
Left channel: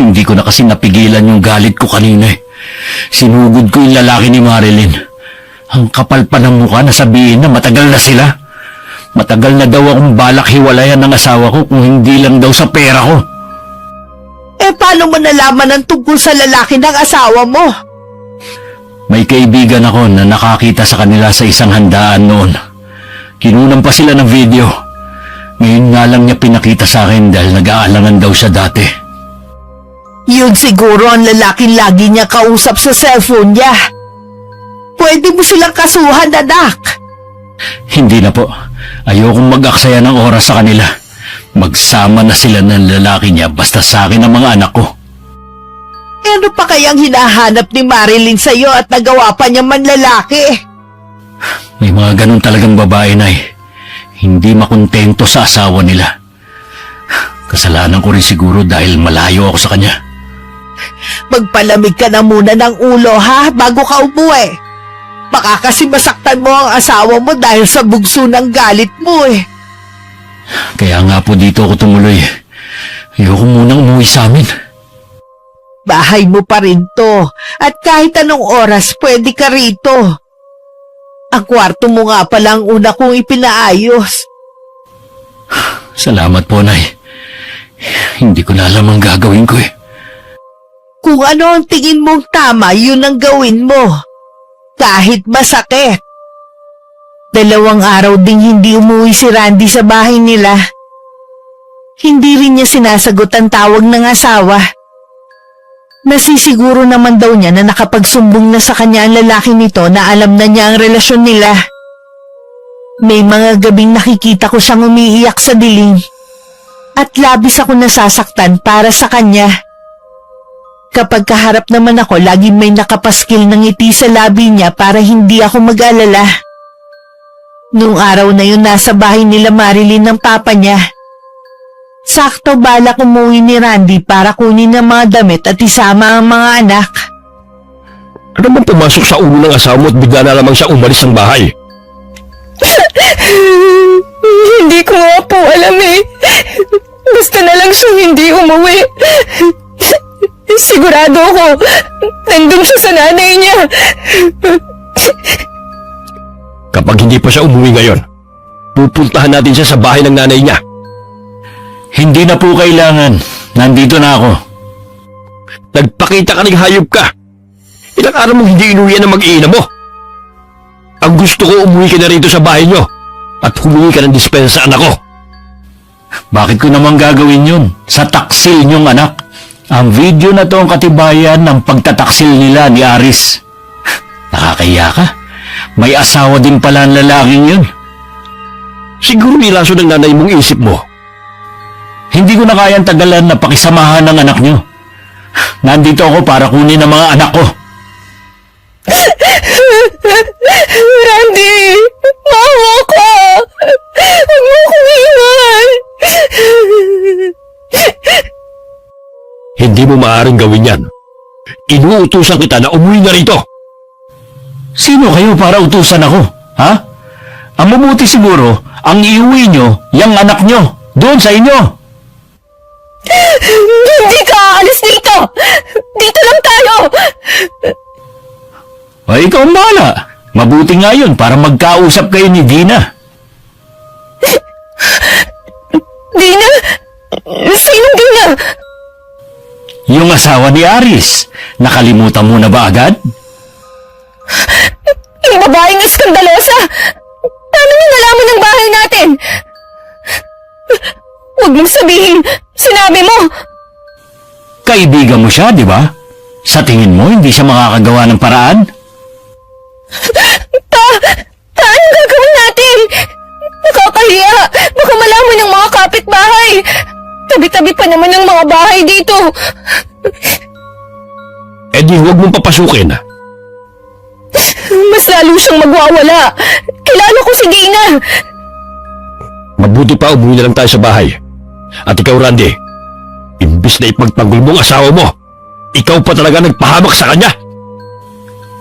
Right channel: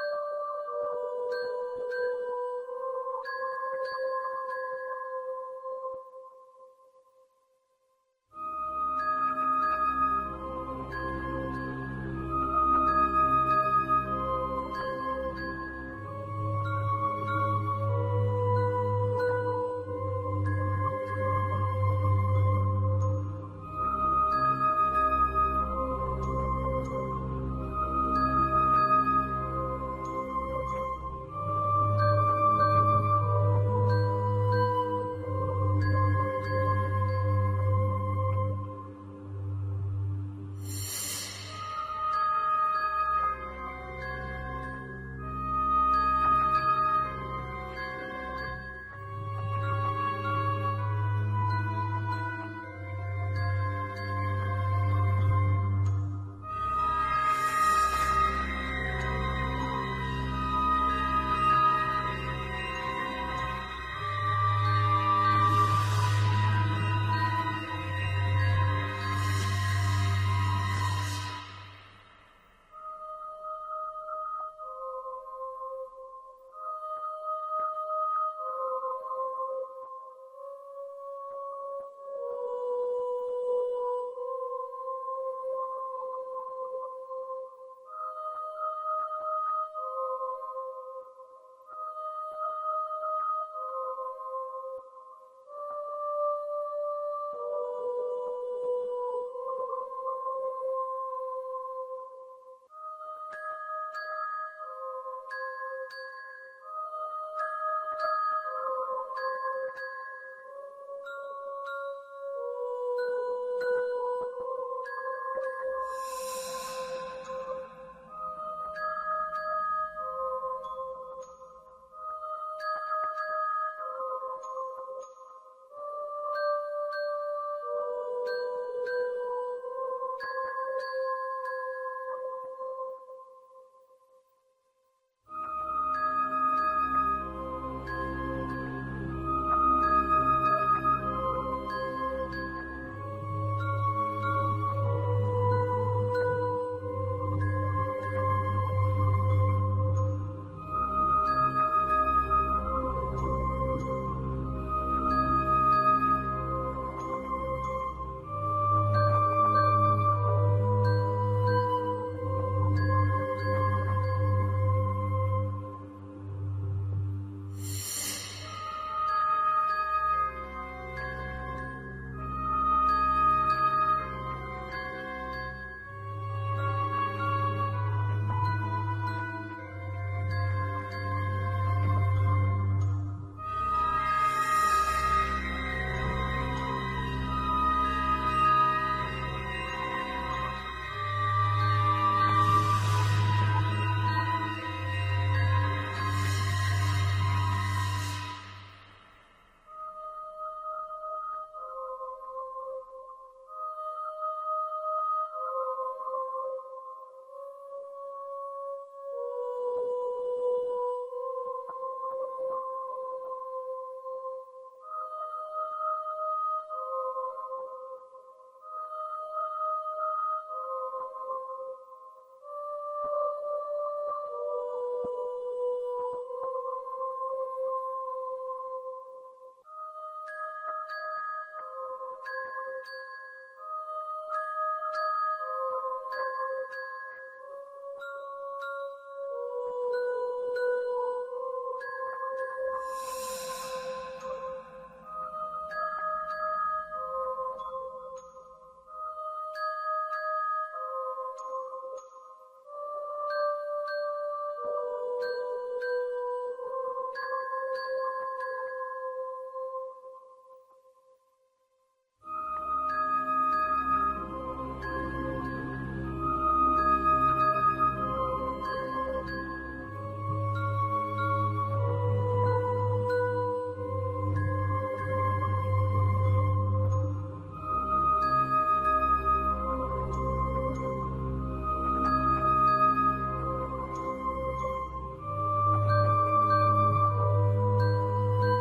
Hindi ko na kasi napigilan yung galit ko kanina eh. Sinugod ko yung lalaki ni Marilyn. Ang kapal pa ng mukha na sabihin na matagal na sila. Matagal na daw akong balak hiwalayan ng asawa ko kung hindi lang daw sa pera ko. Paano mo nalaman ang tungkol sa lalaki ng asawa mo? May kaibigan ako na nakakita sa kanila sa isang handaan noon. Kinunan pa sila ng video. Ngayon nga lang niya pinakita sa akin dahil nag-aalangan daw siya dati. Yun siguro ang lalaking lagi niya kausap sa cellphone niya. Pwede mo silang kasuhan, anak. Hindi na po. Ayokong mag-aksaya ng oras sa kanila. Magsama na sila ng lalaki niya basta sa akin ang mga anak ko. Ano pa kayang hinahanap ni Marilyn sa'yo at nagawa pa niya manlalaki? May mga ganun talagang babae na hindi makontento sa asawa nila. Kasalanan ko rin siguro dahil malayo ako sa kanya. Magpalamig ka na muna ng ulo, ha, bago ka umuwi. Baka kasi masaktan mo ang asawa mo dahil sa bugso ng galit mo eh. Kaya nga po dito ako tumuloy. Ayoko munang umuwi sa amin. Bahay mo pa rin to at kahit anong oras pwede ka rito. Ang kwarto mo nga pala ang una kong ipinaayos. Salamat po, Nay. Hindi ko na alam ang gagawin ko eh. Kung ano ang tingin mong tama, yun ang gawin mo. Kahit masakit. 2 araw ding hindi umuwi si Randy sa bahay nila. Hindi rin niya sinasagot ang tawag ng asawa. Nasisiguro naman daw niya na nakapagsumbong na sa kanya ang lalaki nito na alam na niya ang relasyon nila. May mga gabing nakikita ko siyang umiiyak sa dilim. At labis ako nasasaktan para sa kanya. Kapag kaharap naman ako, laging may nakapaskil ng ngiti sa labi niya para hindi ako mag-alala. Noong araw na yun, nasa bahay nila Marilyn ng papa niya. Sakto balak umuwi ni Randy para kunin ang mga damit at isama ang mga anak. Ano bang pumasok sa ulo ng asawa mo at bigla na lamang siya umalis ng bahay? Hindi ko nga po alam eh. Basta na lang siyang hindi umuwi. Sigurado ako, nandun siya sa nanay niya. Kapag hindi pa siya umuwi ngayon, pupuntahan natin siya sa bahay ng nanay niya. Hindi na po kailangan. Nandito na ako. Nagpakita ka ng hayop ka. Ilang araw mong hindi inuwian ng mag-iina mo. Ang gusto ko, umuwi ka na rito sa bahay niyo at humingi ka ng dispensa, anak ko. Bakit ko naman gagawin yun? Sa taksil niyong anak. Ang video na to ang katibayan ng pagtataksil nila ni Aris. Nakakaya ka? May asawa din pala ang lalaking yun. Siguro nilaso ng nanay mong isip mo. Hindi ko na kayang tagalan na pakisamahan ng anak niyo. Nandito ako para kunin ang mga anak ko. Randy, maawa ka. Huwag mo akong iwan. Hindi mo maaaring gawin yan. Inuutusan kita na umuwi na rito. Sino kayo para utusan ako? Ha? Ang mabuti siguro, ang iuwi nyo, yung anak nyo, doon sa inyo. Hindi ka aalis dito. Dito lang tayo. Ay, ikaw ang bahala. Mabuti nga yun para magkausap kayo ni Dina. Dina? Sinong Dina? Yung asawa ni Aris. Nakalimutan mo na ba agad? Yung babaeng iskandalosa. Paano niya nalaman ang bahay natin? Huwag mong sabihin, sinabi mo. Kaibigan mo siya, di ba? Sa tingin mo, hindi siya makakagawa ng paraan? Anong gagawin natin? Nakakahiya. Baka malaman ng mga kapitbahay. Tabi-tabi pa naman ng mga bahay dito. Eh di huwag mong papasukin. Mas lalo siyang magwawala. Kilala ko si Dina. Mabuti pa umuwi na lang tayo sa bahay. At ikaw, Randy, imbis na ipagtanggol mo ang asawa mo, ikaw pa talaga nagpahamak sa kanya.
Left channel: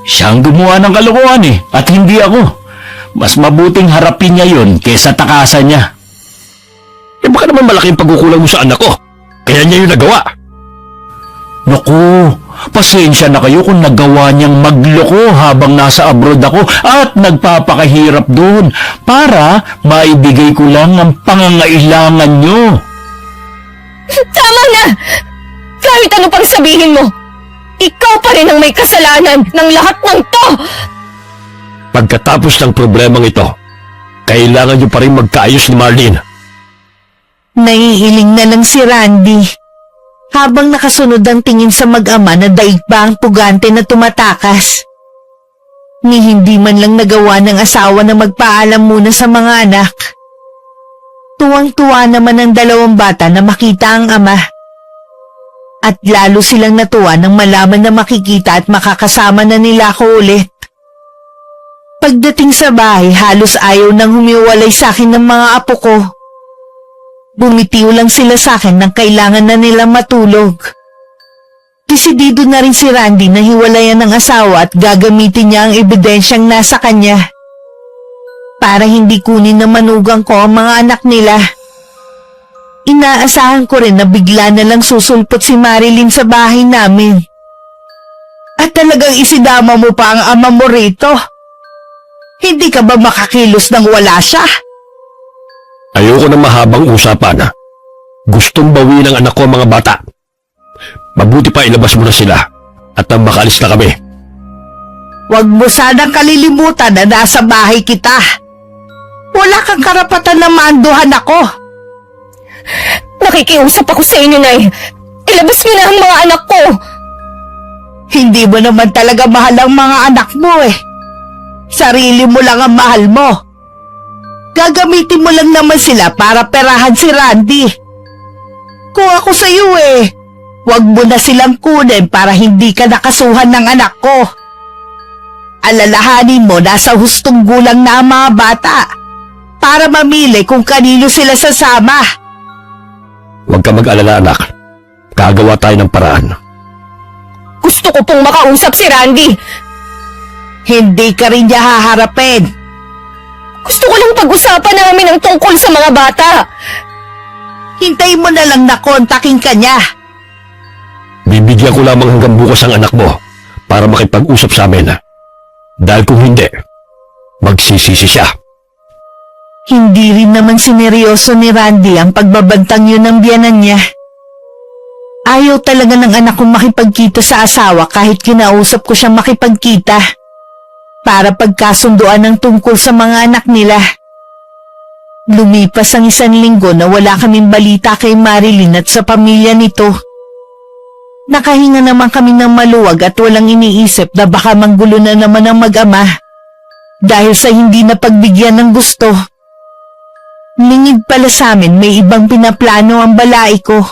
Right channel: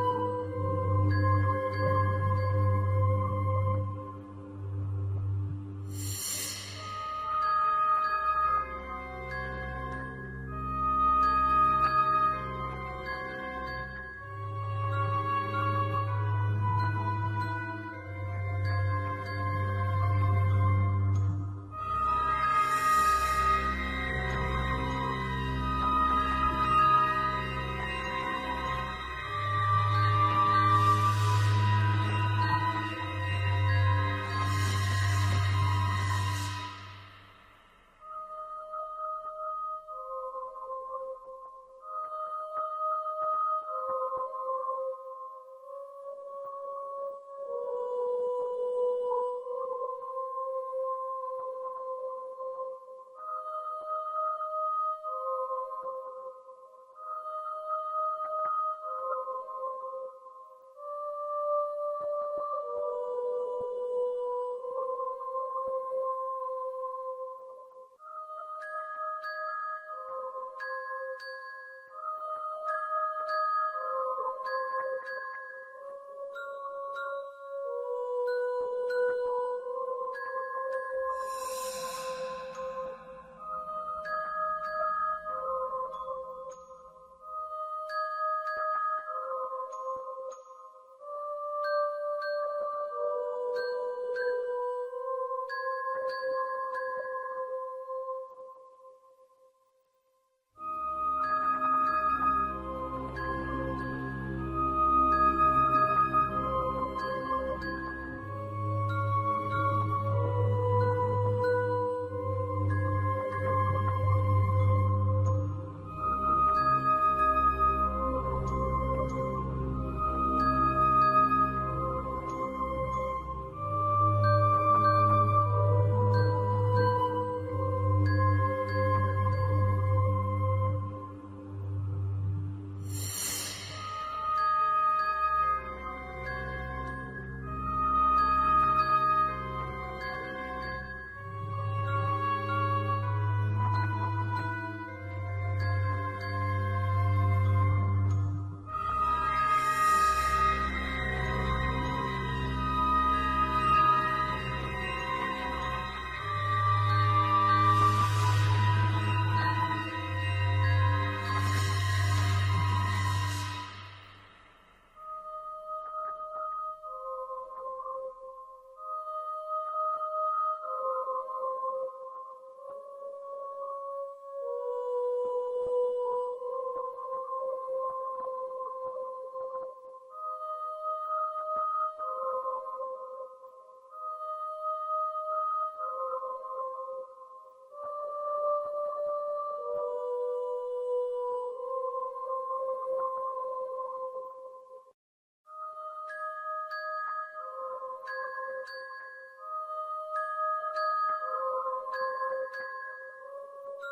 Siya ang gumawa ng kalokohan at hindi ako. Mas mabuting harapin niya yun kesa takasan niya. Eh baka naman malaking pagkukulang mo sa anak ko. Kaya niya yung nagawa. Naku, pasensya na kayo kung nagawa niyang magloko habang nasa abroad ako at nagpapakahirap doon para maibigay ko lang ang pangangailangan niyo. Tama na! Kahit ano pang sabihin mo, ikaw pa rin ang may kasalanan ng lahat ng to! Pagkatapos ng problemang ito, kailangan niyo pa rin magkaayos ni Marlene. Naiiling na lang si Randy. Habang nakasunod ang tingin sa mag-ama na daig pa ang pugante na tumatakas. Ni hindi man lang nagawa ng asawa na magpaalam muna sa mga anak. Tuwang-tuwa naman ang dalawang bata na makita ang ama. At lalo silang natuwa nang malaman na makikita at makakasama na nila ako ulit. Pagdating sa bahay, halos ayaw nang humiwalay sa akin ng mga apo ko. Bumitiw lang sila sa akin nang kailangan na nilang matulog. Desidido na rin si Randy na hiwalayan ng asawa at gagamitin niya ang ebidensyang nasa kanya. Para hindi kunin na manugang ko ang mga anak nila. Inaasahan ko rin na bigla na lang susulpot si Marilyn sa bahay namin. At talagang isidama mo pa ang ama mo rito. Hindi ka ba makakilos nang wala siya? Ayoko na mahabang usapan. Gustong bawiin ng anak ko ang mga bata. Mabuti pa ilabas mo na sila at nang makaalis na kami. Huwag mo sanang kalilimutan na nasa bahay kita. Wala kang karapatan na maanduhan ako. Nakikiusap ako sa inyo, Nay. Ilabas niyo na ang mga anak ko. Hindi mo naman talaga mahal ang mga anak mo eh. Sarili mo lang ang mahal mo. Gagamitin mo lang naman sila para perahan si Randy. Kung ako sa iyo huwag mo na silang kunin para hindi ka nakasuhan ng anak ko. Alalahanin mo nasa hustong gulang na ang mga bata para mamili kung kanino sila sasama. Huwag ka mag-alala, anak. Gagawa tayo ng paraan. Gusto ko pong makausap si Randy. Hindi ka rin niya haharapin. Gusto ko lang pag-usapan namin ang tungkol sa mga bata. Hintayin mo na lang na kontakin ka niya. Bibigyan ko lamang hanggang bukas ang anak mo para makipag-usap sa amin. Dahil kung hindi, magsisisi siya. Hindi rin naman sineryoso ni Randy ang pagbabantang yun ng biyanan niya. Ayaw talaga ng anak kong makipagkita sa asawa kahit kinausap ko siyang makipagkita. Para pagkasunduan ng tungkol sa mga anak nila. Lumipas ang 1 linggo na wala kaming balita kay Marilyn at sa pamilya nito. Nakahinga naman kami ng maluwag at walang iniisip na baka manggulo na naman ang mag-ama dahil sa hindi na pagbigyan ng gusto. Lingid pala sa amin may ibang pinaplano ang balai ko.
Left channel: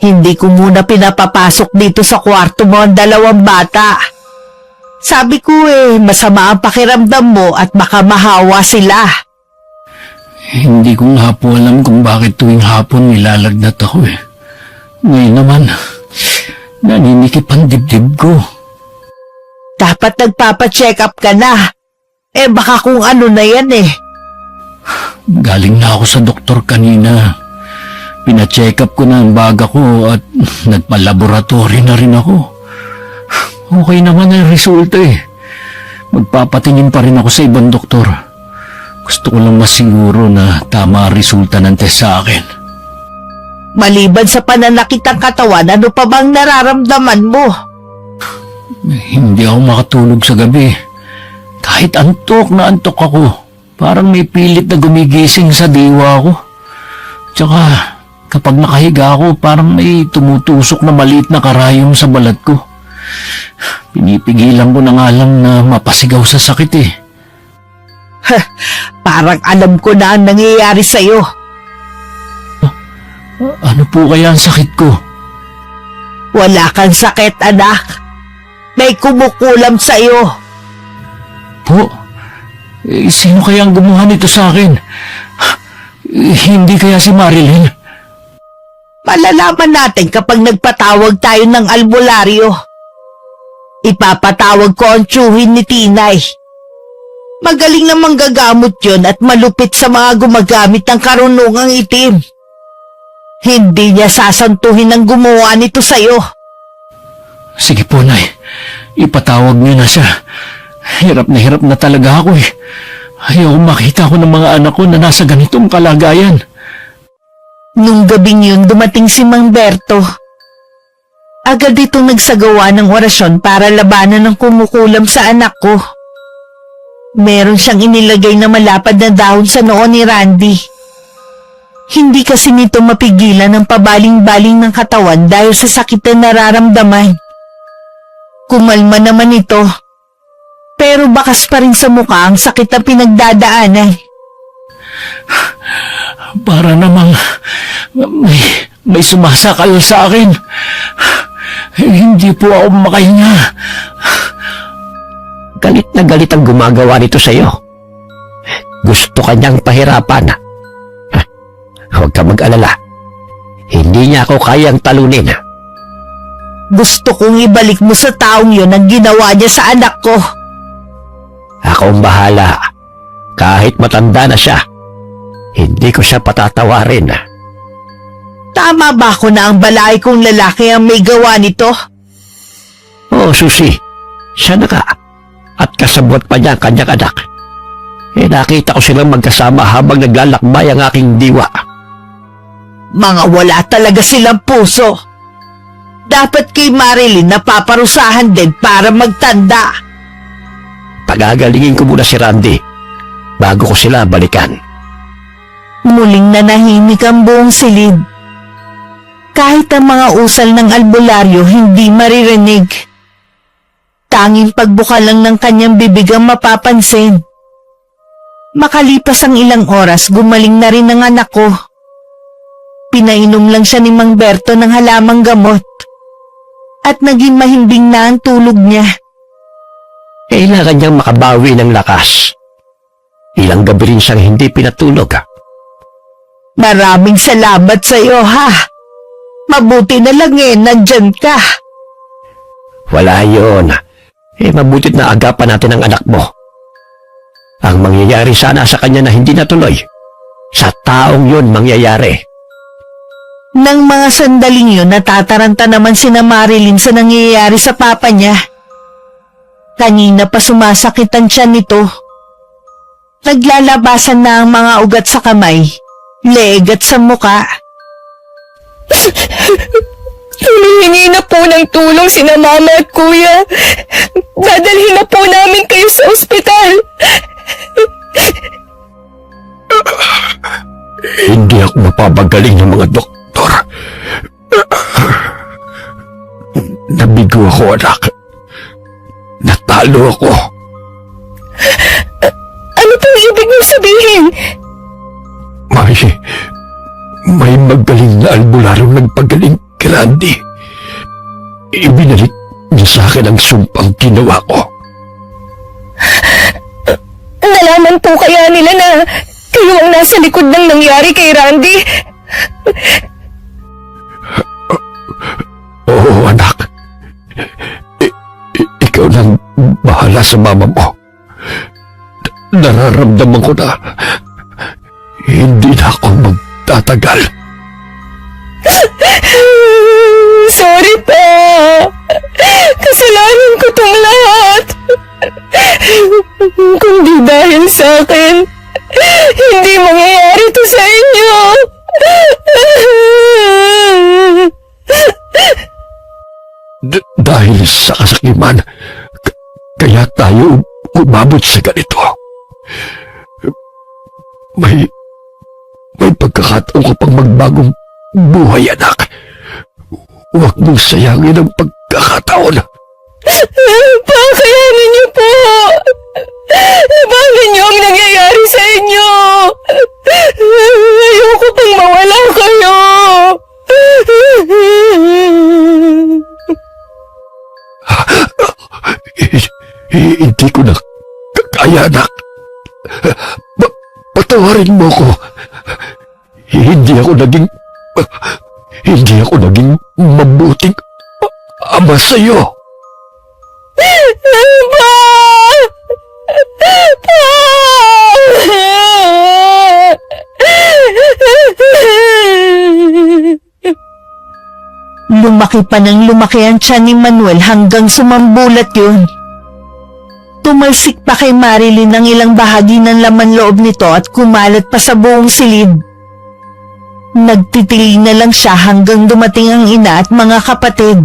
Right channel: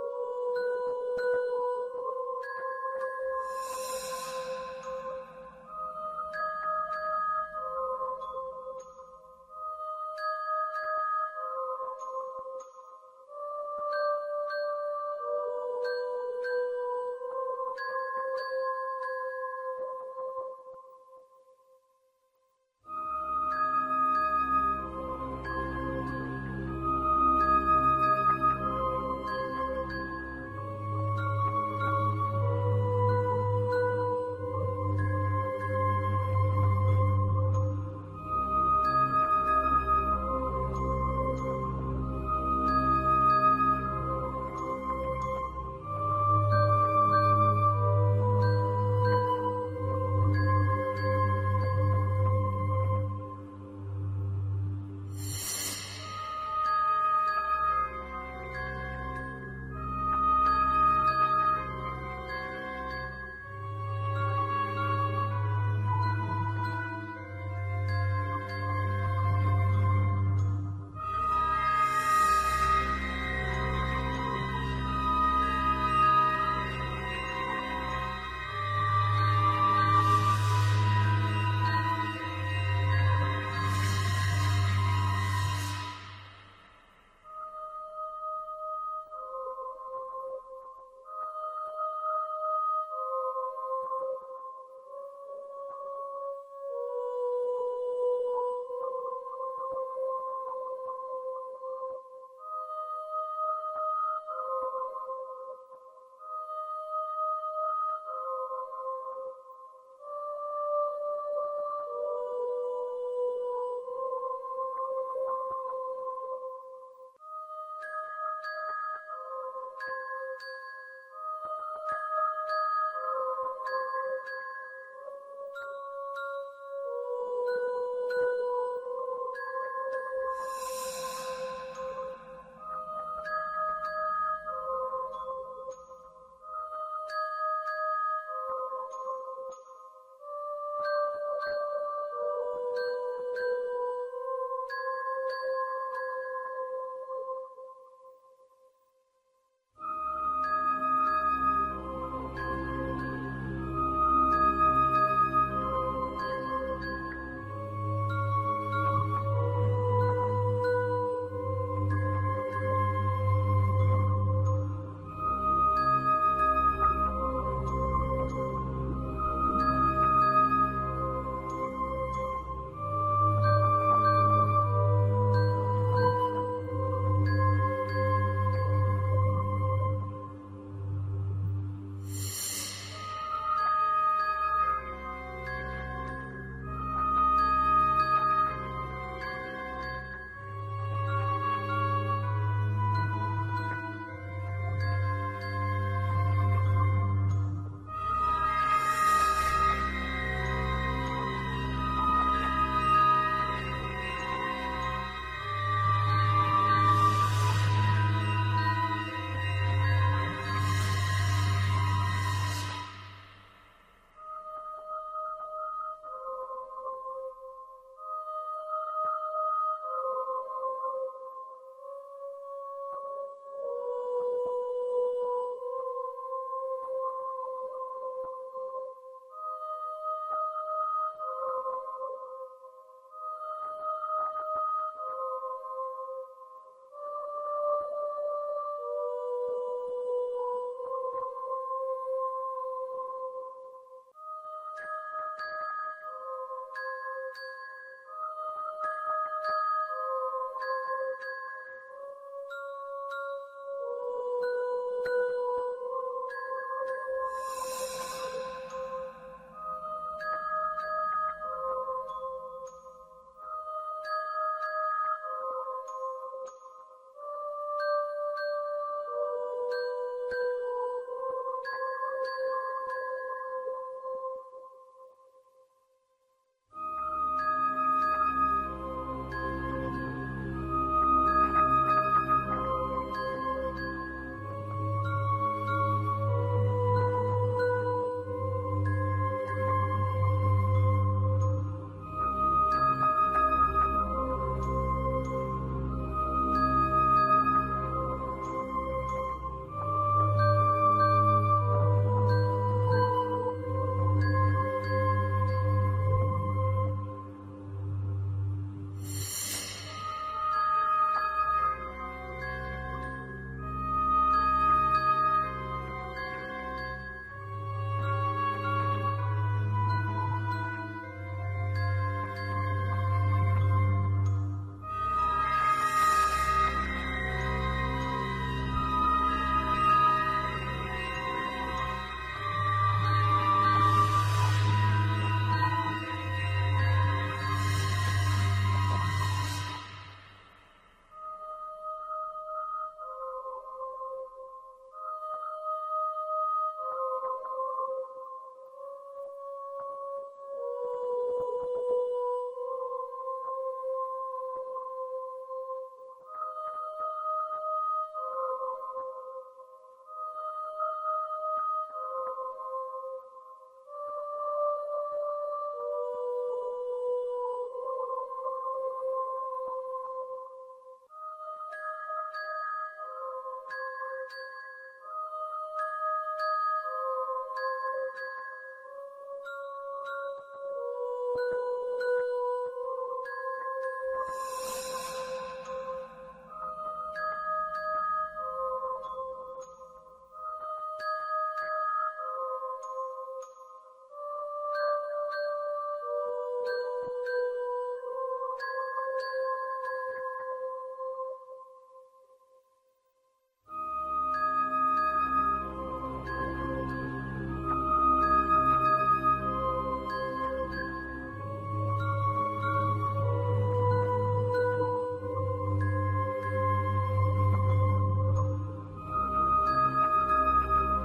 Hindi ko muna pinapapasok dito sa kwarto mo ang 2 bata. Sabi ko masama ang pakiramdam mo at baka mahawa sila. Hindi ko nga po alam kung bakit tuwing hapon nilalagnat ako Ngayon naman, naninikip ang dibdib ko. Dapat nagpapacheck up ka na. Baka kung ano na yan Galing na ako sa doktor kanina. Pina-check up ko na ang baga ko at nagpa-laboratory na rin ako. Okay naman ang resulta Magpapatingin pa rin ako sa ibang doktor. Gusto ko lang masiguro na tama ang resulta ng test sa akin. Maliban sa pananakit ng katawan, ano pa bang nararamdaman mo? Hindi ako makatulog sa gabi. Kahit antok na antok ako. Parang may pilit na gumigising sa diwa ko. Tsaka Kapag nakahiga ako, parang may tumutusok na maliit na karayom sa balat ko. Pinipigilan ko na nga lang na mapasigaw sa sakit eh. Parang alam ko na ang nangyayari sa'yo. Ano po kaya ang sakit ko? Wala kang sakit, anak. May kumukulam sa'yo. Po? Sino kaya ang gumawa nito sa akin? Hindi kaya si Marilyn? Malalaman natin kapag nagpatawag tayo ng albularyo. Ipapatawag ko ang tiyuhin ni Tinay. Magaling na manggagamot yun at malupit sa mga gumagamit ng karunungang itim. Hindi niya sasantuhin ang gumawa nito sa'yo. Sige po, Nay. Ipatawag niyo na siya. Hirap na talaga ako eh. Ayaw makita ko ng mga anak ko na nasa ganitong kalagayan. Nung gabing yun, dumating si Mang Berto. Agad itong nagsagawa ng orasyon para labanan ng kumukulam sa anak ko. Meron siyang inilagay na malapad na dahon sa noo ni Randy. Hindi kasi nito mapigilan ang pabaling-baling ng katawan dahil sa sakit na nararamdaman. Kumalma naman ito, pero bakas pa rin sa mukha ang sakit na pinagdadaanan. Para namang may sumasakal sa akin. Hindi po ako makahinga. Galit na galit ang gumagawa nito sa'yo. Gusto kanyang pahirapan. Huwag ka mag-alala. Hindi niya ako kayang talunin. Gusto kong ibalik mo sa taong yun ang ginawa niya sa anak ko. Ako ang bahala. Kahit matanda na siya, hindi ko siya patatawarin. Tama ba ako na ang balay kong lalaki ang may gawa nito? Oo, Susi. Siya na ka. At kasabot pa niya ang kanyang anak. Nakita ko silang magkasama habang naglalakbay ang aking diwa. Mga wala talaga silang puso. Dapat kay Marilyn napaparusahan din para magtanda. Pagagalingin ko muna si Randy bago ko sila balikan. Muling nanahimik ang buong silid. Kahit ang mga usal ng albularyo hindi maririnig. Tanging pagbuka lang ng kanyang bibig ang mapapansin. Makalipas ang ilang oras, gumaling na rin ang anak ko. Pinainom lang siya ni Mang Berto ng halamang gamot. At naging mahimbing na ang tulog niya. Kailangan niyang makabawi ng lakas. Ilang gabi rin siyang hindi pinatulog. Maraming salamat sa iyo, ha? Mabuti na lang nandyan ka. Wala yun. Mabutit na agapan natin ang anak mo. Ang mangyayari sana sa kanya na hindi natuloy, sa taong yun mangyayari. Nang mga sandaling yun, natataranta naman sina Marilyn sa nangyayari sa papa niya. Kanina pa sumasakit ang tiyan nito. Naglalabasan na ang mga ugat sa kamay, leeg at sa muka. Humihingi na po ng tulong sina mama at kuya. Dadalhin na po namin kayo sa ospital. Hindi ako mapapagaling ng mga doktor. Nabigo ako, anak. Natalo ako. Ano pong ibig mong sabihin? May magaling na albularong nagpagaling kay Randy. Ibinalik niya sa akin ang sumpang ginawa ko. Nalaman po kaya nila na kayo ang nasa likod ng nangyari kay Randy? Oo, anak. Ikaw lang bahala sa mama mo. Nararamdaman ko na hindi na ako magtatagal. Sorry pa. Kasalanan ko tong lahat. Kung di dahil sa akin, hindi mangyayari to sa inyo. Dahil sa kasakiman, kaya tayo umabot sa ganito. May pagkakataon ko pang magbagong buhay, anak. Huwag mong sayangin ang pagkakataon. Pakayanin niyo po! Bakit niyo ang nangyayari sa inyo? Ayoko pang mawala kayo! Hindi ko na kaya, anak. Patawarin mo ko. Hindi ako naging mabuting ama sa'yo. Pa! Lumaki pa ng lumaki ang tiyan ni Manuel hanggang sumambulat yun. Tumalsik pa kay Marilyn ang ilang bahagi ng laman loob nito at kumalat pa sa buong silid. Nagtitiling na lang siya hanggang dumating ang ina at mga kapatid.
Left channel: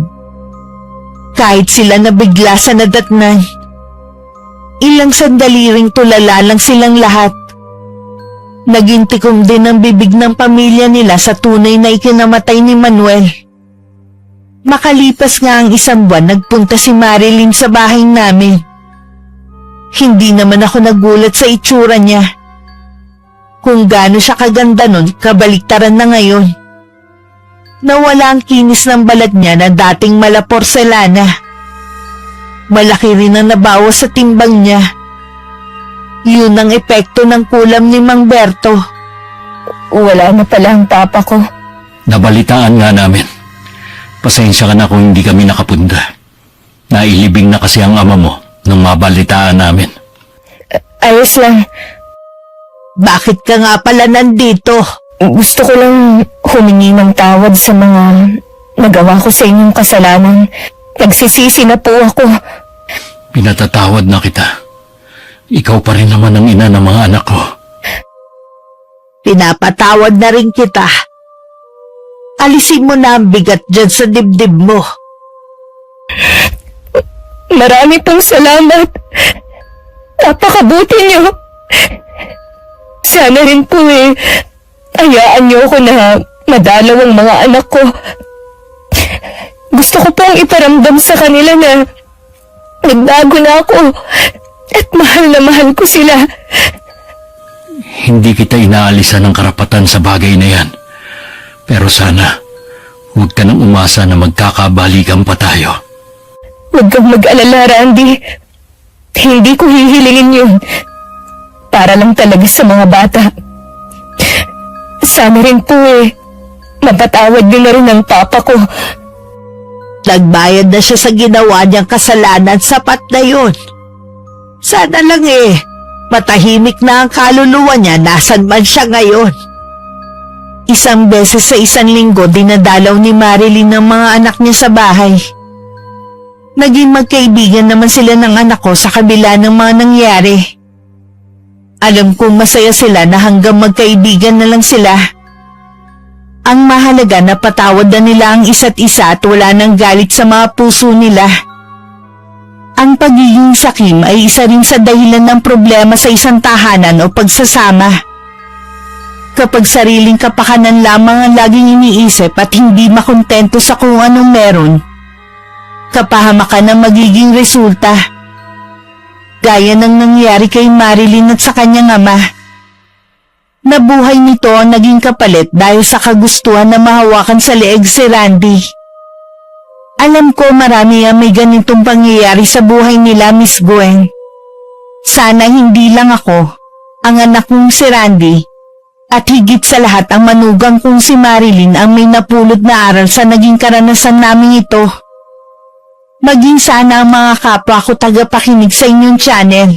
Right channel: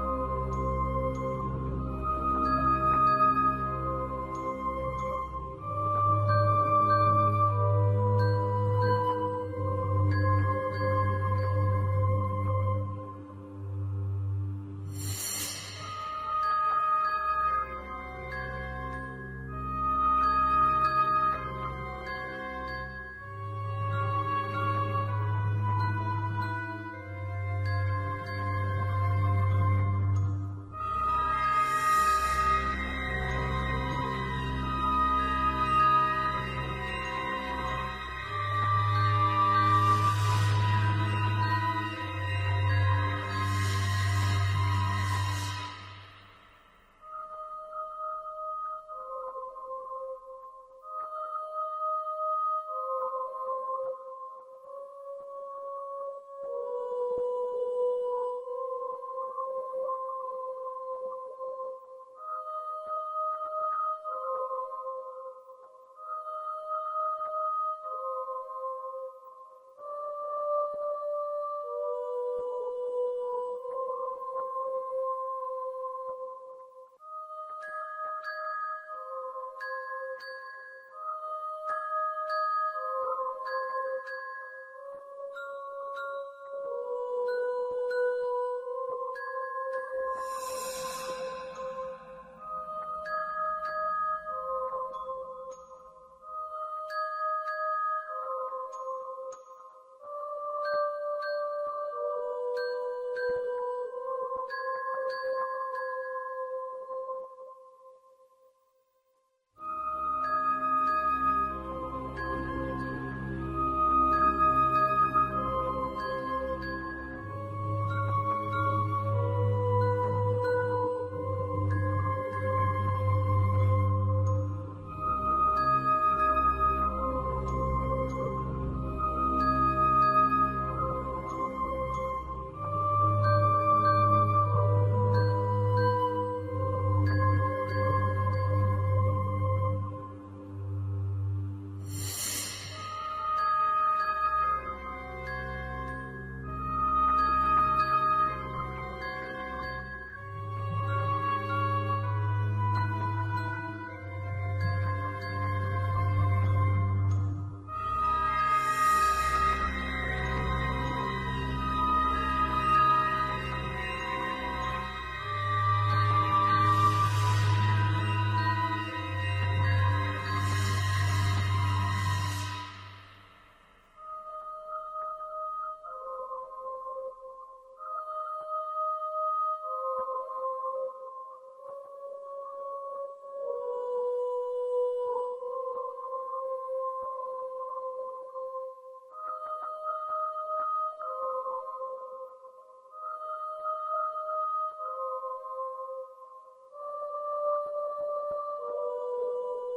Kahit sila nabigla sa nadatnan, ilang sandali ring tulala lang silang lahat. Naging tikom din ang bibig ng pamilya nila sa tunay na ikinamatay ni Manuel. Makalipas nga ang isang buwan, nagpunta si Marilyn sa bahay namin. Hindi naman ako nagulat sa itsura niya. Kung gaano siya kaganda nun, kabaliktaran na ngayon. Nawala ang kinis ng balat niya na dating mala porselana. Malaki rin ang nabawas sa timbang niya. Yun ang epekto ng kulam ni Mang Berto. Wala na pala ang papa ko. Nabalitaan nga namin. Pasensya ka na kung hindi kami nakapunda. Nailibing na kasi ang ama mo nung mabalitaan namin. Ayos lang. Bakit ka nga pala nandito? Gusto ko lang humingi ng tawad sa mga nagawa ko sa inyong kasalanan. Nagsisisi na po ako. Pinatatawad na kita. Ikaw pa rin naman ang ina ng mga anak ko. Pinapatawad na rin kita. Alisin mo na ang bigat dyan sa dibdib mo. Marami pong salamat. Napakabuti niyo. Sana rin po hayaan niyo ako na madalaw ang mga anak ko. Gusto ko pong iparamdam sa kanila na nagbago na ako at mahal ko sila. Hindi kita inaalisan ng karapatan sa bagay na yan. Pero sana, huwag ka nang umasa na magkakabalikan pa tayo. Huwag kang mag-alala, Randy. Hindi ko hihilingin yun. Para lang talaga sa mga bata. Sana rin po mapatawad niyo na rin ang papa ko. Nagbayad na siya sa ginawa niyang kasalanan, sapat na yun. Sana lang matahimik na ang kaluluwa niya, nasan man siya ngayon. Isang beses sa isang linggo, dinadalaw ni Marilyn ng mga anak niya sa bahay. Naging magkaibigan naman sila ng anak ko sa kabila ng mga nangyari. Alam kong masaya sila na hanggang magkaibigan na lang sila. Ang mahalaga na patawad na nila ang isa't isa at wala nang galit sa mga puso nila. Ang pagiging sakim ay isa rin sa dahilan ng problema sa isang tahanan o pagsasama. Kapag sariling kapakanan lamang ang laging iniisip at hindi makontento sa kung anong meron, kapahamakan ang magiging resulta. Gaya ng nangyari kay Marilyn at sa kanyang ama. Nabuhay nito ang naging kapalit dahil sa kagustuhan na mahawakan sa leeg si Randy. Alam ko marami ang may ganitong pangyayari sa buhay nila, Miss Gwen. Sana hindi lang ako, ang anak kong si Randy, at higit sa lahat ang manugang kong si Marilyn ang may napulot na aral sa naging karanasan naming ito. Maging sana ang mga kapwa ko tagapakinig sa inyong channel.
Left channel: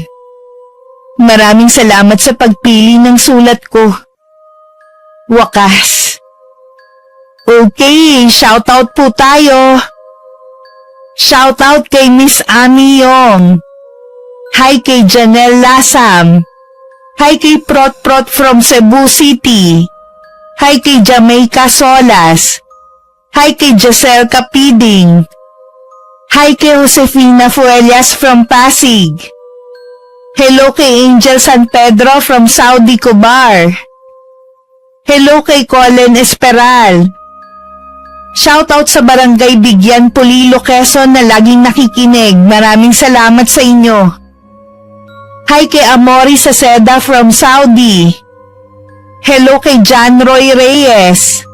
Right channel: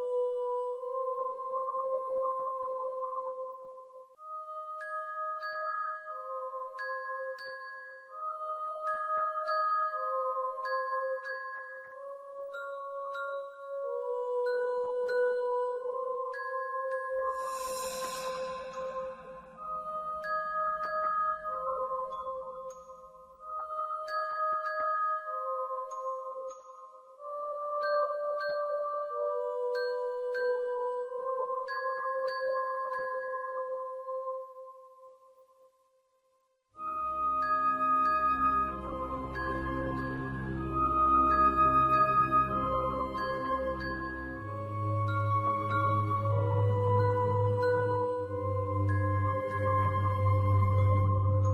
Maraming salamat sa pagpili ng sulat ko. Wakas. Okay, shoutout po tayo. Shoutout kay Miss Ami Yong. Hi kay Janelle Lasam. Hi kay Prot from Cebu City. Hi kay Jamaica Solas. Hi kay Giselle Capiding. Hi kay Josefina Fuelias from Pasig. Hello kay Angel San Pedro from Saudi Cobar. Hello kay Colin Esperal. Shoutout sa Barangay Bigyan, Polilo, Quezon na laging nakikinig. Maraming salamat sa inyo. Hi kay Amori Saceda from Saudi. Hello kay John Roy Reyes.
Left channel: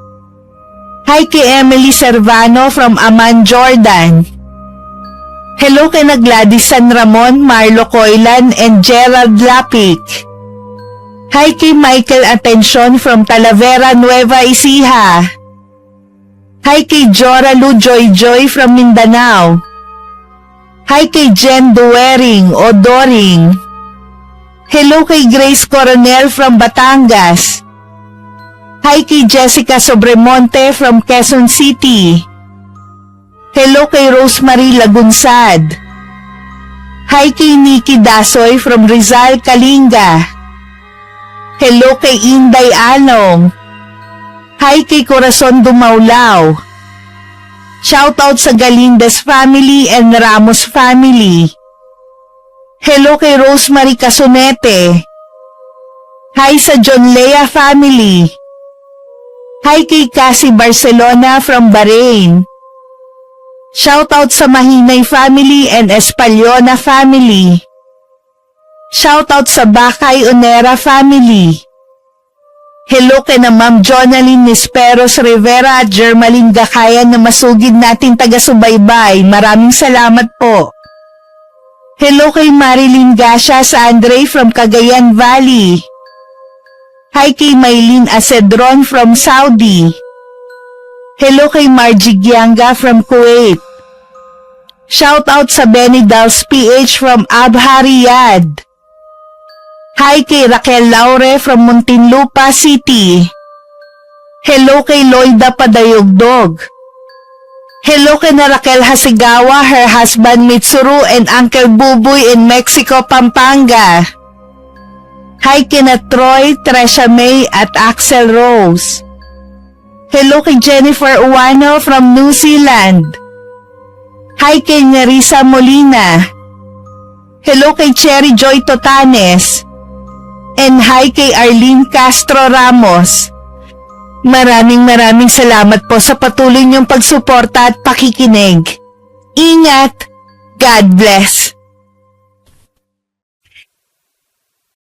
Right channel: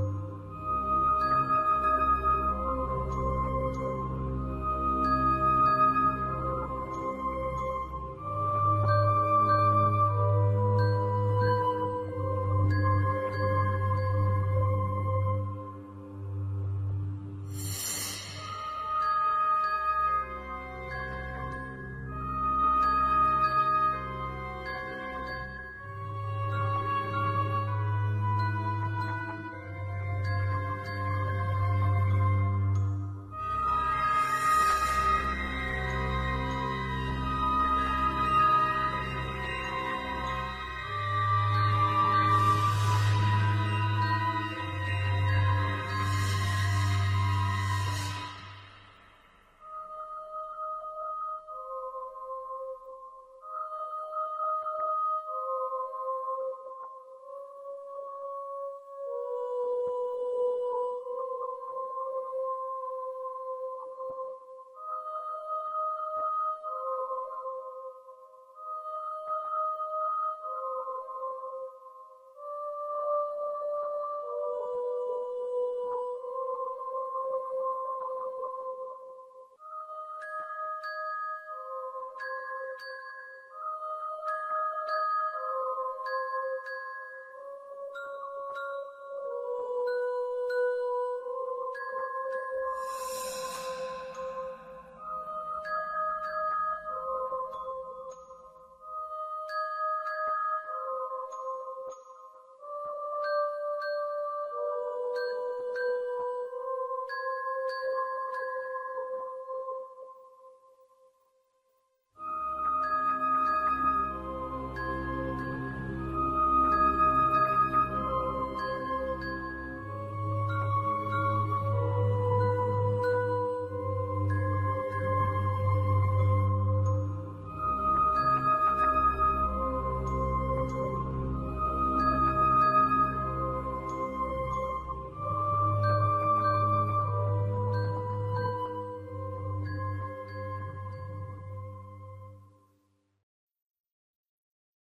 Hi kay Emily Servano from Amman, Jordan. Hello kay Gladys San Ramon, Marlo Coilan, and Gerald Lapik. Hi kay Michael Atención from Talavera, Nueva Ecija. Hi kay Jora Lu Joy Joy from Mindanao. Hi kay Jen Duering o Doring. Hello kay Grace Coronel from Batangas. Hi kay Jessica Sobremonte from Quezon City. Hello kay Rosemary Lagunsad. Hi kay Nikki Dasoy from Rizal, Kalinga. Hello kay Inday Along. Hi kay Corazon Dumaulaw. Shoutout sa Galindes family and Ramos family. Hello kay Rosemary Casonete. Hi sa John Lea family. Hi kay Cassie Barcelona from Bahrain. Shoutout sa Mahinay family and Espaliona family. Shoutout sa Bakay Onera family. Hello kay na Ma'am Jonaline Nisperos Rivera at Germaline Gakayan na masugid natin taga-subaybay. Maraming salamat po. Hello kay Marilyn Gasha sa Andre from Cagayan Valley. Hi kay Maylin Acedron from Saudi. Hello kay Margie Gianga from Kuwait. Shoutout sa Benny Dals PH from Abha, Riyadh. Hi kay Raquel Laure from Muntinlupa City. Hello kay Loida Padayogdog. Hello kay na Raquel Hasigawa, her husband Mitsuru, and Uncle Buboy in Mexico, Pampanga. Hi kay na Troy, Tresha May at Axel Rose. Hello kay Jennifer Uwano from New Zealand. Hi kay Nerissa Molina. Hello kay Cherry Joy Totanes. And hi kay Arlene Castro Ramos. Maraming salamat po sa patuloy niyong pagsuporta at pakikinig. Ingat! God bless!